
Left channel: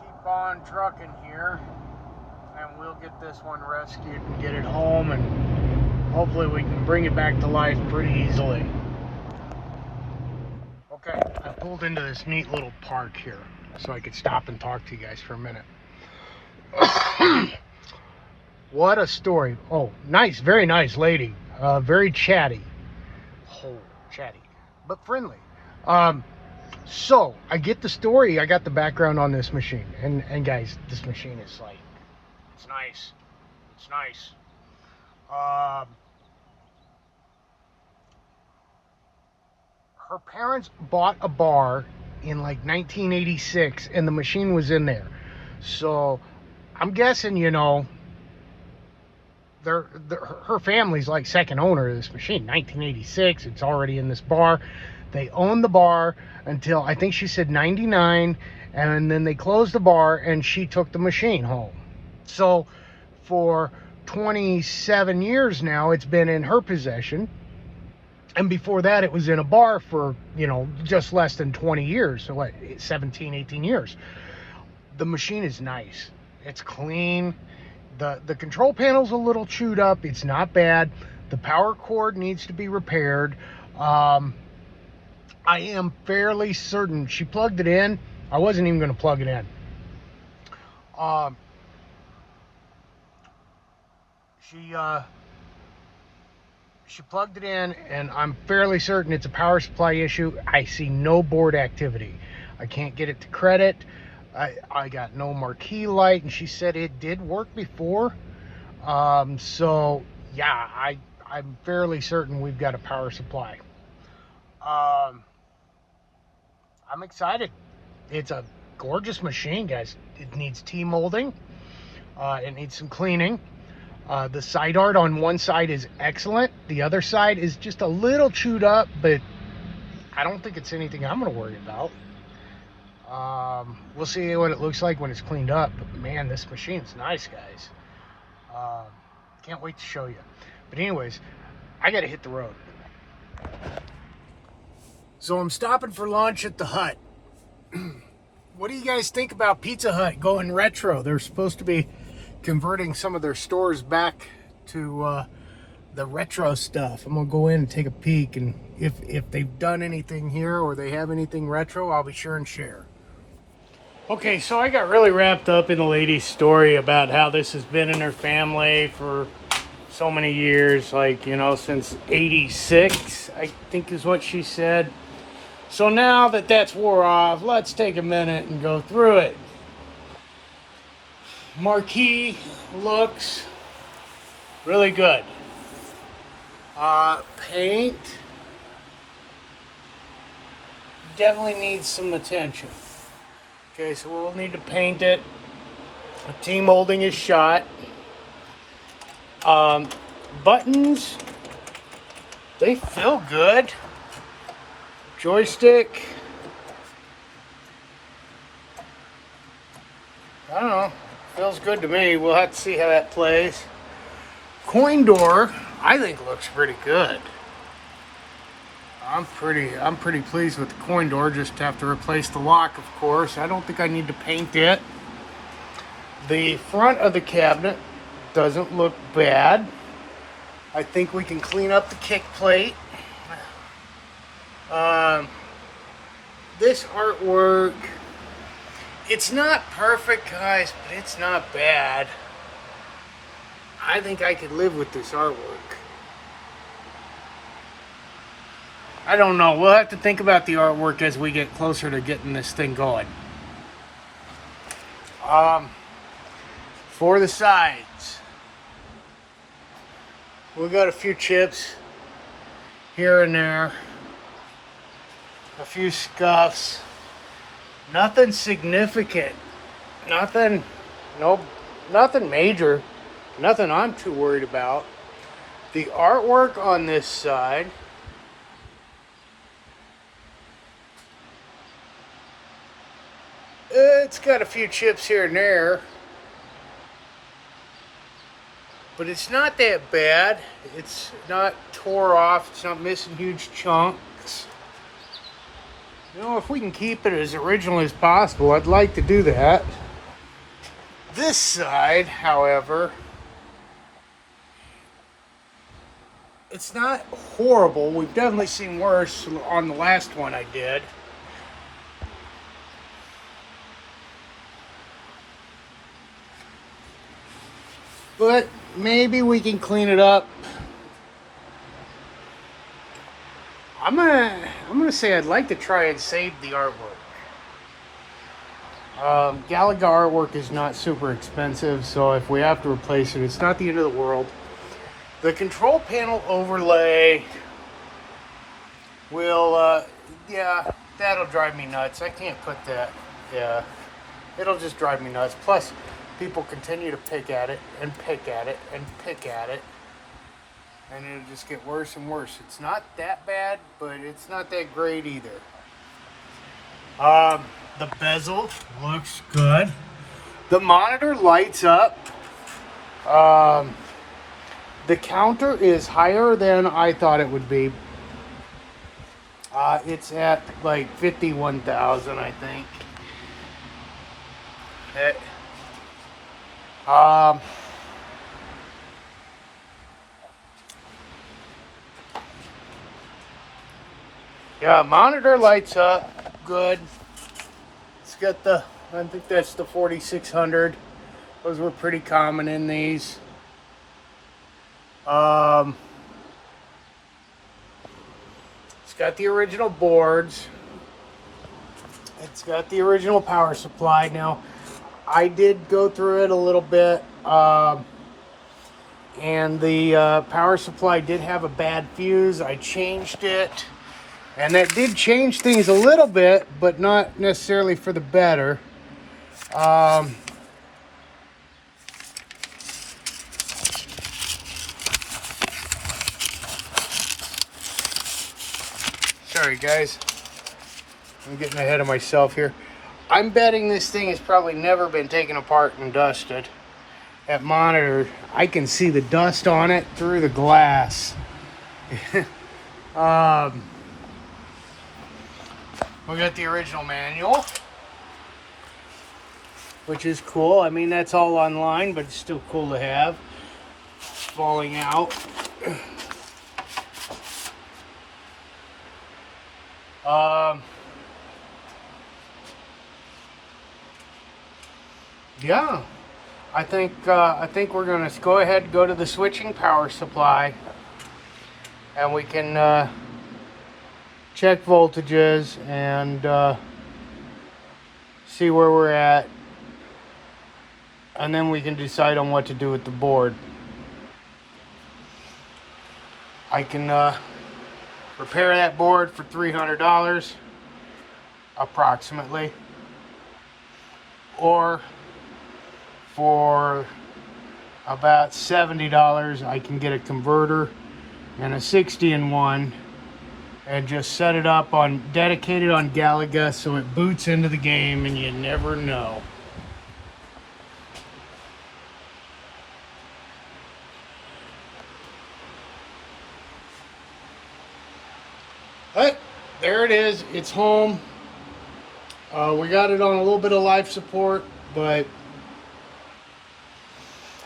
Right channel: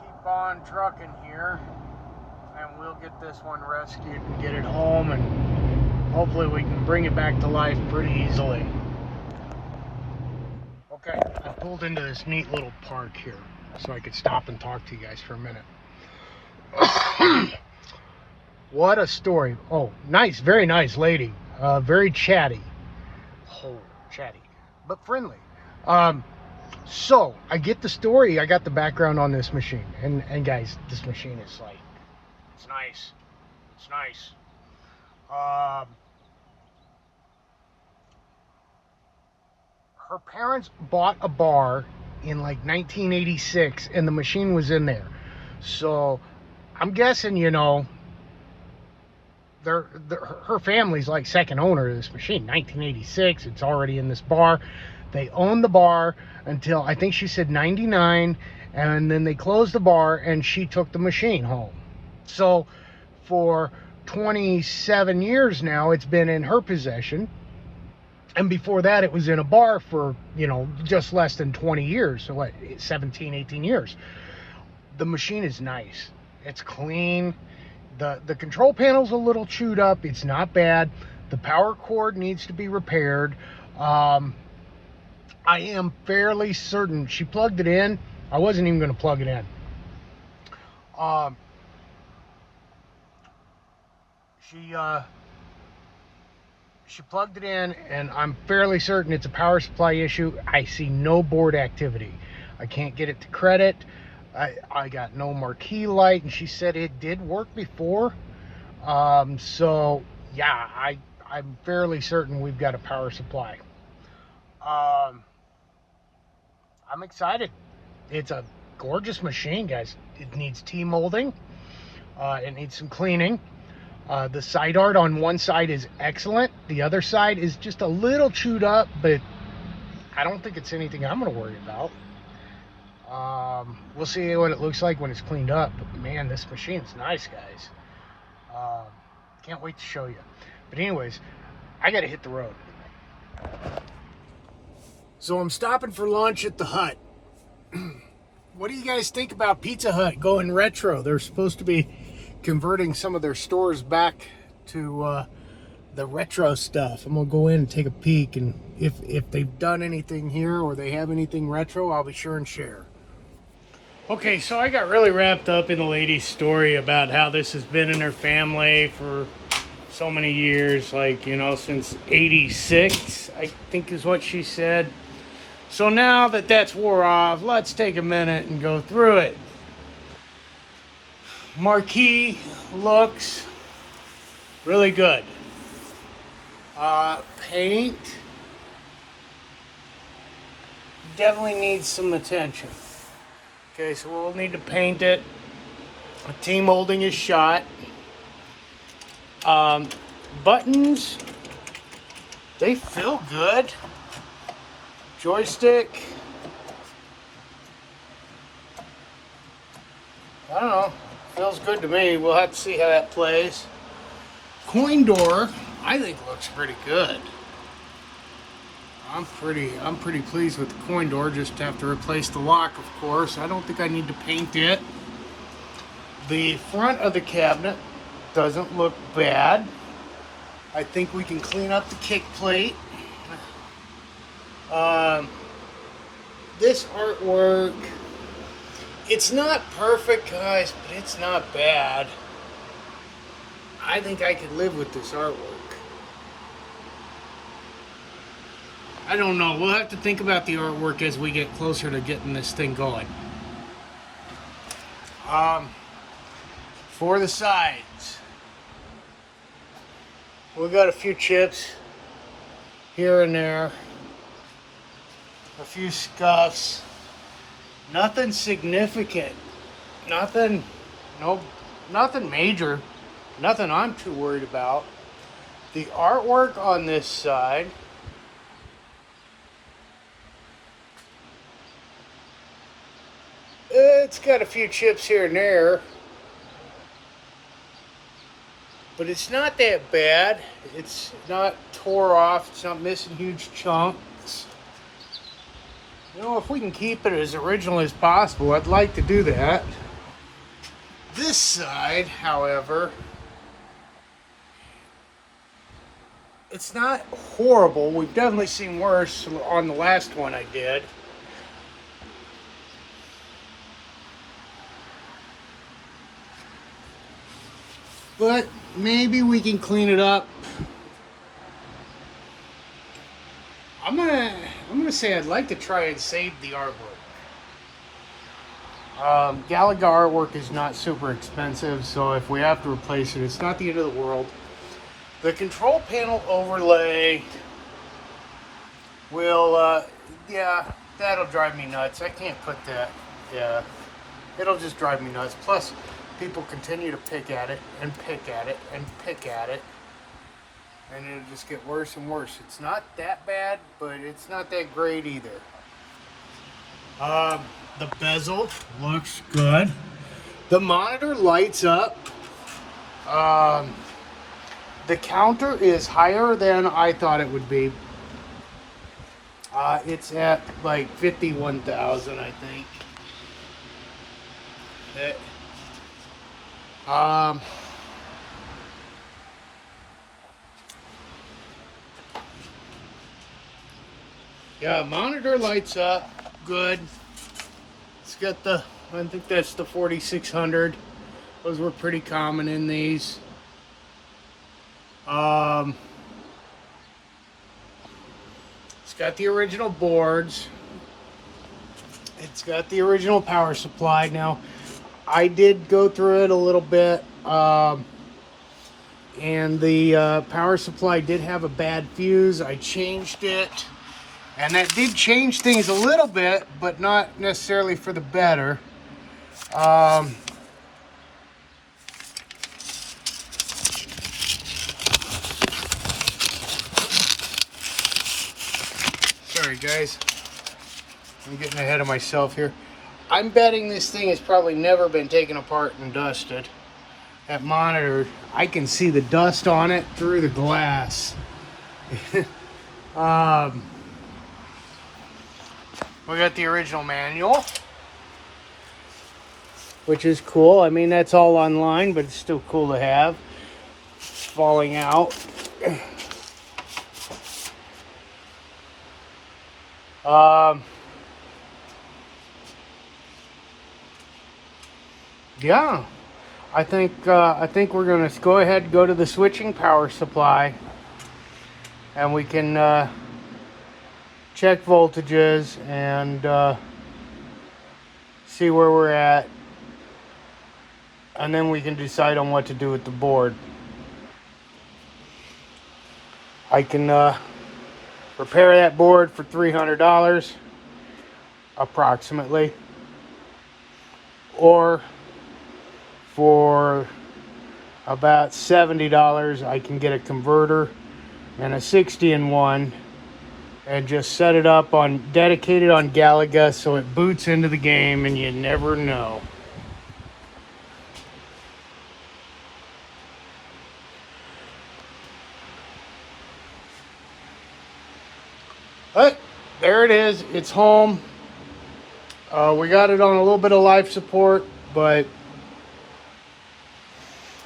keep on trucking here, and we'll get this one rescued and get it home, and hopefully we can bring it back to life pretty easily. Okay, I pulled into this neat little park here so I could stop and talk to you guys for a minute. What a story. Oh, nice, very nice lady. Very chatty. Oh, chatty, but friendly. So, I get the story. I got the background on this machine. And guys, this machine is like, it's nice. It's nice. Her parents bought a bar in like 1986, and the machine was in there. So I'm guessing, her family's like second owner of this machine. 1986, it's already in this bar. They owned the bar until I think she said 99, and then they closed the bar and she took the machine home. So for 27 years now, it's been in her possession. And before that, it was in a bar for, just less than 20 years. So what, 17, 18 years. The machine is nice. It's clean. The control panel's a little chewed up. It's not bad. The power cord needs to be repaired. I am fairly certain she plugged it in. I wasn't even going to plug it in. She plugged it in, and I'm fairly certain it's a power supply issue. I see no board activity. I can't get it to credit. I got no marquee light, and she said it did work before. So yeah, I'm fairly certain we've got a power supply. I'm excited. It's a gorgeous machine, guys. It needs T-molding. It needs some cleaning. The side art on one side is excellent. The other side is just a little chewed up, but I don't think it's anything I'm going to worry about. We'll see what it looks like when it's cleaned up. But man, this machine's nice, guys. Can't wait to show you. But anyways, I got to hit the road. So I'm stopping for lunch at the Hut. What do you guys think about Pizza Hut going retro? They're supposed to be converting some of their stores back to the retro stuff. I'm gonna go in and take a peek, and if they've done anything here or they have anything retro, I'll be sure and share. Okay, so I got really wrapped up in a lady's story about how this has been in her family for so many years, like, you know, since '86, I think is what she said. So now that that's wore off, let's take a minute and go through it. Marquee looks really good. Paint definitely needs some attention. Okay, so we'll need to paint it. The T-molding is shot. Buttons, they feel good. Joystick, I don't know, feels good to me. We'll have to see how that plays. Coin door, I think looks pretty good. I'm pretty pleased with the coin door. Just have to replace the lock, of course. I don't think I need to paint it. The front of the cabinet doesn't look bad. I think we can clean up the kick plate. This artwork, it's not perfect, guys, but it's not bad. I think I could live with this artwork. I don't know. We'll have to think about the artwork as we get closer to getting this thing going. For the sides, we got a few chips here and there. A few scuffs, nothing significant, nothing major, nothing I'm too worried about. The artwork on this side, it's got a few chips here and there, but it's not that bad. It's not tore off, it's not missing huge chunks. You know, if we can keep it as original as possible, I'd like to do that. This side, however, it's not horrible. We've definitely seen worse on the last one I did. But maybe we can clean it up. I'm gonna say I'd like to try and save the artwork. Galaga artwork is not super expensive, so if we have to replace it, it's not the end of the world. The control panel overlay will, yeah, that'll drive me nuts. I can't put that, yeah. It'll just drive me nuts. Plus, people continue to pick at it, and pick at it, and pick at it. And it'll just get worse and worse. It's not that bad, but it's not that great either. The bezel looks good. The monitor lights up. The counter is higher than I thought it would be. It's at like 51,000, I think. Yeah, monitor lights up good. It's got the, I think that's the 4600. Those were pretty common in these. It's got the original boards. It's got the original power supply. Now, I did go through it a little bit, and the power supply did have a bad fuse. I changed it. And that did change things a little bit, but not necessarily for the better. Sorry guys, I'm getting ahead of myself here. I'm betting this thing has probably never been taken apart and dusted. That monitor, I can see the dust on it through the glass. We got the original manual, which is cool. I mean, that's all online, but it's still cool to have. Falling out. Yeah, I think we're gonna go ahead and go to the switching power supply, and we can check voltages and see where we're at, and then we can decide on what to do with the board. I can repair that board for $300 approximately, or for about $70 I can get a converter and a 60-in-1 and just set it up on dedicated on Galaga so it boots into the game, and you never know. But there it is, it's home. We got it on a little bit of life support, but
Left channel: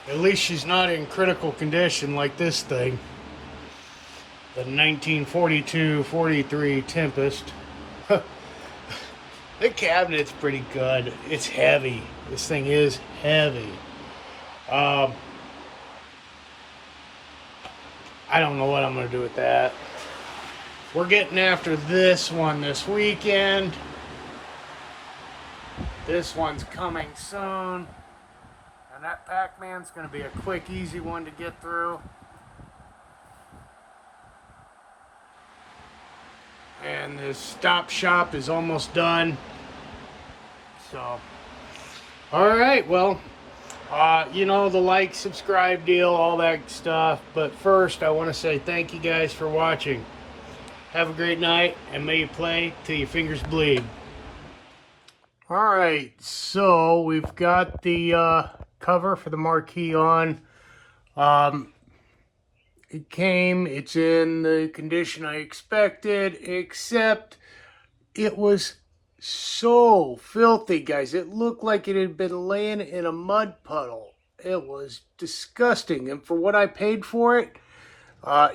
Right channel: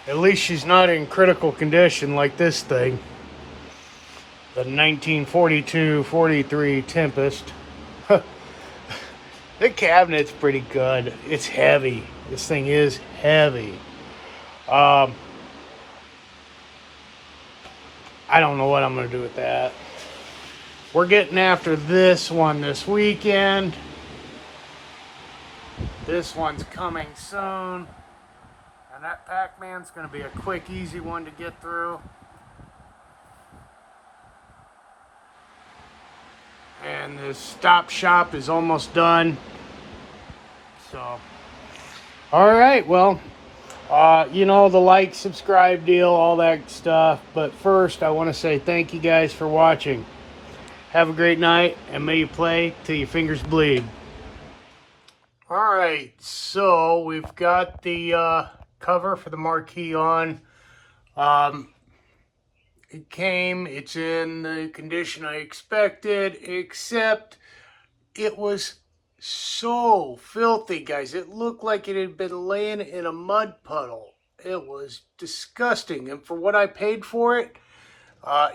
at least she's not in critical condition like this thing. The 1942-43 Tempest. The cabinet's pretty good. It's heavy. This thing is heavy. I don't know what I'm going to do with that. We're getting after this one this weekend. This one's coming soon. And that Pac-Man's going to be a quick, easy one to get through. And the Stop Shop is almost done. So, all right, well, you know, the like, subscribe deal, all that stuff. But first, I want to say thank you guys for watching. Have a great night, and may you play till your fingers bleed. All right, so we've got the cover for the marquee on. It came, it's in the condition I expected, except it was so filthy, guys. It looked like it had been laying in a mud puddle. It was disgusting, and for what I paid for it,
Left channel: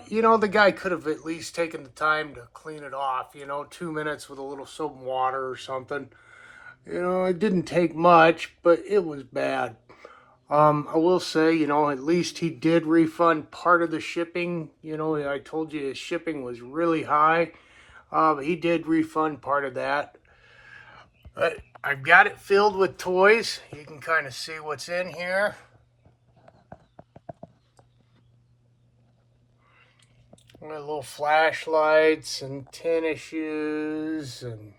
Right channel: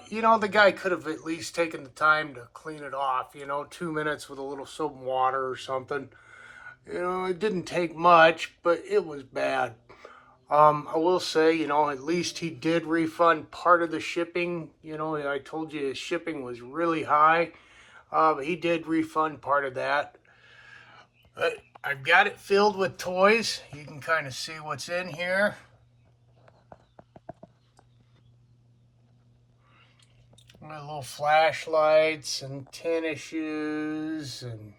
you know, the guy could have at least taken the time to clean it off, you know, 2 minutes with a little soap and water or something. You know, it didn't take much, but it was bad. I will say, you know, at least he did refund part of the shipping. You know, I told you his shipping was really high. He did refund part of that. But I've got it filled with toys. You can kind of see what's in here. Little flashlights and tennis shoes and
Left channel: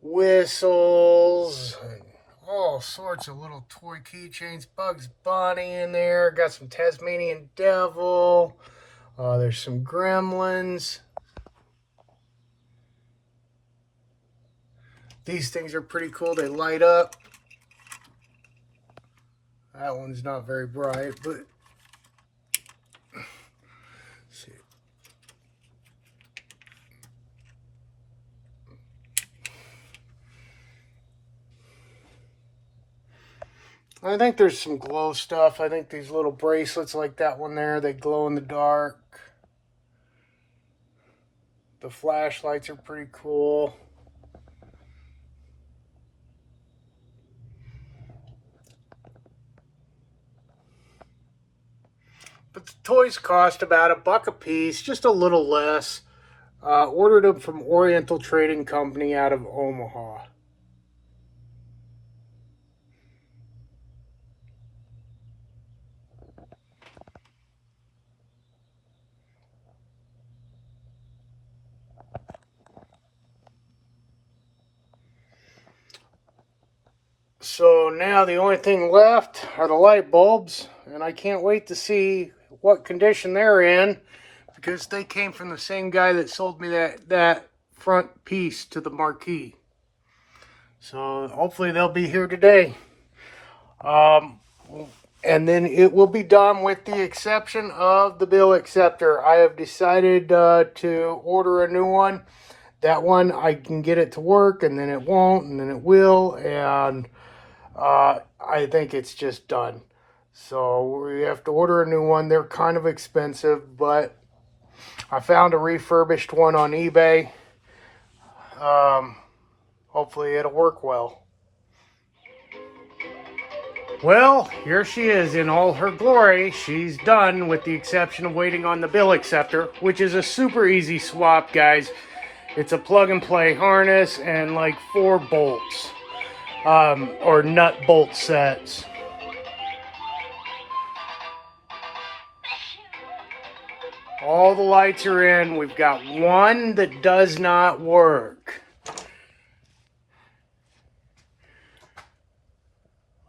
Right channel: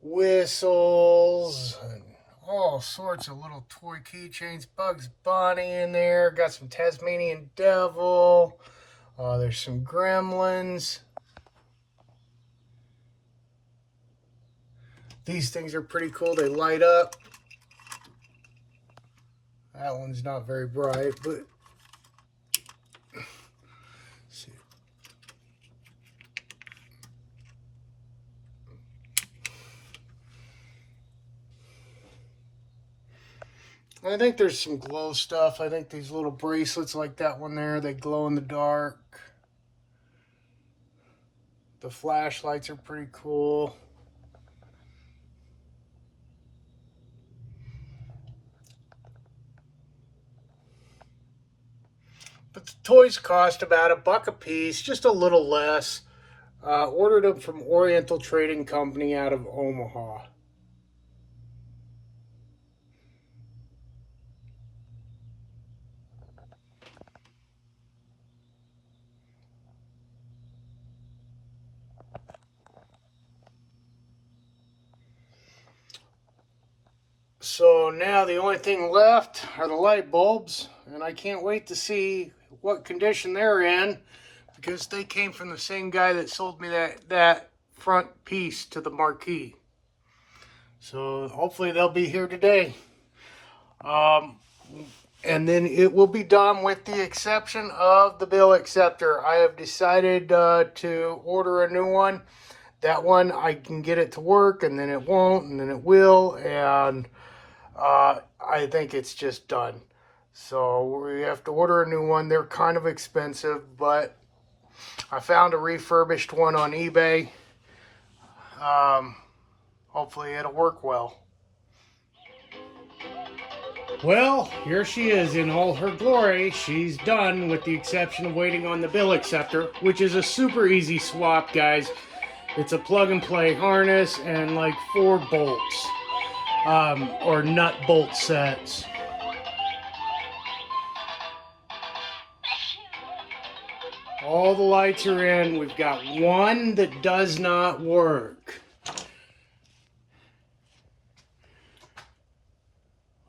whistles and all sorts of little toy keychains. Bugs Bunny in there. Got some Tasmanian Devil. There's some Gremlins. These things are pretty cool. They light up. That one's not very bright, but see. I think there's some glow stuff. I think these little bracelets like that one there, they glow in the dark. The flashlights are pretty cool. But the toys cost about $1 a piece, just a little less. Ordered them from Oriental Trading Company out of Omaha. So now the only thing left are the light bulbs, and I can't wait to see what condition they're in, because they came from the same guy that sold me that front piece to the marquee. So hopefully they'll be here today. And then it will be done with the exception of the bill acceptor. I have decided to order a new one. That one, I can get it to work, and then it won't, and then it will, and I think it's just done. So we have to order a new one. They're kind of expensive, but I found a refurbished one on eBay. Hopefully it'll work well. Well, here she is in all her glory. She's done, with the exception of waiting on the bill acceptor, which is a super easy swap, guys. It's a plug and play harness and like 4 bolts, or nut bolt sets. All the lights are in. We've got one that does not work.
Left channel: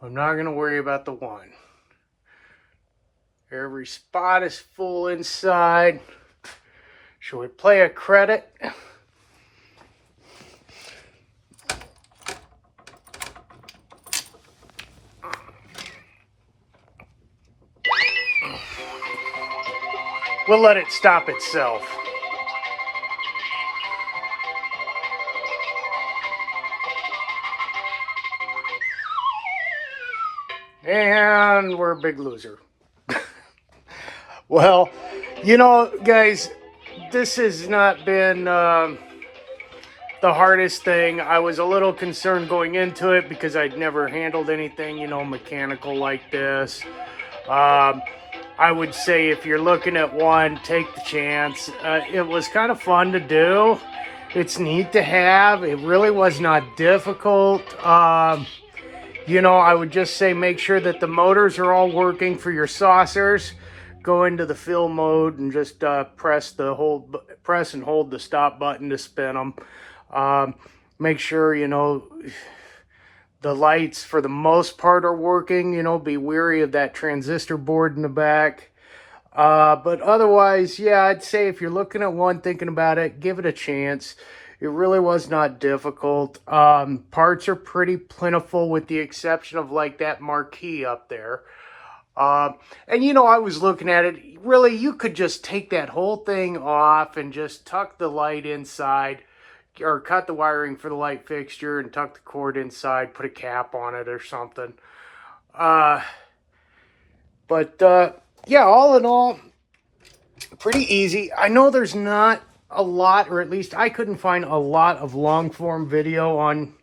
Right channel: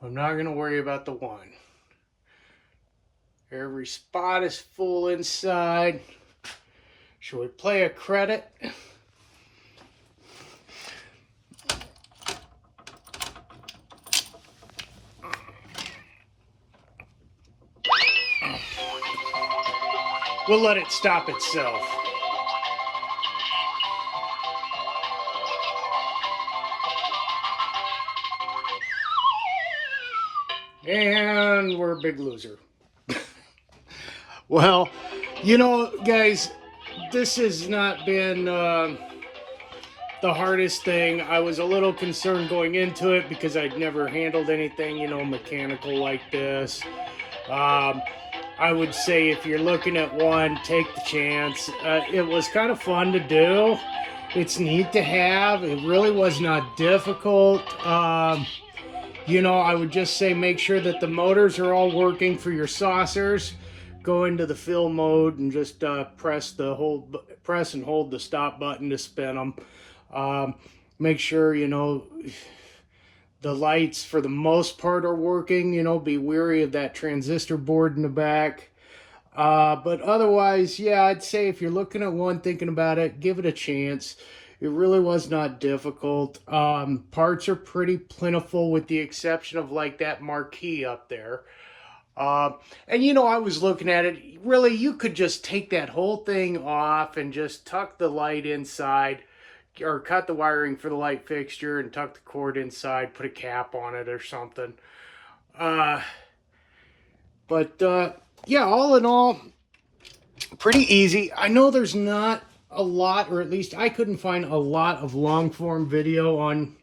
I'm not going to worry about the one. Every spot is full inside. Shall we play a credit? We'll let it stop itself. And we're a big loser. Well, you know, guys, this has not been the hardest thing. I was a little concerned going into it because I'd never handled anything, you know, mechanical like this. I would say if you're looking at one, take the chance. It was kind of fun to do. It's neat to have. It really was not difficult. You know, I would just say make sure that the motors are all working for your saucers. Go into the fill mode and just press and hold the stop button to spin them. Make sure, you know, the lights for the most part are working. You know, be wary of that transistor board in the back. But otherwise, yeah, I'd say if you're looking at one, thinking about it, give it a chance. It really was not difficult. Parts are pretty plentiful with the exception of like that marquee up there. And you know, I was looking at it, really you could just take that whole thing off and just tuck the light inside, or cut the wiring for the light fixture and tuck the cord inside, put a cap on it or something. Yeah, all in all, pretty easy. I know there's not a lot, or at least I couldn't find a lot of long form video on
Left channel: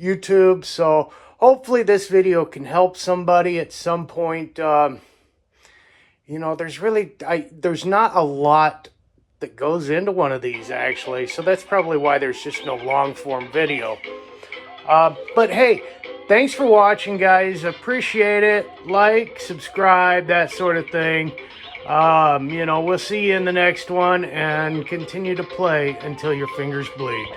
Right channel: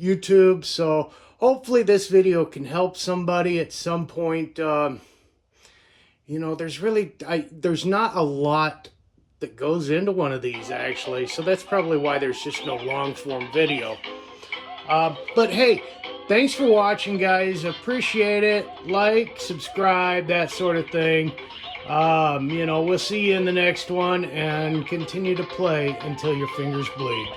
YouTube, so hopefully this video can help somebody at some point. You know, there's not a lot that goes into one of these actually, so that's probably why there's just no long form video. But hey, thanks for watching, guys. Appreciate it. Like, subscribe, that sort of thing. You know, we'll see you in the next one, and continue to play until your fingers bleed.